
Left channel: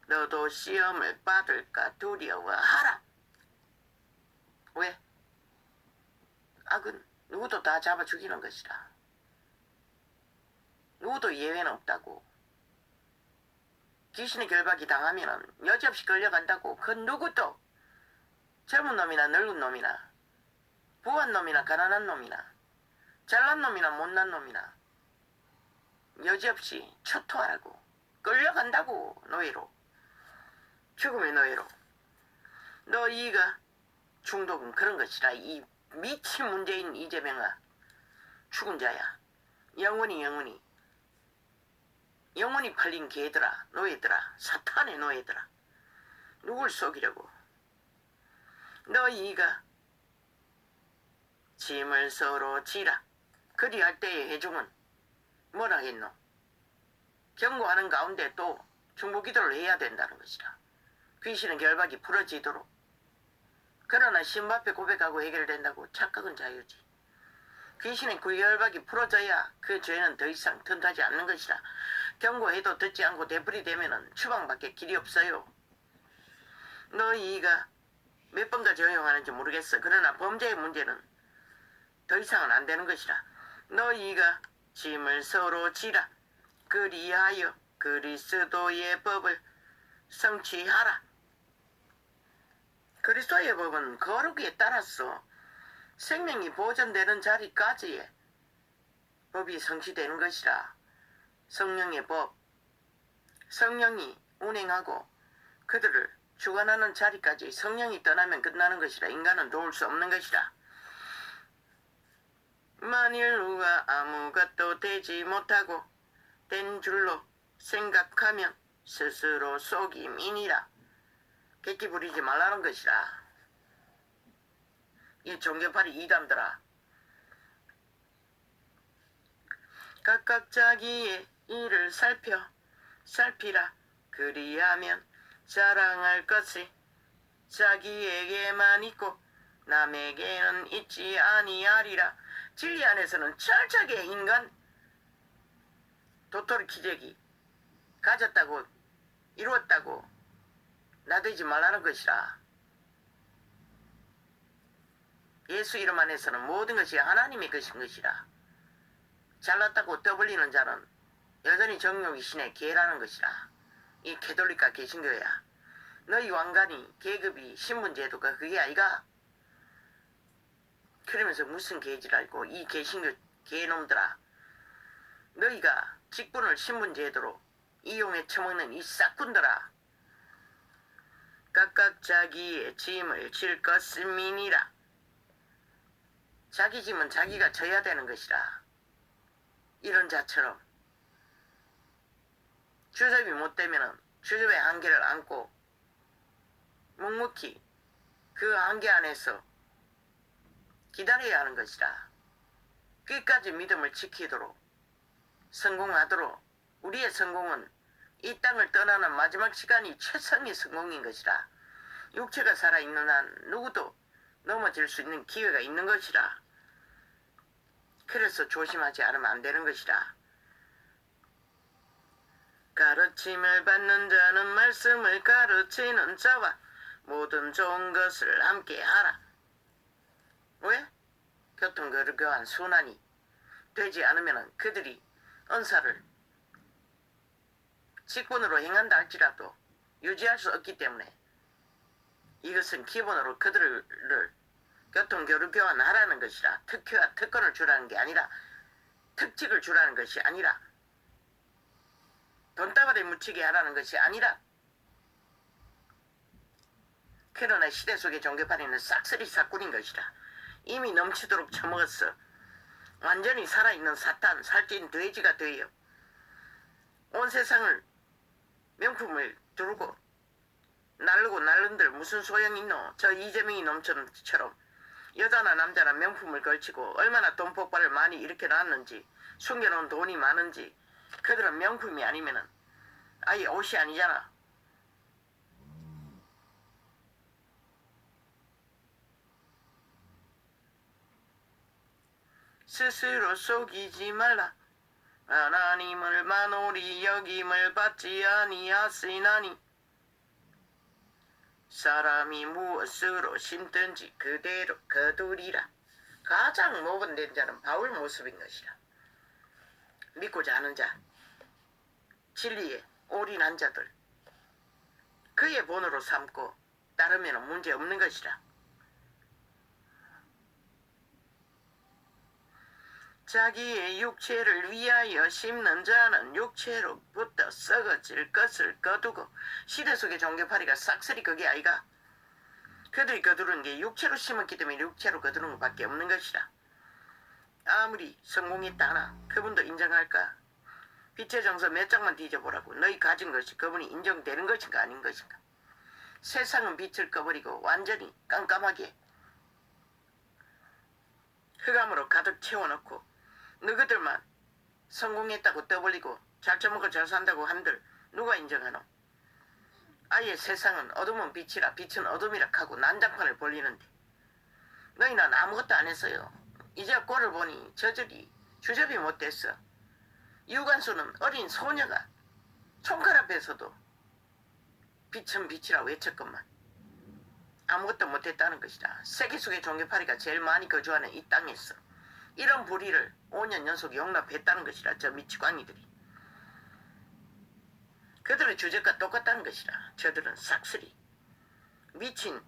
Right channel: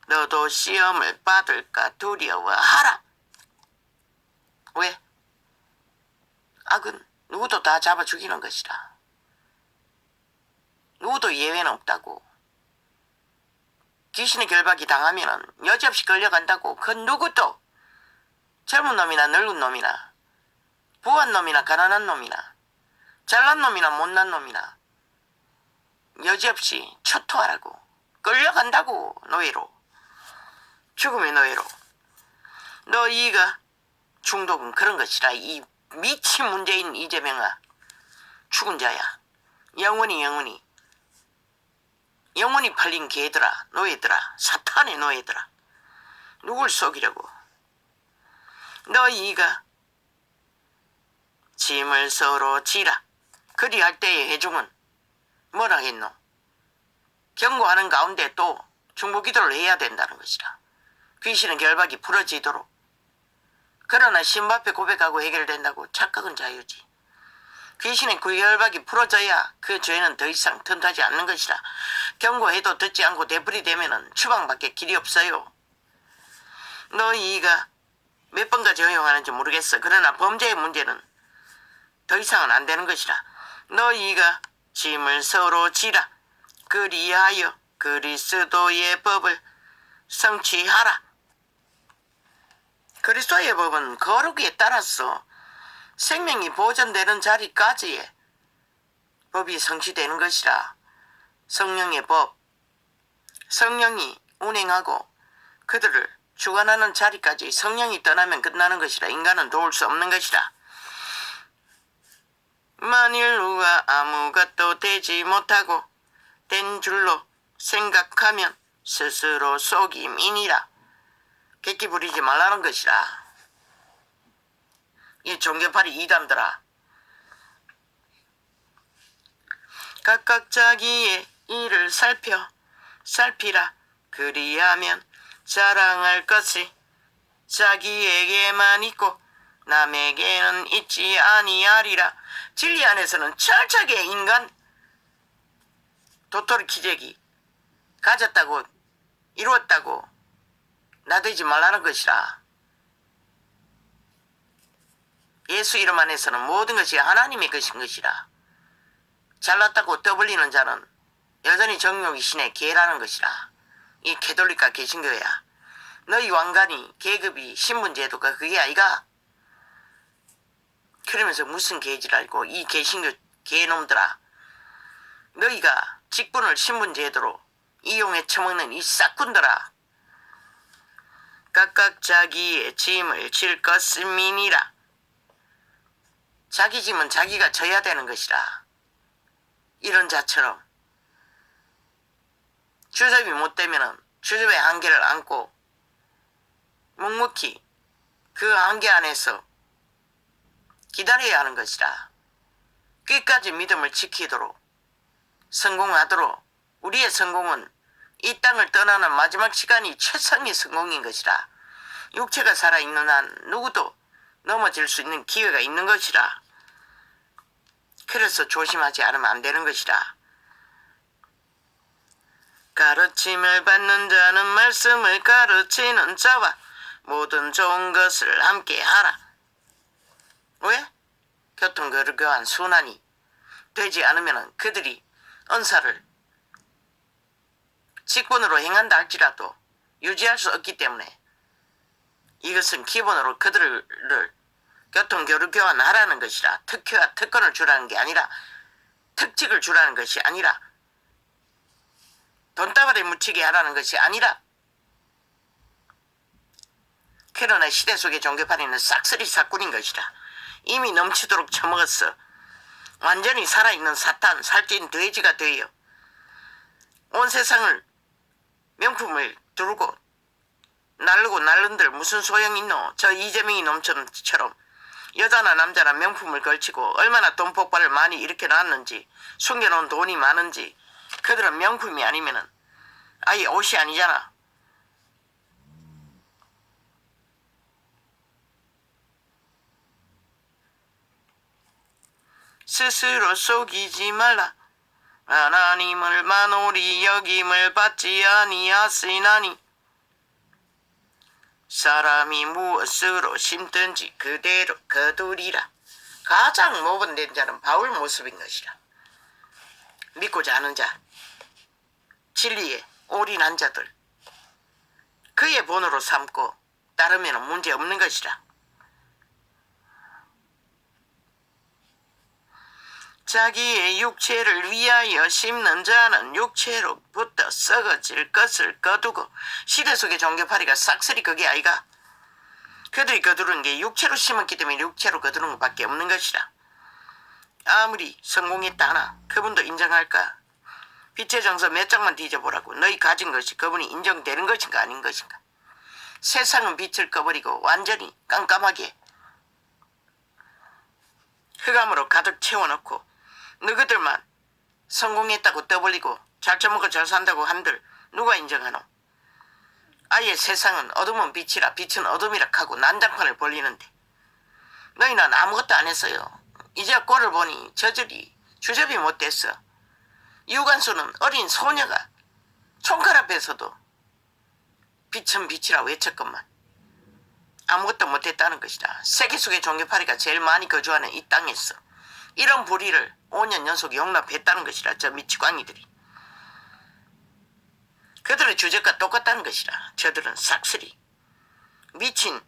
너도 시험을 받을까 두려워하라. 왜? 악은 누구도 다 잡아 죽이는 것이라. 누구도 예외는 없다고. 귀신의 결박이 당하면 여지없이 끌려간다고. 그 누구도 젊은 놈이나 늙은 놈이나 부한 놈이나 가난한 놈이나 잘난 놈이나 못난 놈이나 여지없이 초토하라고. 끌려간다고. 노예로. 죽음의 노예로. 너희가 중독은 그런 것이라. 이 미친 문재인 이재명아. 죽은 자야. 영원히 팔린 개들아. 노예들아. 사탄의 노예들아. 누굴 속이려고. 너희가 짐을 서로 지라. 그리할 때의 회중은 뭐라 했노? 경고하는 가운데 또 중보기도를 해야 된다는 것이라. 귀신의 결박이 풀어지도록. 그러나 신부 앞에 고백하고 해결된다고. 착각은 자유지. 귀신의 그 결박이 풀어져야 그 죄는 더 이상 틈타지 않는 것이라. 경고해도 듣지 않고 되풀이되면 추방밖에 길이 없어요. 너희가 몇 번까지 허용하는지 모르겠어. 그러나 범죄의 문제는 더 이상은 안 되는 것이라. 너희가 짐을 서로 지라. 그리하여 그리스도의 법을 성취하라. 그리스도의 법은 거룩에 따라서 생명이 보존되는 자리까지의 법이 성취되는 것이라. 성령의 법, 성령이 운행하고 그들을 주관하는 자리까지 성령이 떠나면 끝나는 것이라. 인간은 도울 수 없는 것이라. 만일 누가 아무것도 되지 못하고 된 줄로 생각하면 스스로 속임이니라. 객기 부리지 말라는 것이라. 이 종교파리 이단들아. 각각 자기의 일을 살피라. 그리하면 자랑할 것이 자기에게만 있고 남에게는 있지 아니하리라. 진리 안에서는 철저하게 인간 도토리 기저귀 가졌다고 이루었다고 나대지 말라는 것이라. 예수 이름 안에서는 모든 것이 하나님의 것인 것이라. 잘났다고 떠벌리는 자는 여전히 정욕이 신의 개라는 것이라. 이 캐톨릭과 개신교야. 너희 왕관이 계급이 신분제도가 그게 아이가. 그러면서 무슨 개질 알고 이 개신교 개놈들아. 너희가 직분을 신분제도로 이용해 처먹는 이 싹군들아. 각각 자기의 짐을 질 것임이니라. 자기 짐은 자기가 져야 되는 것이라. 이런 자처럼 주접이 못되면 주접의 한계를 안고 묵묵히 그 한계 안에서 기다려야 하는 것이라. 끝까지 믿음을 지키도록 성공하도록. 우리의 성공은 이 땅을 떠나는 마지막 시간이 최상의 성공인 것이라. 육체가 살아있는 한 누구도 넘어질 수 있는 기회가 있는 것이라. 그래서 조심하지 않으면 안 되는 것이라. 가르침을 받는 자는 말씀을 가르치는 자와 모든 좋은 것을 함께 하라. 왜? 교통교류교환 순환이 되지 않으면 그들이 은사를 직분으로 행한다 할지라도 유지할 수 없기 때문에 이것은 기본으로 그들을 교통교류교환하라는 것이라. 특혜와 특권을 주라는 게 아니라 특직을 주라는 것이 아니라 돈다발에 묻히게 하라는 것이 아니라 그러나 시대 속의 종교파리는 싹쓸이 사꾼인 것이라. 이미 넘치도록 처먹었어. 완전히 살아있는 사탄, 살찐 돼지가 되어 온 세상을 명품을 두르고 날르고 날른들 무슨 소용이 있노? 저 이재명이 놈처럼 여자나 남자나 명품을 걸치고 얼마나 돈 폭발을 많이 일으켜놨는지, 숨겨놓은 돈이 많은지. 그들은 명품이 아니면은 아예 옷이 아니잖아. 스스로 속이지 말라. 하나님을 만홀히 여김을 받지 아니하시나니 사람이 무엇으로 심든지 그대로 거두리라. 가장 모범된 자는 바울 모습인 것이라. 믿고자 하는 자, 진리에 올인한 자들, 그의 본으로 삼고 따르면 문제 없는 것이라. 자기의 육체를 위하여 심는 자는 육체로부터 썩어질 것을 거두고. 시대 속의 종교파리가 싹쓸이 그게 아이가. 그들이 거두는 게 육체로 심었기 때문에 육체로 거두는 것밖에 없는 것이라. 아무리 성공했다 하나 그분도 인정할까? 빛의 정서 몇 장만 뒤져보라고. 너희 가진 것이 그분이 인정되는 것인가 아닌 것인가. 세상은 빛을 꺼버리고 완전히 깜깜하게 흑암으로 가득 채워놓고 너희들만 성공했다고 떠벌리고 잘 처먹고 잘 산다고 한들 누가 인정하노? 아예 세상은 어둠은 빛이라 빛은 어둠이라 하고 난장판을 벌리는데 너희는 아무것도 안 했어요. 이제 꼴을 보니 저절이 주접이 못됐어. 유관수는 어린 소녀가 총칼 앞에서도 빛은 빛이라 외쳤건만 아무것도 못했다는 것이다. 세계 속의 종교파리가 제일 많이 거주하는 이 땅에서 이런 불의를 5년 연속 용납했다는 것이라. 저 미치광이들이. 그들의 주적과 똑같다는 것이라. 저들은 싹쓸이 미친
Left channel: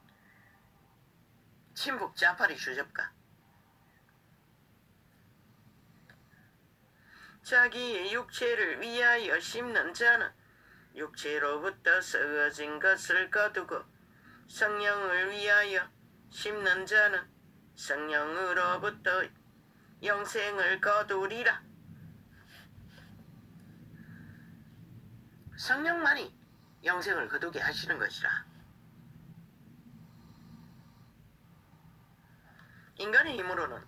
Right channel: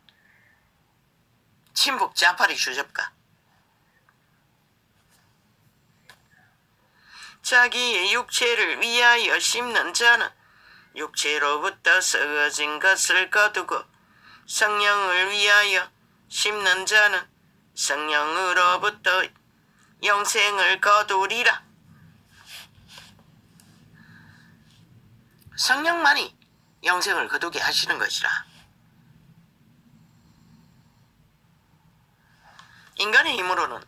친북 자파리 주접가. 자기의 육체를 위하여 심는 자는 육체로부터 썩어진 것을 거두고 성령을 위하여 심는 자는 성령으로부터 영생을 거두리라. 성령만이 영생을 거두게 하시는 것이라. 인간의 힘으로는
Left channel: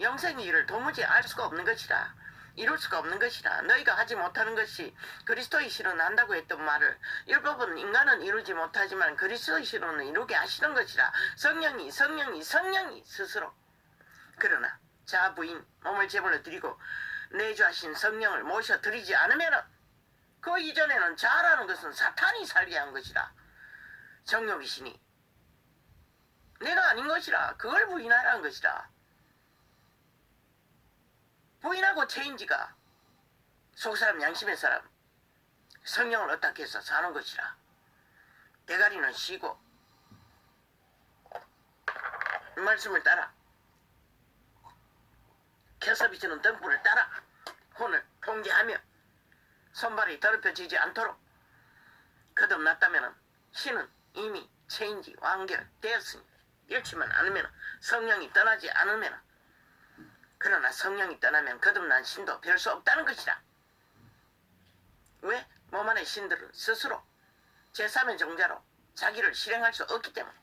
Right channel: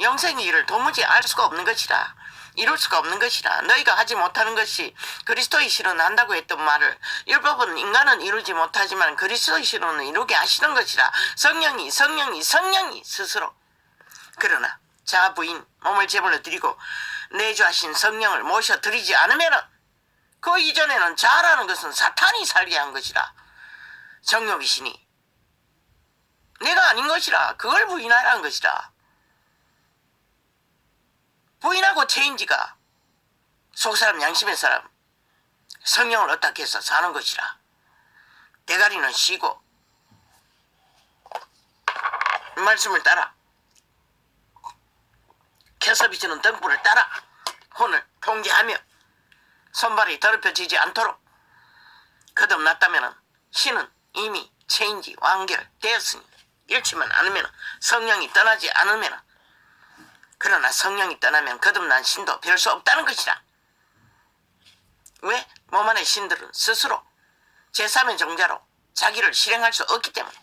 영생의 일을 도무지 알 수가 없는 것이라. 이룰 수가 없는 것이라. 너희가 하지 못하는 것이 그리스도의 실은 한다고 했던 말을 율법은 인간은 이루지 못하지만 그리스도의 실은 이루게 하시는 것이라. 성령이 스스로. 그러나 자 부인 몸을 제물로 드리고 내주하신 성령을 모셔드리지 않으면 그 이전에는 자라는 것은 사탄이 살게 한 것이라. 정욕이시니 내가 아닌 것이라. 그걸 부인하라는 것이라. 부인하고 체인지가 속사람 양심의 사람 성령을 어떻게 해서 사는 것이라. 대가리는 쉬고 말씀을 따라 켜서 비치는 등불을 따라 혼을 통제하며 손발이 더럽혀지지 않도록 거듭났다면 신은 이미 체인지 완결되었으니 잃지만 않으면 성령이 떠나지 않으면. 그러나 성령이 떠나면 거듭난 신도 별 수 없다는 것이라. 왜? 몸 안의 신들은 스스로 제3의 종자로 자기를 실행할 수 없기 때문에.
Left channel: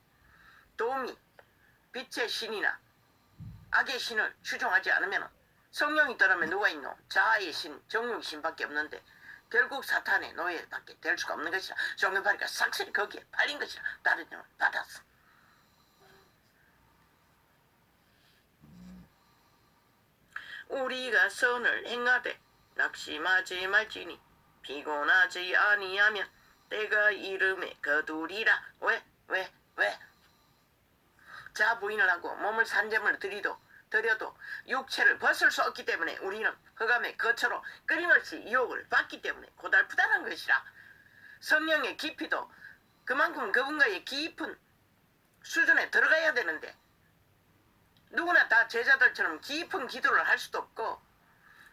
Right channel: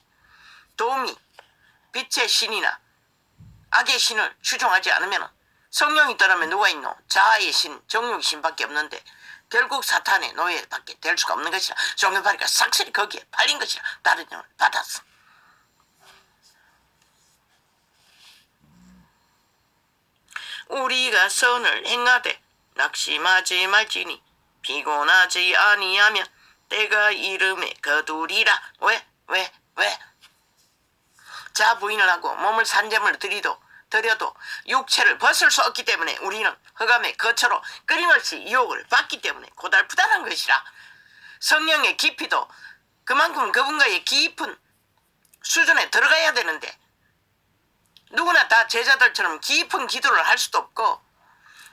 도움이 빛의 신이나 악의 신을 추종하지 않으면 성령이 떠나면 누가 있노? 자아의 신, 정욕의 신밖에 없는데 결국 사탄의 노예밖에 될 수가 없는 것이라. 종교파리가 싹쓸이 거기에 팔린 것이라. 다른 영을 받았어. 우리가 선을 행하되 낙심하지 말지니 피곤하지 아니하면 때가 이름에 거두리라. 왜? 자 부인을 하고 몸을 산재물 드려도 육체를 벗을 수 없기 때문에 우리는 흑암의 거처로 끊임없이 유혹을 받기 때문에 고달프다는 것이라. 성령의 깊이도 그만큼 그분과의 깊은 수준에 들어가야 되는데 누구나 다 제자들처럼 깊은 기도를 할 수도 없고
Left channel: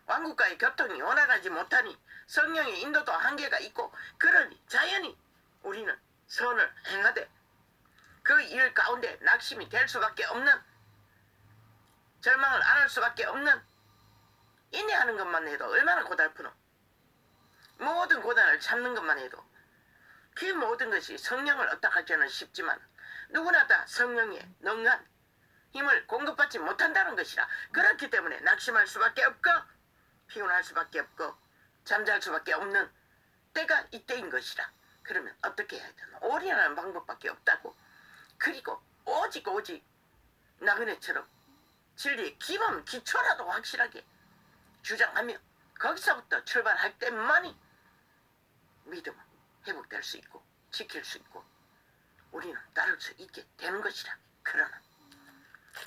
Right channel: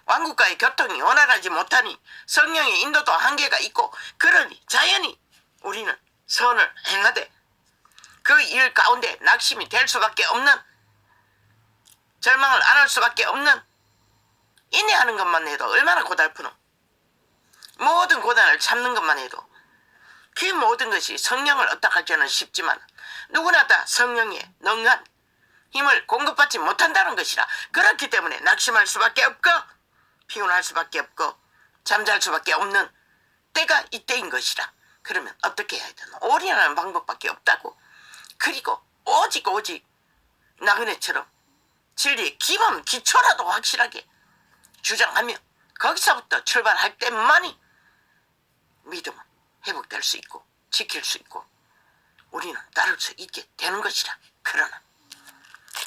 왕국과의 교통이 원활하지 못하니 성령의 인도도 한계가 있고 그러니 자연히 우리는 선을 행하되 그 일 가운데 낙심이 될 수밖에 없는, 절망을 안 할 수밖에 없는, 인내하는 것만 해도 얼마나 고달프노. 모든 고난을 참는 것만 해도 그 모든 것이 성령을 얻어가기는 쉽지만 누구나 다 성령의 능한 힘을 공급받지 못한다는 것이라. 그렇기 때문에 낙심할 수밖에 없고 피곤할 수밖에 없고 잠잘 수밖에 없는 때가 이때인 것이라. 그러면 어떻게 해야 되나? 올인하는 방법밖에 없다고. 그리고 오직 나그네처럼 진리의 기본 기초라도 확실하게 주장하며 거기서부터 출발할 때만이 믿음은 회복될 수 있고 지킬 수 있고 우리는 따를 수 있게 되는 것이라. 그러나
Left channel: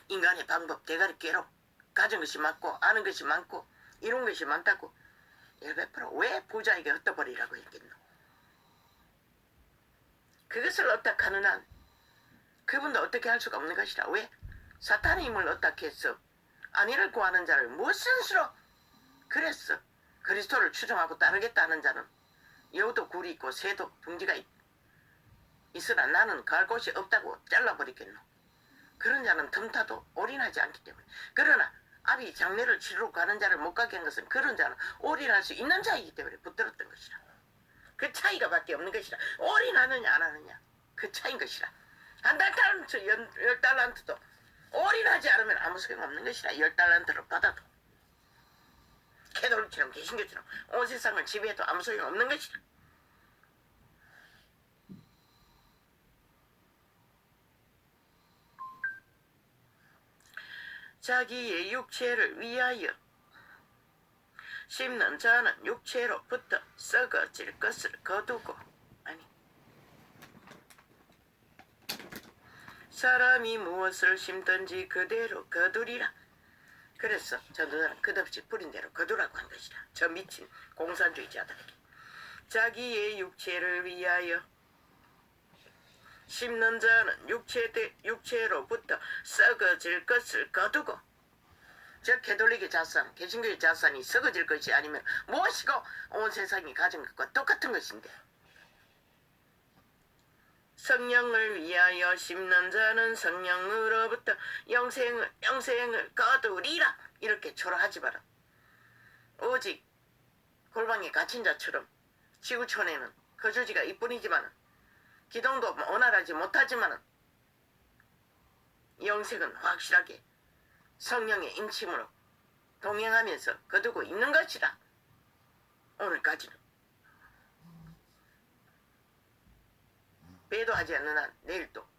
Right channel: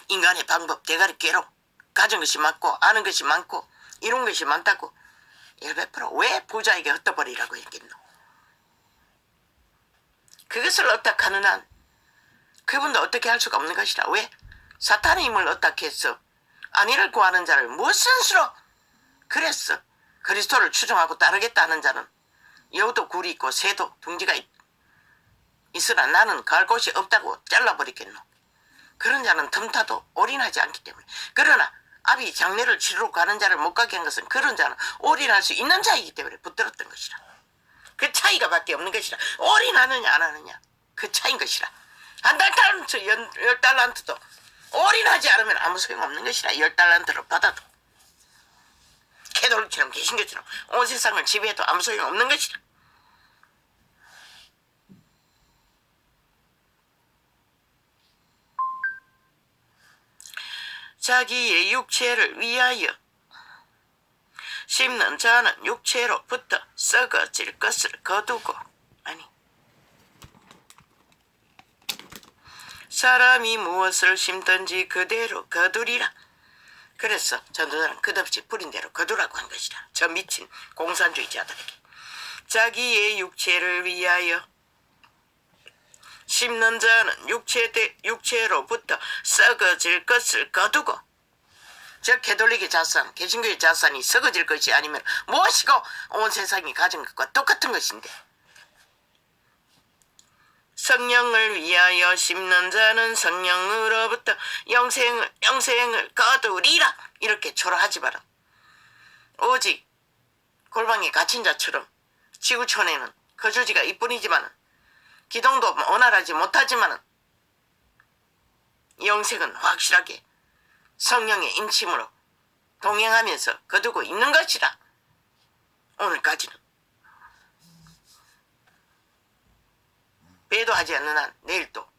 인간의 방법 대가리 깨로 가진 것이 많고 아는 것이 많고 이룬 것이 많다고 100%왜 부자에게 흩어버리라고 했겠노? 그것을 어떡하는 한 그분도 어떻게 할 수가 없는 것이라. 왜? 사탄의 힘을 어떻게 했어? 안위를 구하는 자를 무슨 수로 그랬어? 그리스도를 추종하고 따르겠다는 자는 여우도 굴이 있고 새도 둥지가 있으나 나는 갈 곳이 없다고 잘라버리겠노. 그런 자는 틈타도 올인하지 않기 때문에. 그러나 아비 장례를 치르러 가는 자를 못 가게 한 것은 그런 자는 올인할 수 있는 자이기 때문에 붙들었던 것이라. 그 차이가 밖에 없는 것이라. 올인하느냐 안 하느냐 그 차이인 것이라. 한 달란트 10달란트도 올인하지 않으면 아무 소용없는 것이라. 10달란트를 받아도 캐톨릭처럼 개신교처럼 온 세상을 지배해도 아무 소용없는 것이라. 자기의 육체를 위하여 심는 자는 육체로부터 썩어질 것을 거두고, 아니, 사람이 무엇을 심든지 그대로 거두리라. 그래서 전도자는 끝없이 뿌린 대로 거두라고 한 것이라. 저 미친 공산주의자들에게. 자기의 육체를 위하여 심는 자는 육체로부터 썩어질 것을 거두고. 저 캐톨릭의 자산, 개신교의 자산이 썩어질 것이 아니면 무엇이고 온 세상이 가진 것과 똑같은 것인데. 성령을 위하여 심는 자는 성령으로부터 영생을 거두리라. 이렇게 초라하지 마라. 오직 골방에 갇힌 자처럼 지구촌에는 거주지가 이뿐이지만 기동도 원활하지 못하지만 영생은 확실하게 성령의 인침으로 동행하면서 거두고 있는 것이라. 오늘까지는 배도하지 않는 한 내일 또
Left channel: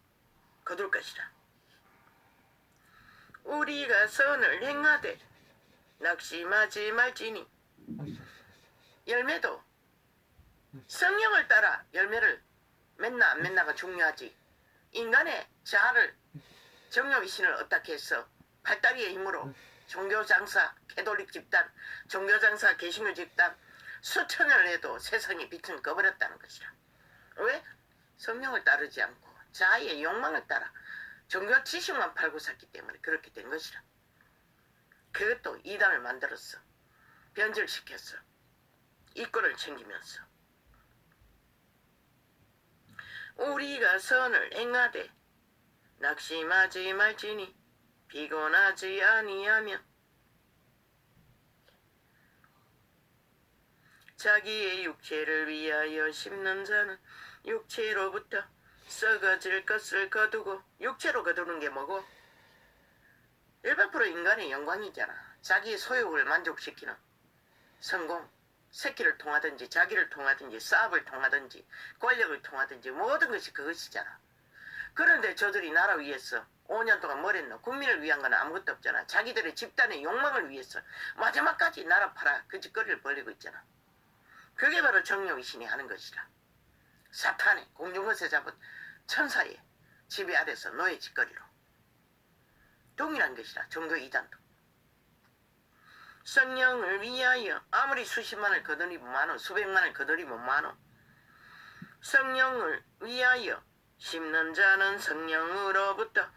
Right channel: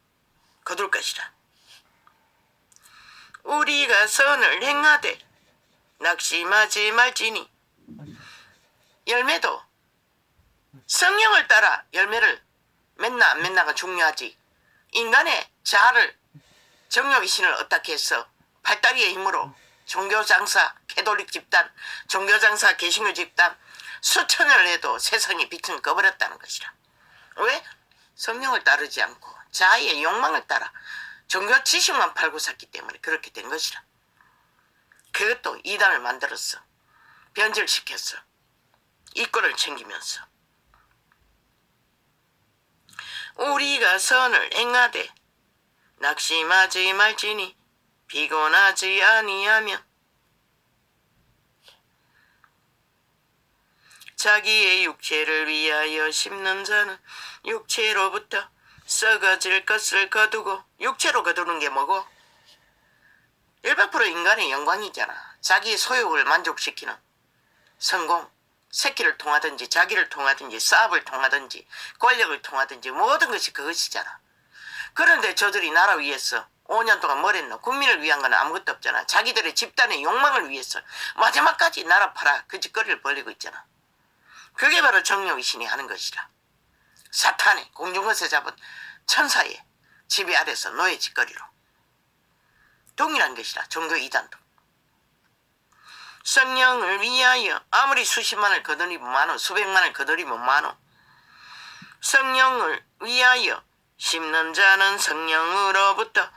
거둘 것이라. 우리가 선을 행하되 낙심하지 말지니. 열매도 성령을 따라 열매를 맺나 안 맺나가 중요하지. 인간의 자아를 정욕의 신을 어떻게 해서 팔다리의 힘으로 종교장사 캐톨릭 집단, 종교장사 개신교 집단 수천을 해도 세상의 빛은 꺼버렸다는 것이라. 왜? 성령을 따르지 않고 자아의 욕망을 따라 종교 지식만 팔고 샀기 때문에 그렇게 된 것이라. 그것도 이단을 만들었어. 변질시켰어. 이권을 챙기면서. 우리가 선을 행하되 낙심하지 말지니 피곤하지 아니하며. 자기의 육체를 위하여 심는 자는 육체로부터 썩어질 것을 거두고. 육체로 거두는 게 뭐고? 100% 인간의 영광이잖아. 자기의 소욕을 만족시키는 성공, 새끼를 통하든지 자기를 통하든지 사업을 통하든지 권력을 통하든지 모든 것이 그것이잖아. 그런데 저들이 나라 위해서 5년 동안 뭘 했노? 국민을 위한 건 아무것도 없잖아. 자기들의 집단의 욕망을 위해서 마지막까지 나라 팔아 그 짓거리를 벌리고 있잖아. 그게 바로 정욕의 신이 하는 것이라. 사탄의 공중것에 잡은 천사의 지배 아래서 노예 짓거리로 동일한 것이라. 종교 이단도. 성령을 위하여 아무리 수십만을 거두리면 많어, 수백만을 거두리면 많어. 성령을 위하여 심는 자는 성령으로부터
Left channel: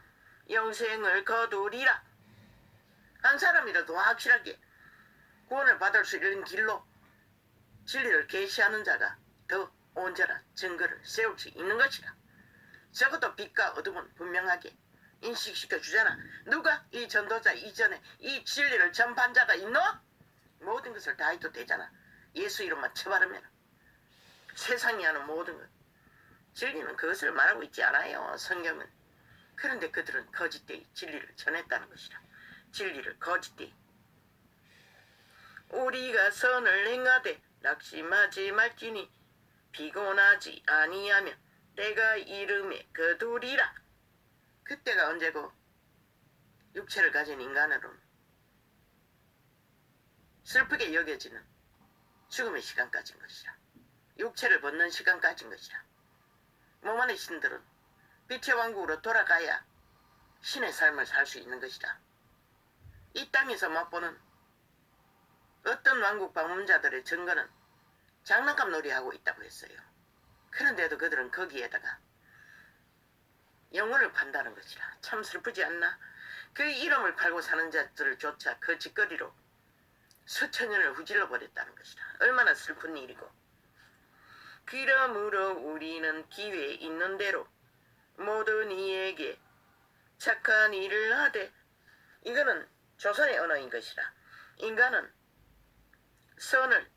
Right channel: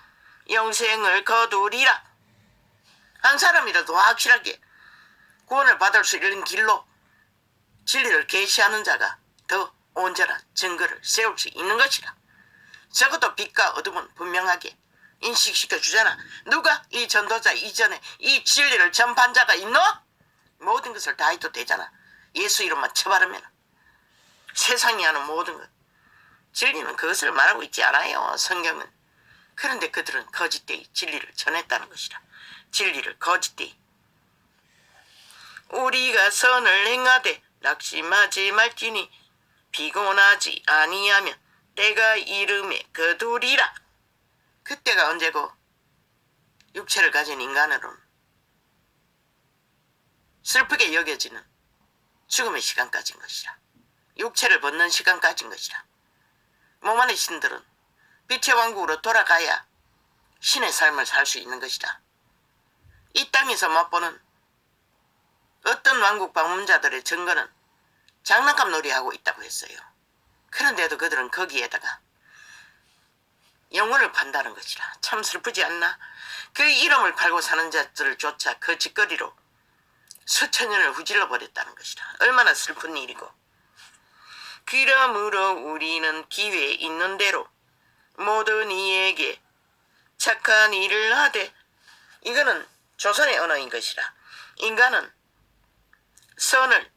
영생을 거두리라. 한 사람이라도 확실하게 구원을 받을 수 있는 길로 진리를 계시하는 자가 더 온전한 증거를 세울 수 있는 것이라. 적어도 빛과 어둠은 분명하게 인식시켜 주잖아. 누가 이 전도자 이전에 이 진리를 전파한 자가 있노? 모든 것을 다 해도 되잖아. 예수 이름만 쳐바르면 세상이 하는 모든 것. 진리는 그것을 말하고 있지 않아요. 성경은. 그런데 그들은 거짓되이 진리를 전했다는 것이라. 진리를 거짓되이. 우리가 선을 행하되 낙심하지 말지니 피곤하지 아니하면 때가 이름에 거두리라. 그때가 언제고? 육체를 가진 인간으로는 슬프게 여겨지는 죽음의 시간까지인 것이라. 육체를 벗는 시간까지인 것이라. 몸 안의 신들은 빛의 왕국으로 돌아가야 신의 삶을 살 수 있는 것이다. 이 땅에서 맛보는 어떤 왕국 방문자들의 증거는 장난감 놀이하고 있다고 했어요. 그런데도 그들은 거기에다가 영혼을 판다는 것이라. 참 슬프지 않나? 그 이름을 팔고 사는 자들을 조차 그 짓거리로 수천 년을 후질러 버렸다는 것이라. 얼마나 슬픈 일이고. 그러므로 우리는 기회에 있는 대로 모든 이에게 착한 일을 하되. 이거는 조선의 언어인 것이라. 인간은 선을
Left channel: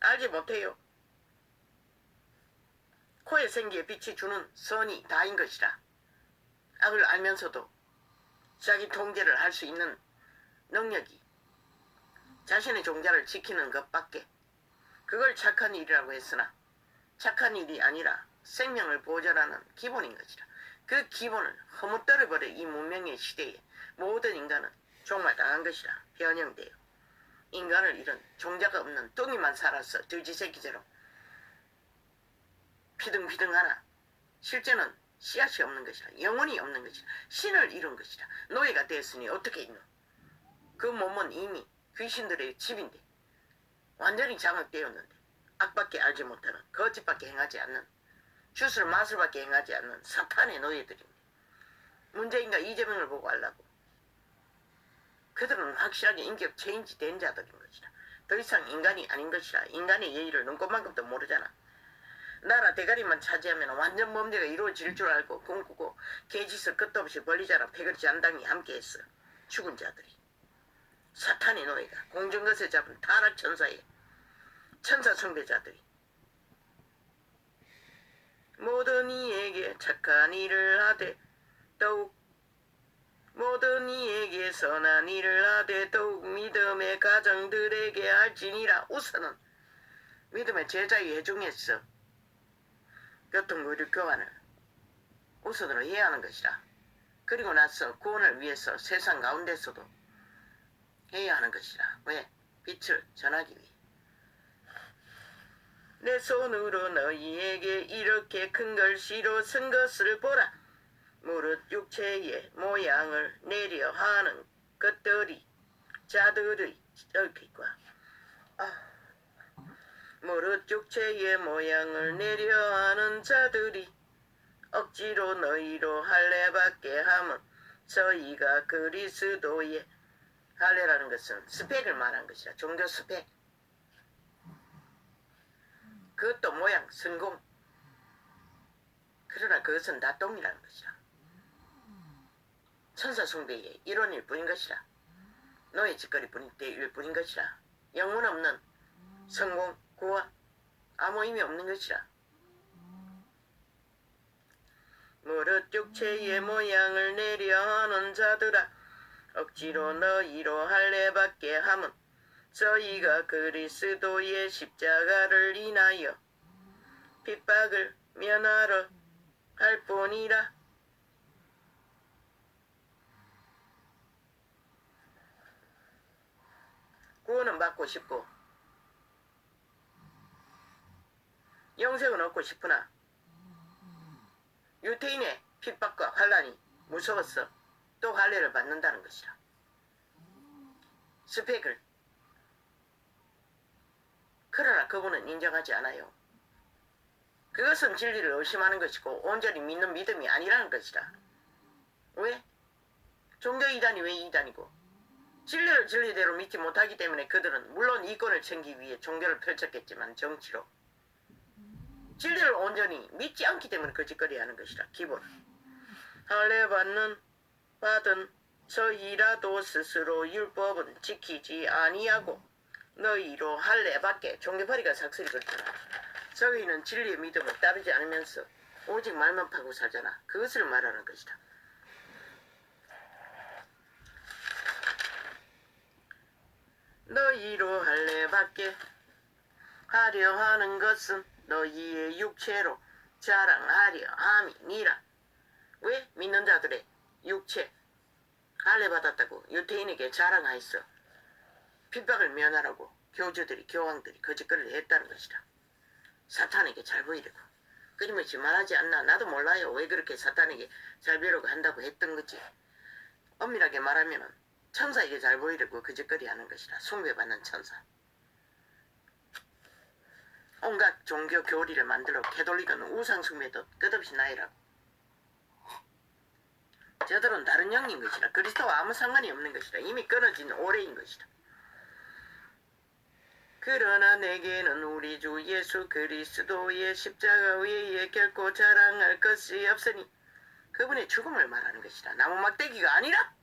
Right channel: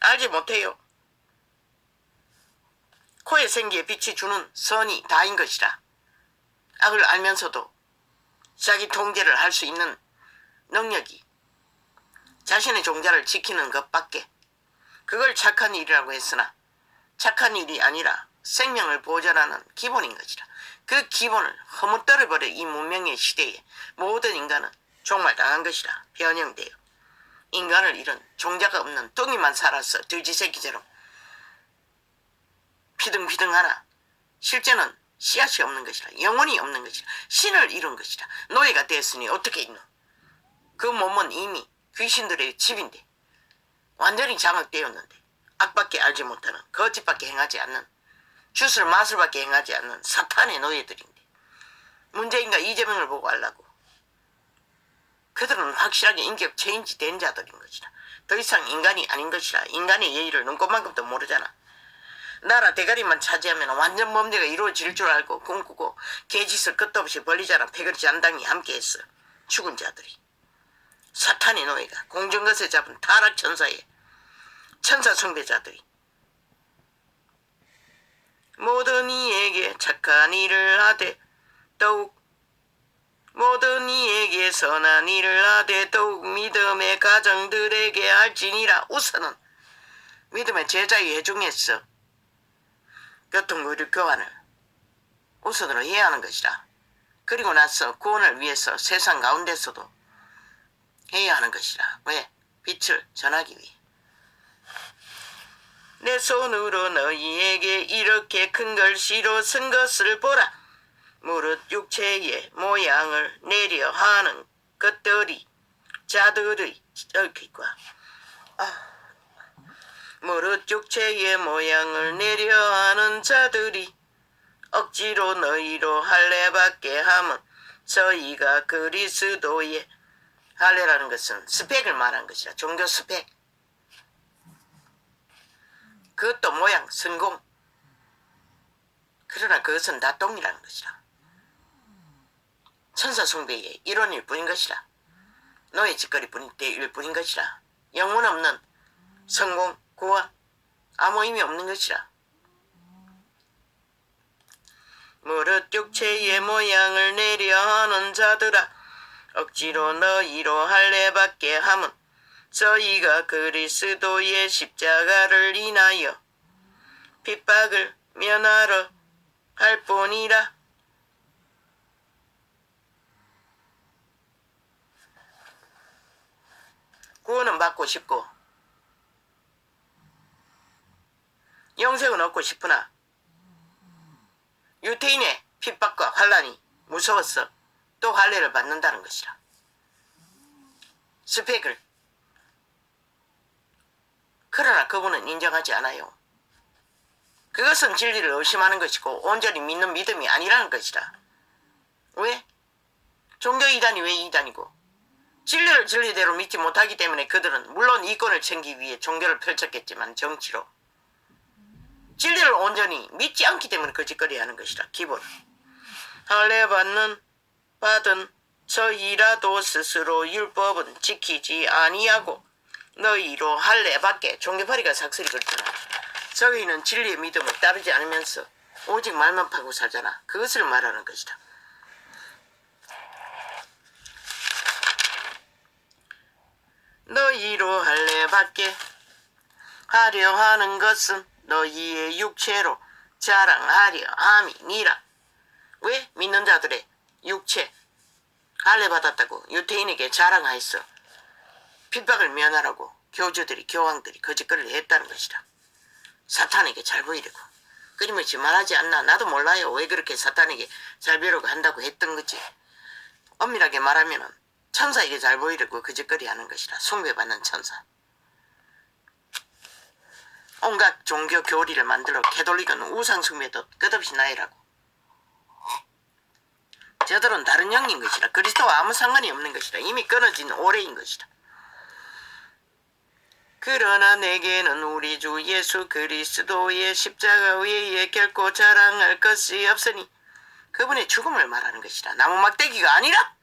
알지 못해요. 코에 생기에 빛이 주는 선이 다인 것이라. 악을 알면서도 자기 통제를 할 수 있는 능력이 자신의 종자를 지키는 것밖에. 그걸 착한 일이라고 했으나 착한 일이 아니라 생명을 보존하는 기본인 것이라. 그 기본을 허무떨어버려 이 문명의 시대에 모든 인간은 종말당한 것이라. 변형되어 인간을 잃은 종자가 없는 뚱이만 살아서 돼지새끼처럼 피등피등하나 실제는 씨앗이 없는 것이라. 영혼이 없는 것이라. 신을 잃은 것이라. 노예가 되었으니 어떻게 있노? 그 몸은 이미 귀신들의 집인데 완전히 장악되었는데 악밖에 알지 못하는, 거짓밖에 행하지 않는, 주술 마술밖에 행하지 않는 사탄의 노예들인데 문재인과 이재명을 보고 알라고. 그들은 확실하게 인격 체인지 된 자들인 것이라. 더 이상 인간이 아닌 것이라. 인간의 예의를 눈꼽만큼도 모르잖아. 나라 대가리만 차지하면 완전 범죄가 이루어질 줄 알고 꿈꾸고 개짓을 끝도 없이 벌리자라. 패거리 잔당이 함께했어. 죽은 자들이. 사탄의 노예가 공중것에 잡은 타락 천사의 천사 숭배자들이. 모든 이에게 착한 일을 하되 더욱 모든 이에게 선한 일을 하되 더욱 믿음의 가정들에게 할지니라. 우선은 믿음의 제자의 회중에서 교통교류 교환을 우선으로 해야 하는 것이라. 그리고 나서 구원을 위해서 세상 가운데서도 해야 하는 것이라. 왜? 빛을 전하기 위해. 내 손으로 너희에게 이렇게 큰 글씨로 쓴 것을 보라. 무릇 육체의 모양을 내려 하는 것들이 자들의 무릇 육체의 모양을 내려 하는 자들이 억지로 너희로 할례받게 함은 저희가 그리스도의 할례라는 것은 스펙을 말한 것이라. 종교 스펙. 그것도 모양, 성공. 그러나 그것은 다 똥이라는 것이라. 천사 숭배의 일원일 뿐인 것이라. 노예 짓거리일 뿐인 것이라. 영혼 없는 성공, 구원, 아무 의미 없는 것이라. 무릇 육체의 모양을 내려 하는 자들아 억지로 너희로 할례받게 함은 저희가 그리스도의 십자가를 인하여 핍박을 면하러 할 뿐이라. 구원은 받고 싶고 영생은 얻고 싶으나 유태인의 핍박과 환난이 무서웠어 또 할례를 받는다는 것이라. 스펙을. 그러나 그분은 인정하지 않아요. 그것은 진리를 의심하는 것이고 온전히 믿는 믿음이 아니라는 것이라. 왜? 종교 이단이 왜 이단이고? 진리를 진리대로 믿지 못하기 때문에 그들은 물론 이권을 챙기기 위해 종교를 펼쳤겠지만 정치로 진리를 온전히 믿지 않기 때문에 거짓거리하는 것이라. 기본. 할례 받은 저희라도 스스로 율법은 지키지 아니하고 너희로 할례 받게. 종교파리가 삭슬이 그렇잖아. 저희는 진리의 믿음을 따르지 않으면서 오직 말만 파고 살잖아. 그것을 말하는 것이다. 너희로 할례 받게 하려 하는 것은 너희의 육체로 자랑하려 함이니라. 왜? 믿는 자들의 육체 할례 받았다고 유태인에게 자랑하였어. 핍박을 면하라고 교주들이 교황들이 거짓거리를 했다는 것이다. 사탄에게 잘 보이려고. 끊임없이 말하지 않나. 나도 몰라요. 왜 그렇게 사탄에게 잘 보이려고 한다고 했던 거지. 엄밀하게 말하면 천사에게 잘 보이려고 거짓거리 하는 것이라. 숭배받는 천사. 온갖 종교 교리를 만들어 캐톨릭은 우상 숭배도 끝없이 나이라고. 저들은 다른 영인 것이라. 그리스도와 아무 상관이 없는 것이라. 이미 끊어진 오래인 것이라. 그러나 내게는 우리 주 예수 그리스도의 십자가 외에 결코 자랑할 것이 없으니. 그분의 죽음을 말하는 것이라. 나무 막대기가 아니라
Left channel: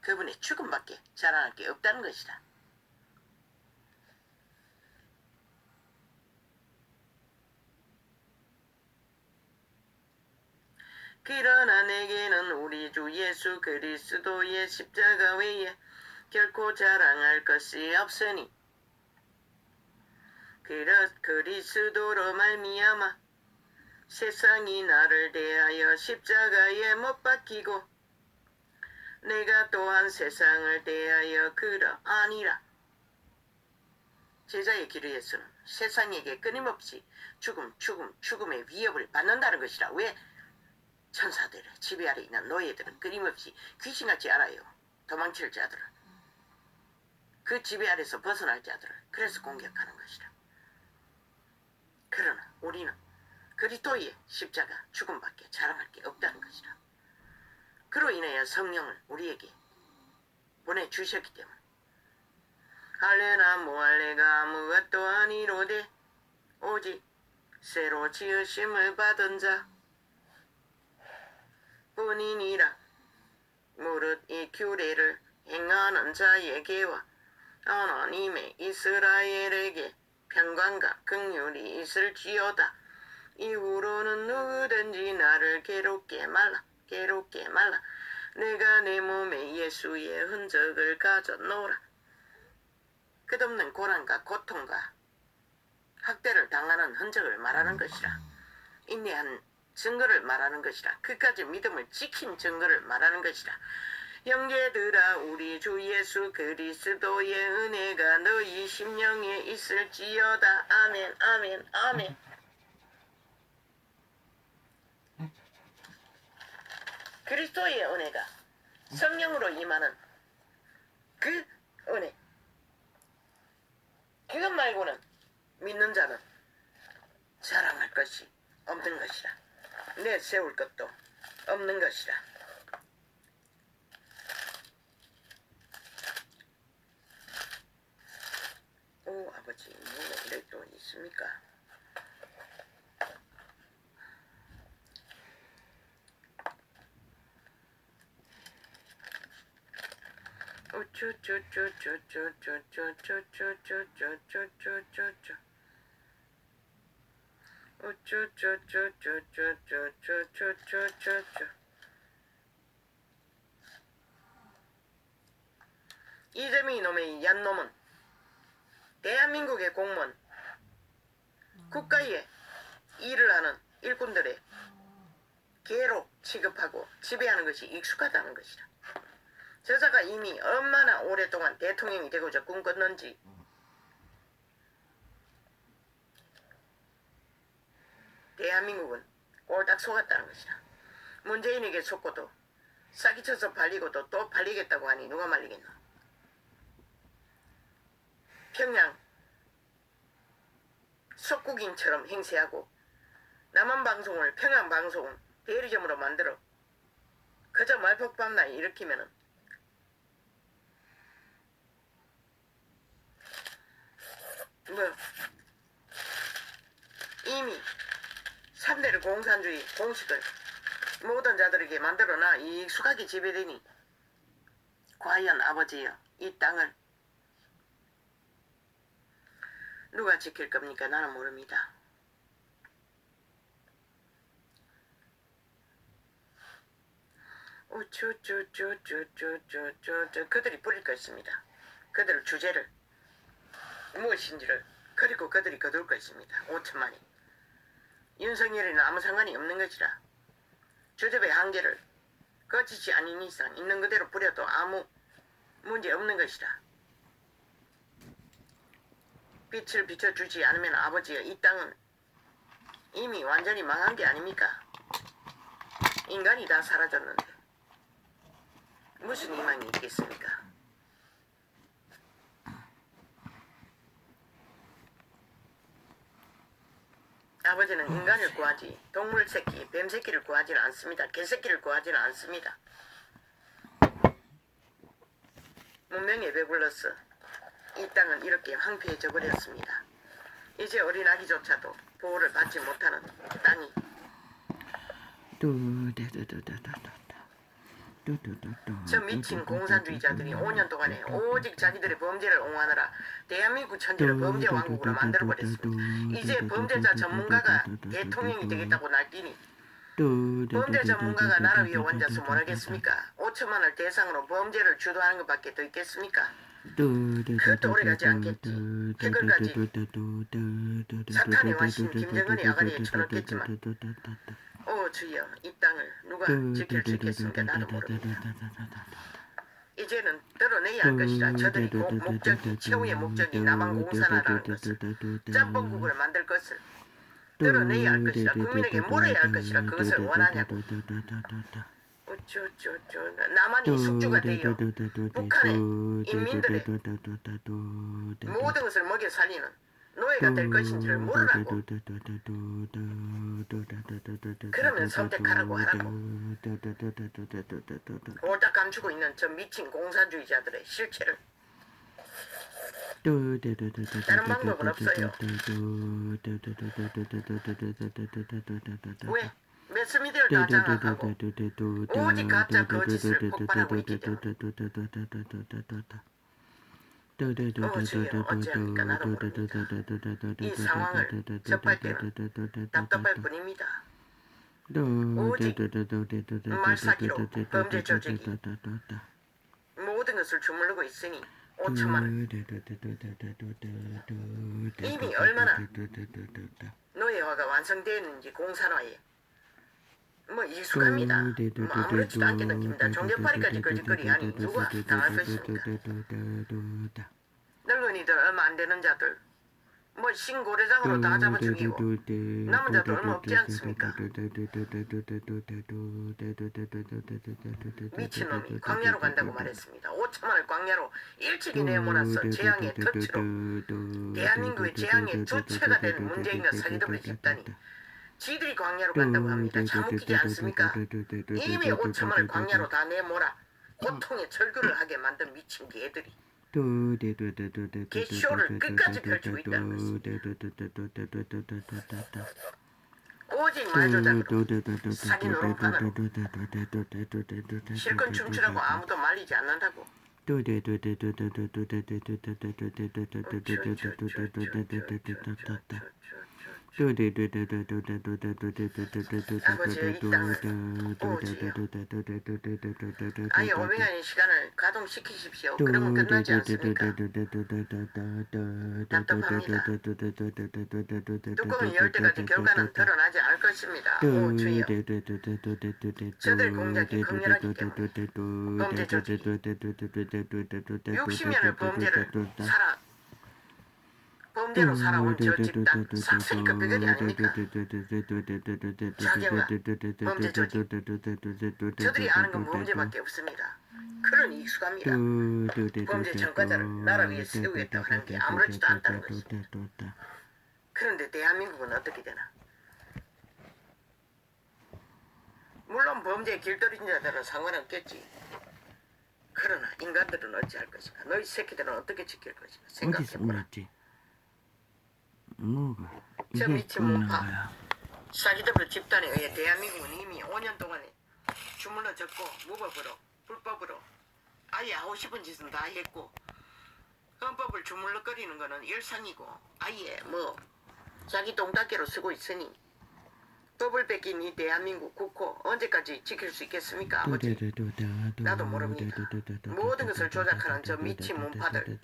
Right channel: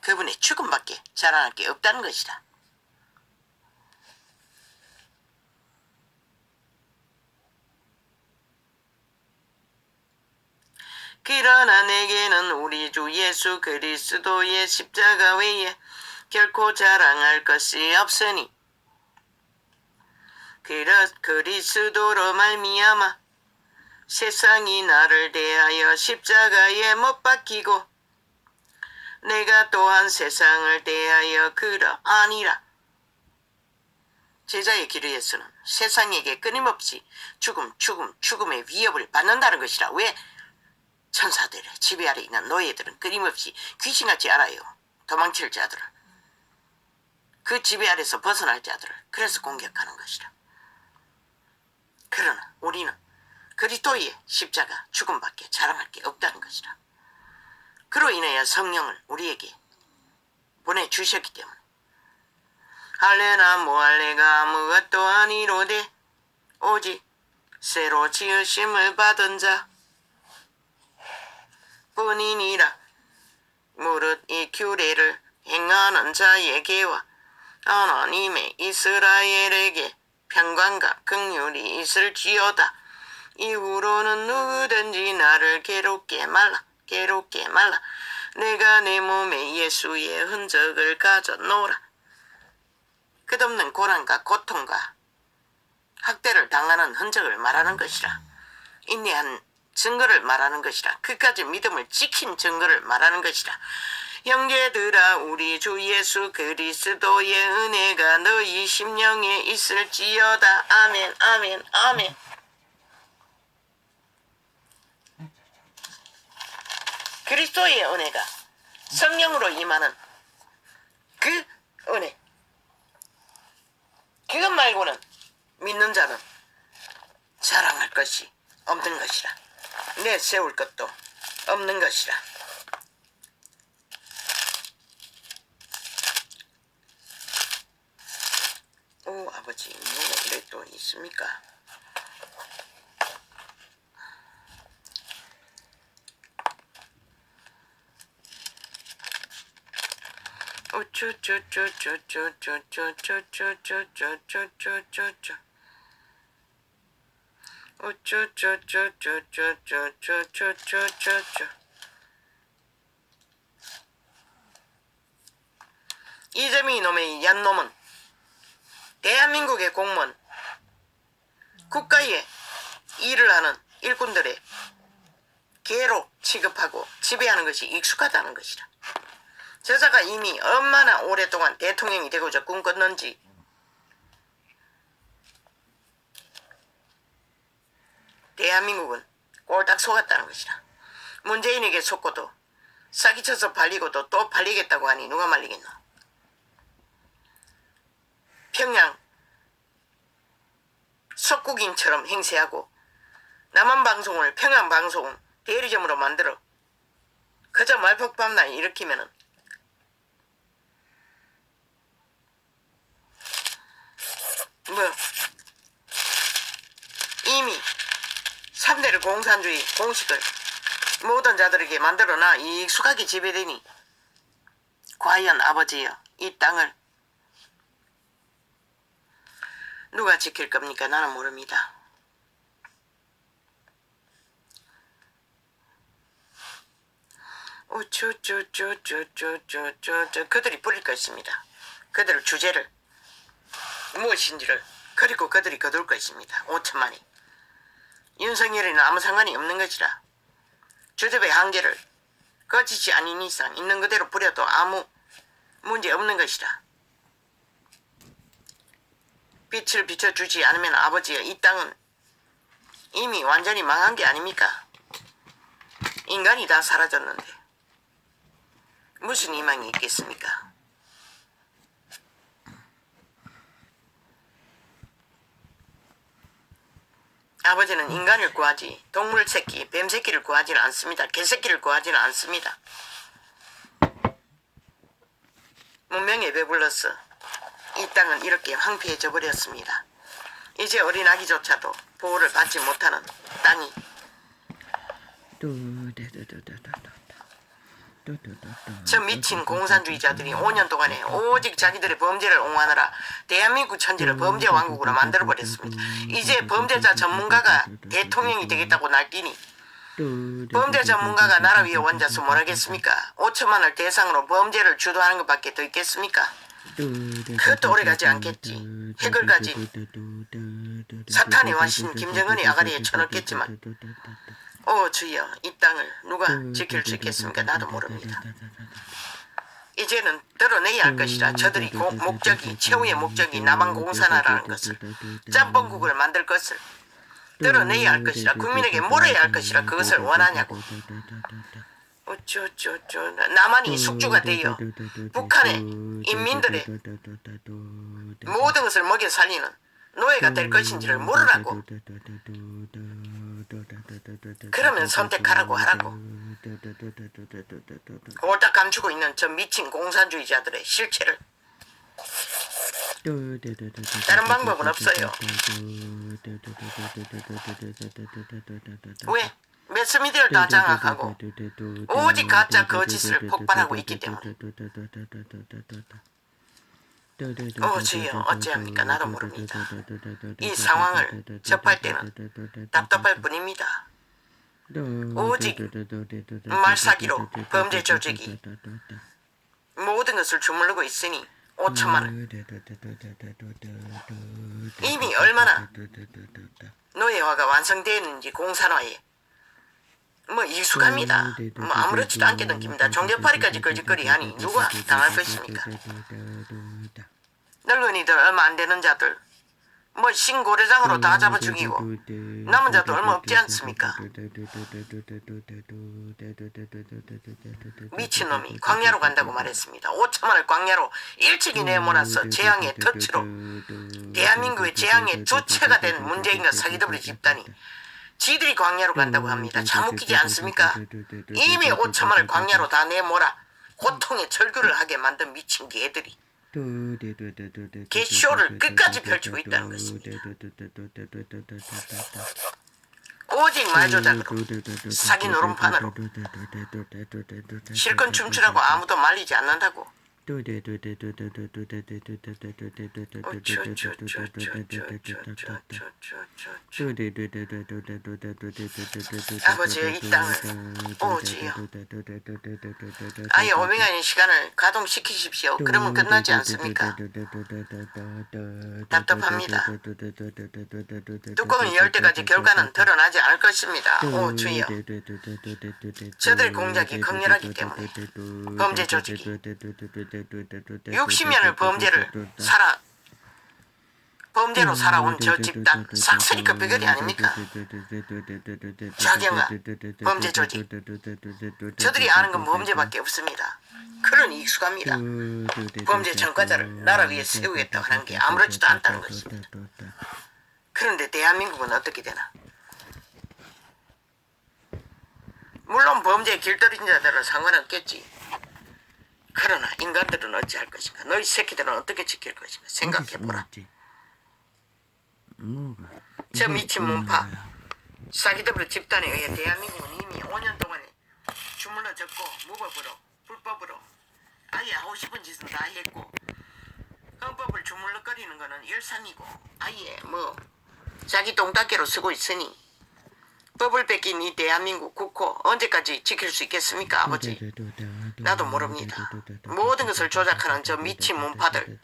그분의 죽음밖에 자랑할 게 없다는 것이라. 그러나 내게는 우리 주 예수 그리스도의 십자가 외에 결코 자랑할 것이 없으니 그리스도로 말미암아 세상이 나를 대하여 십자가에 못 박히고 내가 또한 세상을 대하여 그러하니라. 제자의 기르에서는 세상에게 끊임없이 죽음의 위협을 받는다는 것이라. 왜? 천사들의 지배 아래 있는 노예들은 끊임없이 귀신같이 알아요. 도망칠 자들을. 그 지배 아래서 벗어날 자들을. 그래서 공격하는 것이라. 그러나 우리는 그리스도의 십자가 죽음밖에 자랑할 게 없다는 것이라. 그로 인하여 성령을 우리에게 보내주셨기 때문에 할례나 모할례가 아무것도 아니로되 오직 새로 지으심을 받은 자 뿐이니라. 무릇 이 규례를 행하는 자에게와 하나님의 이스라엘에게 평강과 긍휼이 있을지어다. 이후로는 누구든지 나를 괴롭게 말라. 내가 내 몸에 예수의 흔적을 가졌노라. 끝없는 고난과 고통과 학대를 당하는 흔적을 말하는 것이라. 인내한 증거를 말하는 것이라. 그까지 믿음을 지킨 증거를 말하는 것이라. 형제들아, 우리 주 예수 그리스도의 은혜가 너희 심령에 있을지어다. 아멘, 아멘, 아멘. 그리스도의 은혜가 성령으로 임하는 그 은혜, 그것 말고는 믿는 자는 자랑할 것이 없는 것이라. 내세울 것도 없는 것이라. 오, 아버지, 뭐가 이래 또 있습니까? 이재명 이놈의 얀놈은 대한민국의 공무원, 국가에 일을 하는 일꾼들의 개로 취급하고 지배하는 것이 익숙하다는 것이라. 저자가 이미 얼마나 오랫동안 대통령이 되고자 꿈꿨는지 대한민국은 꼴딱 속았다는 것이라. 문재인에게 속고도 사기쳐서 발리고도 또 발리겠다고 하니 누가 말리겠노. 평양 석국인처럼 행세하고 남한방송을 평양방송 대리점으로 만들어 그저 말폭밤날 일으키면은 뭐 3대를 공산주의 공식을 모든 자들에게 만들어놔 익숙하게 지배되니 과연 아버지여 이 땅을 누가 지킬 겁니까? 나는 모릅니다. 그들이 부릴 것입니다. 그들 주제를 무엇인지를 그리고 그들이 거둘 것입니다. 5천만이 윤석열이는 아무 상관이 없는 것이라 주접의 한계를 거치지 않은 이상 있는 그대로 부려도 아무 문제 없는 것이라. 빛을 비춰주지 않으면 아버지여 이 땅은 이미 완전히 망한 게 아닙니까? 인간이 다 사라졌는데 무슨 희망이 있겠습니까? 아버지는 인간을 구하지 동물 새끼, 뱀 새끼를 구하지는 않습니다. 개 새끼를 구하지는 않습니다. 문명에 배불러서 이 땅은 이렇게 황폐해져 버렸습니다. 이제 어린아기조차도 보호를 받지 못하는 땅이 저 미친 공산주의자들이 5년 동안에 오직 자기들의 범죄를 옹호하느라 대한민국 천지를 범죄 왕국으로 만들어버렸습니다. 이제 범죄자 전문가가 대통령이 되겠다고 날뛰니 범죄 전문가가 나라 위에 앉아서 뭘 하겠습니까? 5천만을 대상으로 범죄를 주도하는 것밖에 더 있겠습니까? 그것도 오래가지 않겠지. 핵을 가진 사탄의 와신 김정은이 아가리에 쳐넣겠지만 주여 이 땅을 누가 지킬 수 있겠습니까? 나도 모릅니다. 이제는 드러내야 할 것이라. 저들이 목적이 최후의 목적이 남한 공산화라는 것을 짬뽕국을 만들 것을 드러내야 할 것이라. 국민에게 물어야 할 것이라. 그것을 원하냐고. 남한이 숙주가 되어 북한의 인민들의 모든 것을 먹여 살리는 노예가 될 것인지를 물으라고. 그러면 선택하라고 하라고. 홀딱 감추고 있는 저 미친 공산주의자들의 실체를. 다른 방법은 없어요. 왜? 매스미디어를 다 장악하고 오직 가짜 거짓을 폭발하고 있기 때문에. 주여 어찌합니까? 나도 모릅니다. 이 상황을 접할 때는 답답할 뿐입니다. 오직 말사기로 범죄 조직이 모든 것을 주물르고 있으니 5천만을 이미 얼마나 노예화가 완성되었는지 공산화에 익숙합니다. 아무렇지도 않게 느낍니다. 종교파리까지 거짓거리하니 누가 당할 것입니까? 늙은이들 얼마 안 되는 자들 신고래장으로 다 잡아 죽이고 남은 자도 얼마 없지 않습니까? 미친놈이 광야로 간다고 말했습니다. 5천만을 광야로 일찍이 내몰아서 재앙의 터치로 대한민국의 재앙의 주체가 된 문재인과 사기더블의 집단이 지들이 광야로 간다고 합니다. 참 웃기지 않습니까? 이미 5천만을 광야로 다 내몰아 고통의 절규를 하게 만든 미친 개들이 개쇼를 끝까지 펼치고 있다는 것입니다. 오직 말조작으로 사기 노름판으로 실컷 춤추라고 아무도 말리지 않는다고. 아버지의 이 땅을 오지요. 아예 오명하는 시간을 가동시키십시오. 그러면 끝나지 않습니까? 답답합니다. 뚜껑을 열 때까지 결과는 드러나지 않을 것입니다. 오 주여. 저들의 공작이 극렬하기 때문에 범죄 조직이 60년을 범죄로 살아온 저 집단 싹쓸이 그 비결이 아닙니까? 자경아 범죄 조직 저들이 아는 건 범죄밖에 없습니다. 그러니 익숙합니다. 범죄 전과자를 나라 위에 세우겠다고 하는 게 아무렇지도 않다는 것입니다. 그런데 대한민국은 어떻게 되나? 물론 범죄에 길들인 자들은 상관없겠지. 그러나 인간들은 어찌할 것인가? 너희 새끼들은 어떻게 지킬 것인가? 생각해보라. 뭐가? 저 미친 문파 사기더블 집단에 의해 대한민국은 이미 5년 동안에 주물러 졌고 무법으로 불법으로 아예 하고 싶은 짓은 다 했고 헌법을 주물럭거리는 거는 열상이고 아예 뭐 자기 똥닦개로 쓰고 있으니 법을 뺏긴 이 대한민국 국호 언제까지 지킬 수 있겠습니까, 아버지? 나도 모릅니다. 모든 것을 조작하는 저 미친 문파들,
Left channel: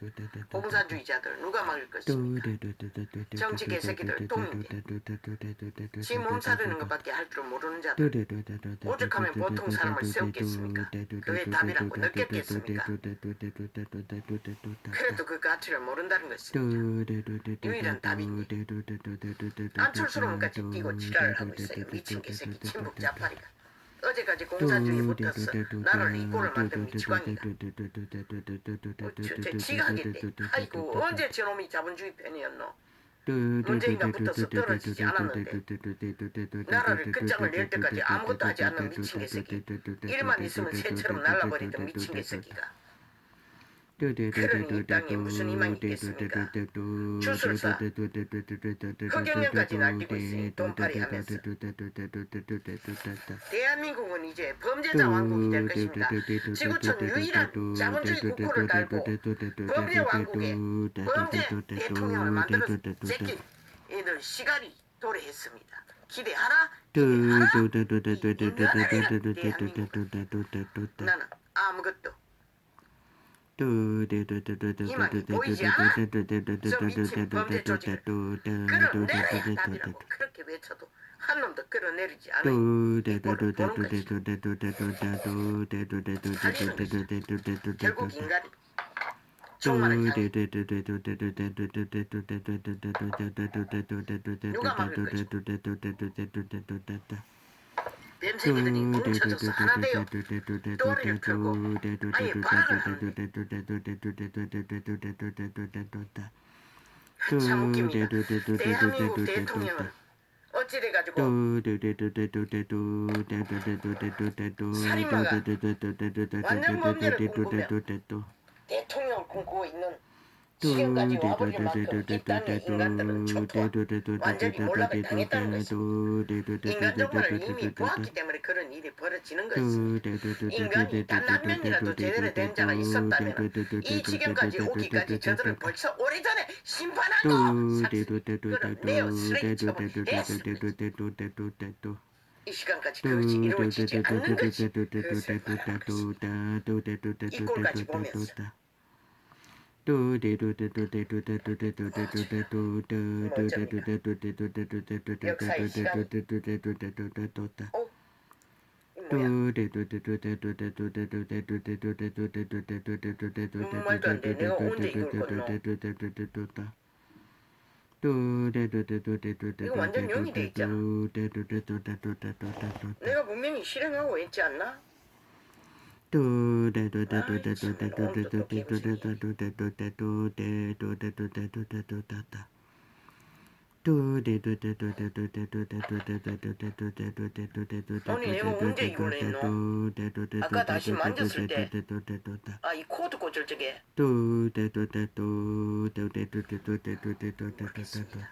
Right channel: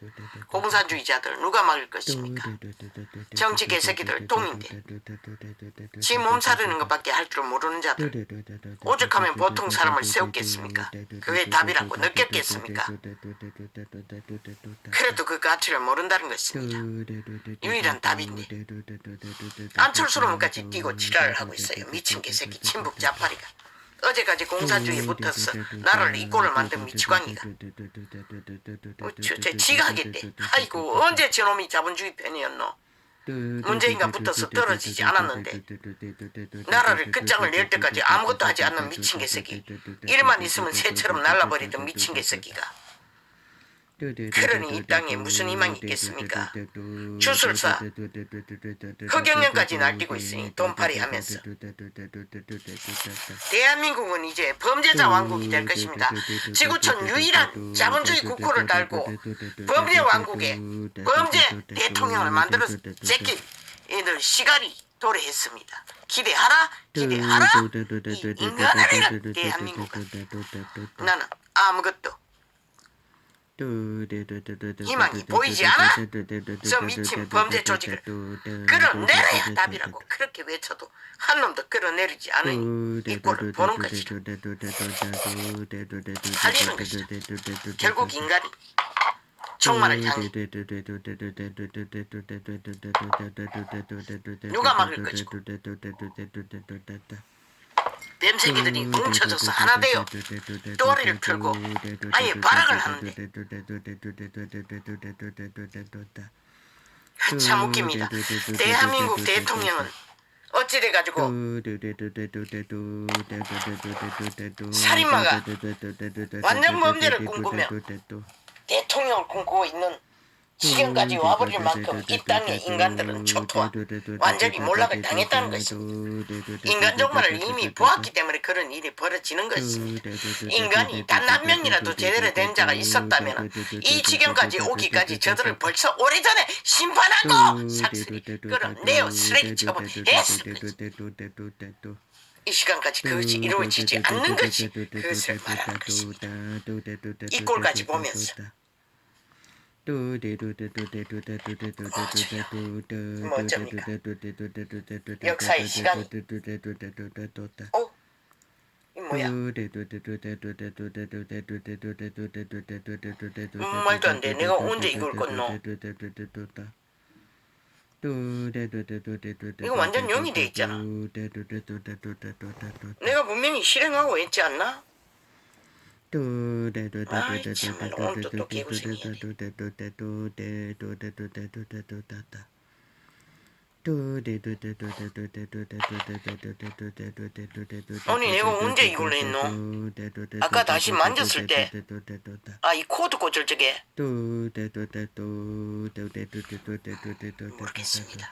공산주의자들 누가 막을 것입니까? 정치 개새끼들 똥인데 지 몸 사르는 것밖에 할 줄 모르는 자들 오죽하면 보통 사람을 세웠겠습니까? 그게 답이라고 느꼈겠습니까? 그래도 그 가치를 모른다는 것입니다. 유일한 답인데 안철수로만까지 뛰고 지랄을 하고 있어요. 미친 개새끼 친북 자파리가. 어제까지 공산주의에 붙어서 나라를 이 꼴을 만든 미치광이가. 제 지가 하겠대. 아이고 언제 저놈이 자본주의 편이었노? 문재인과 붙어서 떨어지지 않았는데 나라를 끝장을 낼 때까지 아무것도 하지 않는 미친 개새끼. 일만 있으면 새처럼 날라버리던 미친 개새끼가. 그러니 이 땅에 무슨 희망이 있겠습니까? 주술사 흑영령까지 날뛰고 있으니 돈팔이 하면서 대한민국은 이제 범죄자 왕국이 될 것입니다. 지구촌 유일한 자본주의 국호를 달고 범죄 왕국에 범죄 대통령을 만들어서 제끼 얘들 시간이 도래했습니다. 기대하라 기대하라 이 인간아리라 대한민국은. 나는 아무것도 희망이 보이지 않아? 저 미친 범죄 조직을 끌어내려야 답이라고 그렇게 외쳐도 한 놈도 끌어내리지 않으니 이 꼴을 보는 것이다. 살리는 것이다. 결국 인간이 종말을 향해 누가 막을 것이고 뱀새끼들이 뭉쳐져서 하나 되어 또리를 펴고 아예 발악을 하는데 참 웃깁니다. 대한민국 대통령은 어찌돼가지고 살인마가 완전 범죄를 꿈꾸며 대통령을 꿈꾸고 있는 지금까지 와버릴 만큼 이 땅의 인간들은 초토화 완전히 몰락을 당했다는 것입니다. 인간 종말을 이미 보았기 때문에 그런 일이 벌어지는 것입니다. 인간이 단 한 명이라도 제대로 된 자가 있었다면 이 지경까지 오기까지 저들을 벌써 오래전에 심판하고 삭슬이 끌어내어 쓰레기 처분했습니다. 이 시간까지 그것이 이루어지지 않는 것이 그것을 말하는 것입니다. 이 꼴까지 보면서 역사의 시간. 어? 이 뭐야? 말도 안 돼. 내가 언제 이걸 껐노? 이거 완전 용이 돼 있잖아. 내가 분명히 실행하고 있지 않나? 아이 참나 오늘도 또 개고생이네. 아니 내가 언제 이걸 했노? 아까 다시 만졌을 때 아 이 코드 꽂을 적에 모르겠습니다.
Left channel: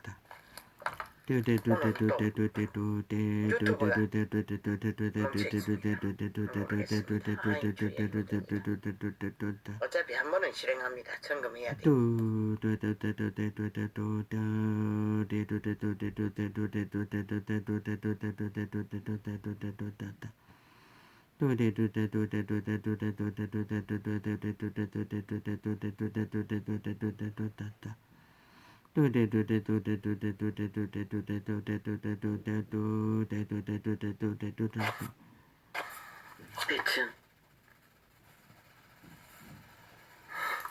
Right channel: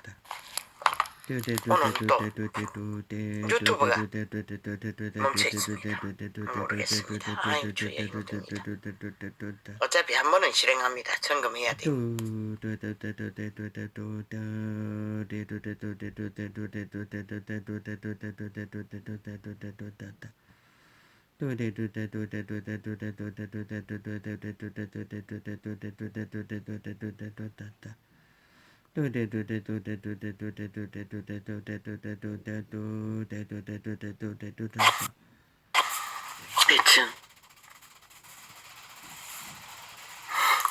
오늘 또 유튜브가 멈춰있습니다. 모르겠습니다. 아이 주의 어차피 한 번은 실행합니다. 점검해야 돼. 빛은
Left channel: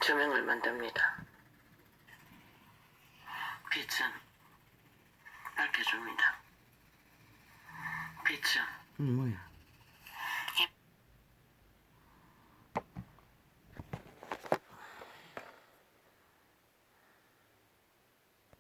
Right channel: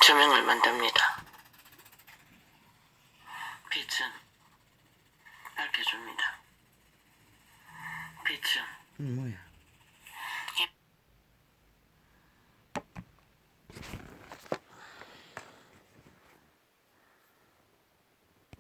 조명을 만듭니다. 빛은 밝혀줍니다. 빛은 뭐야?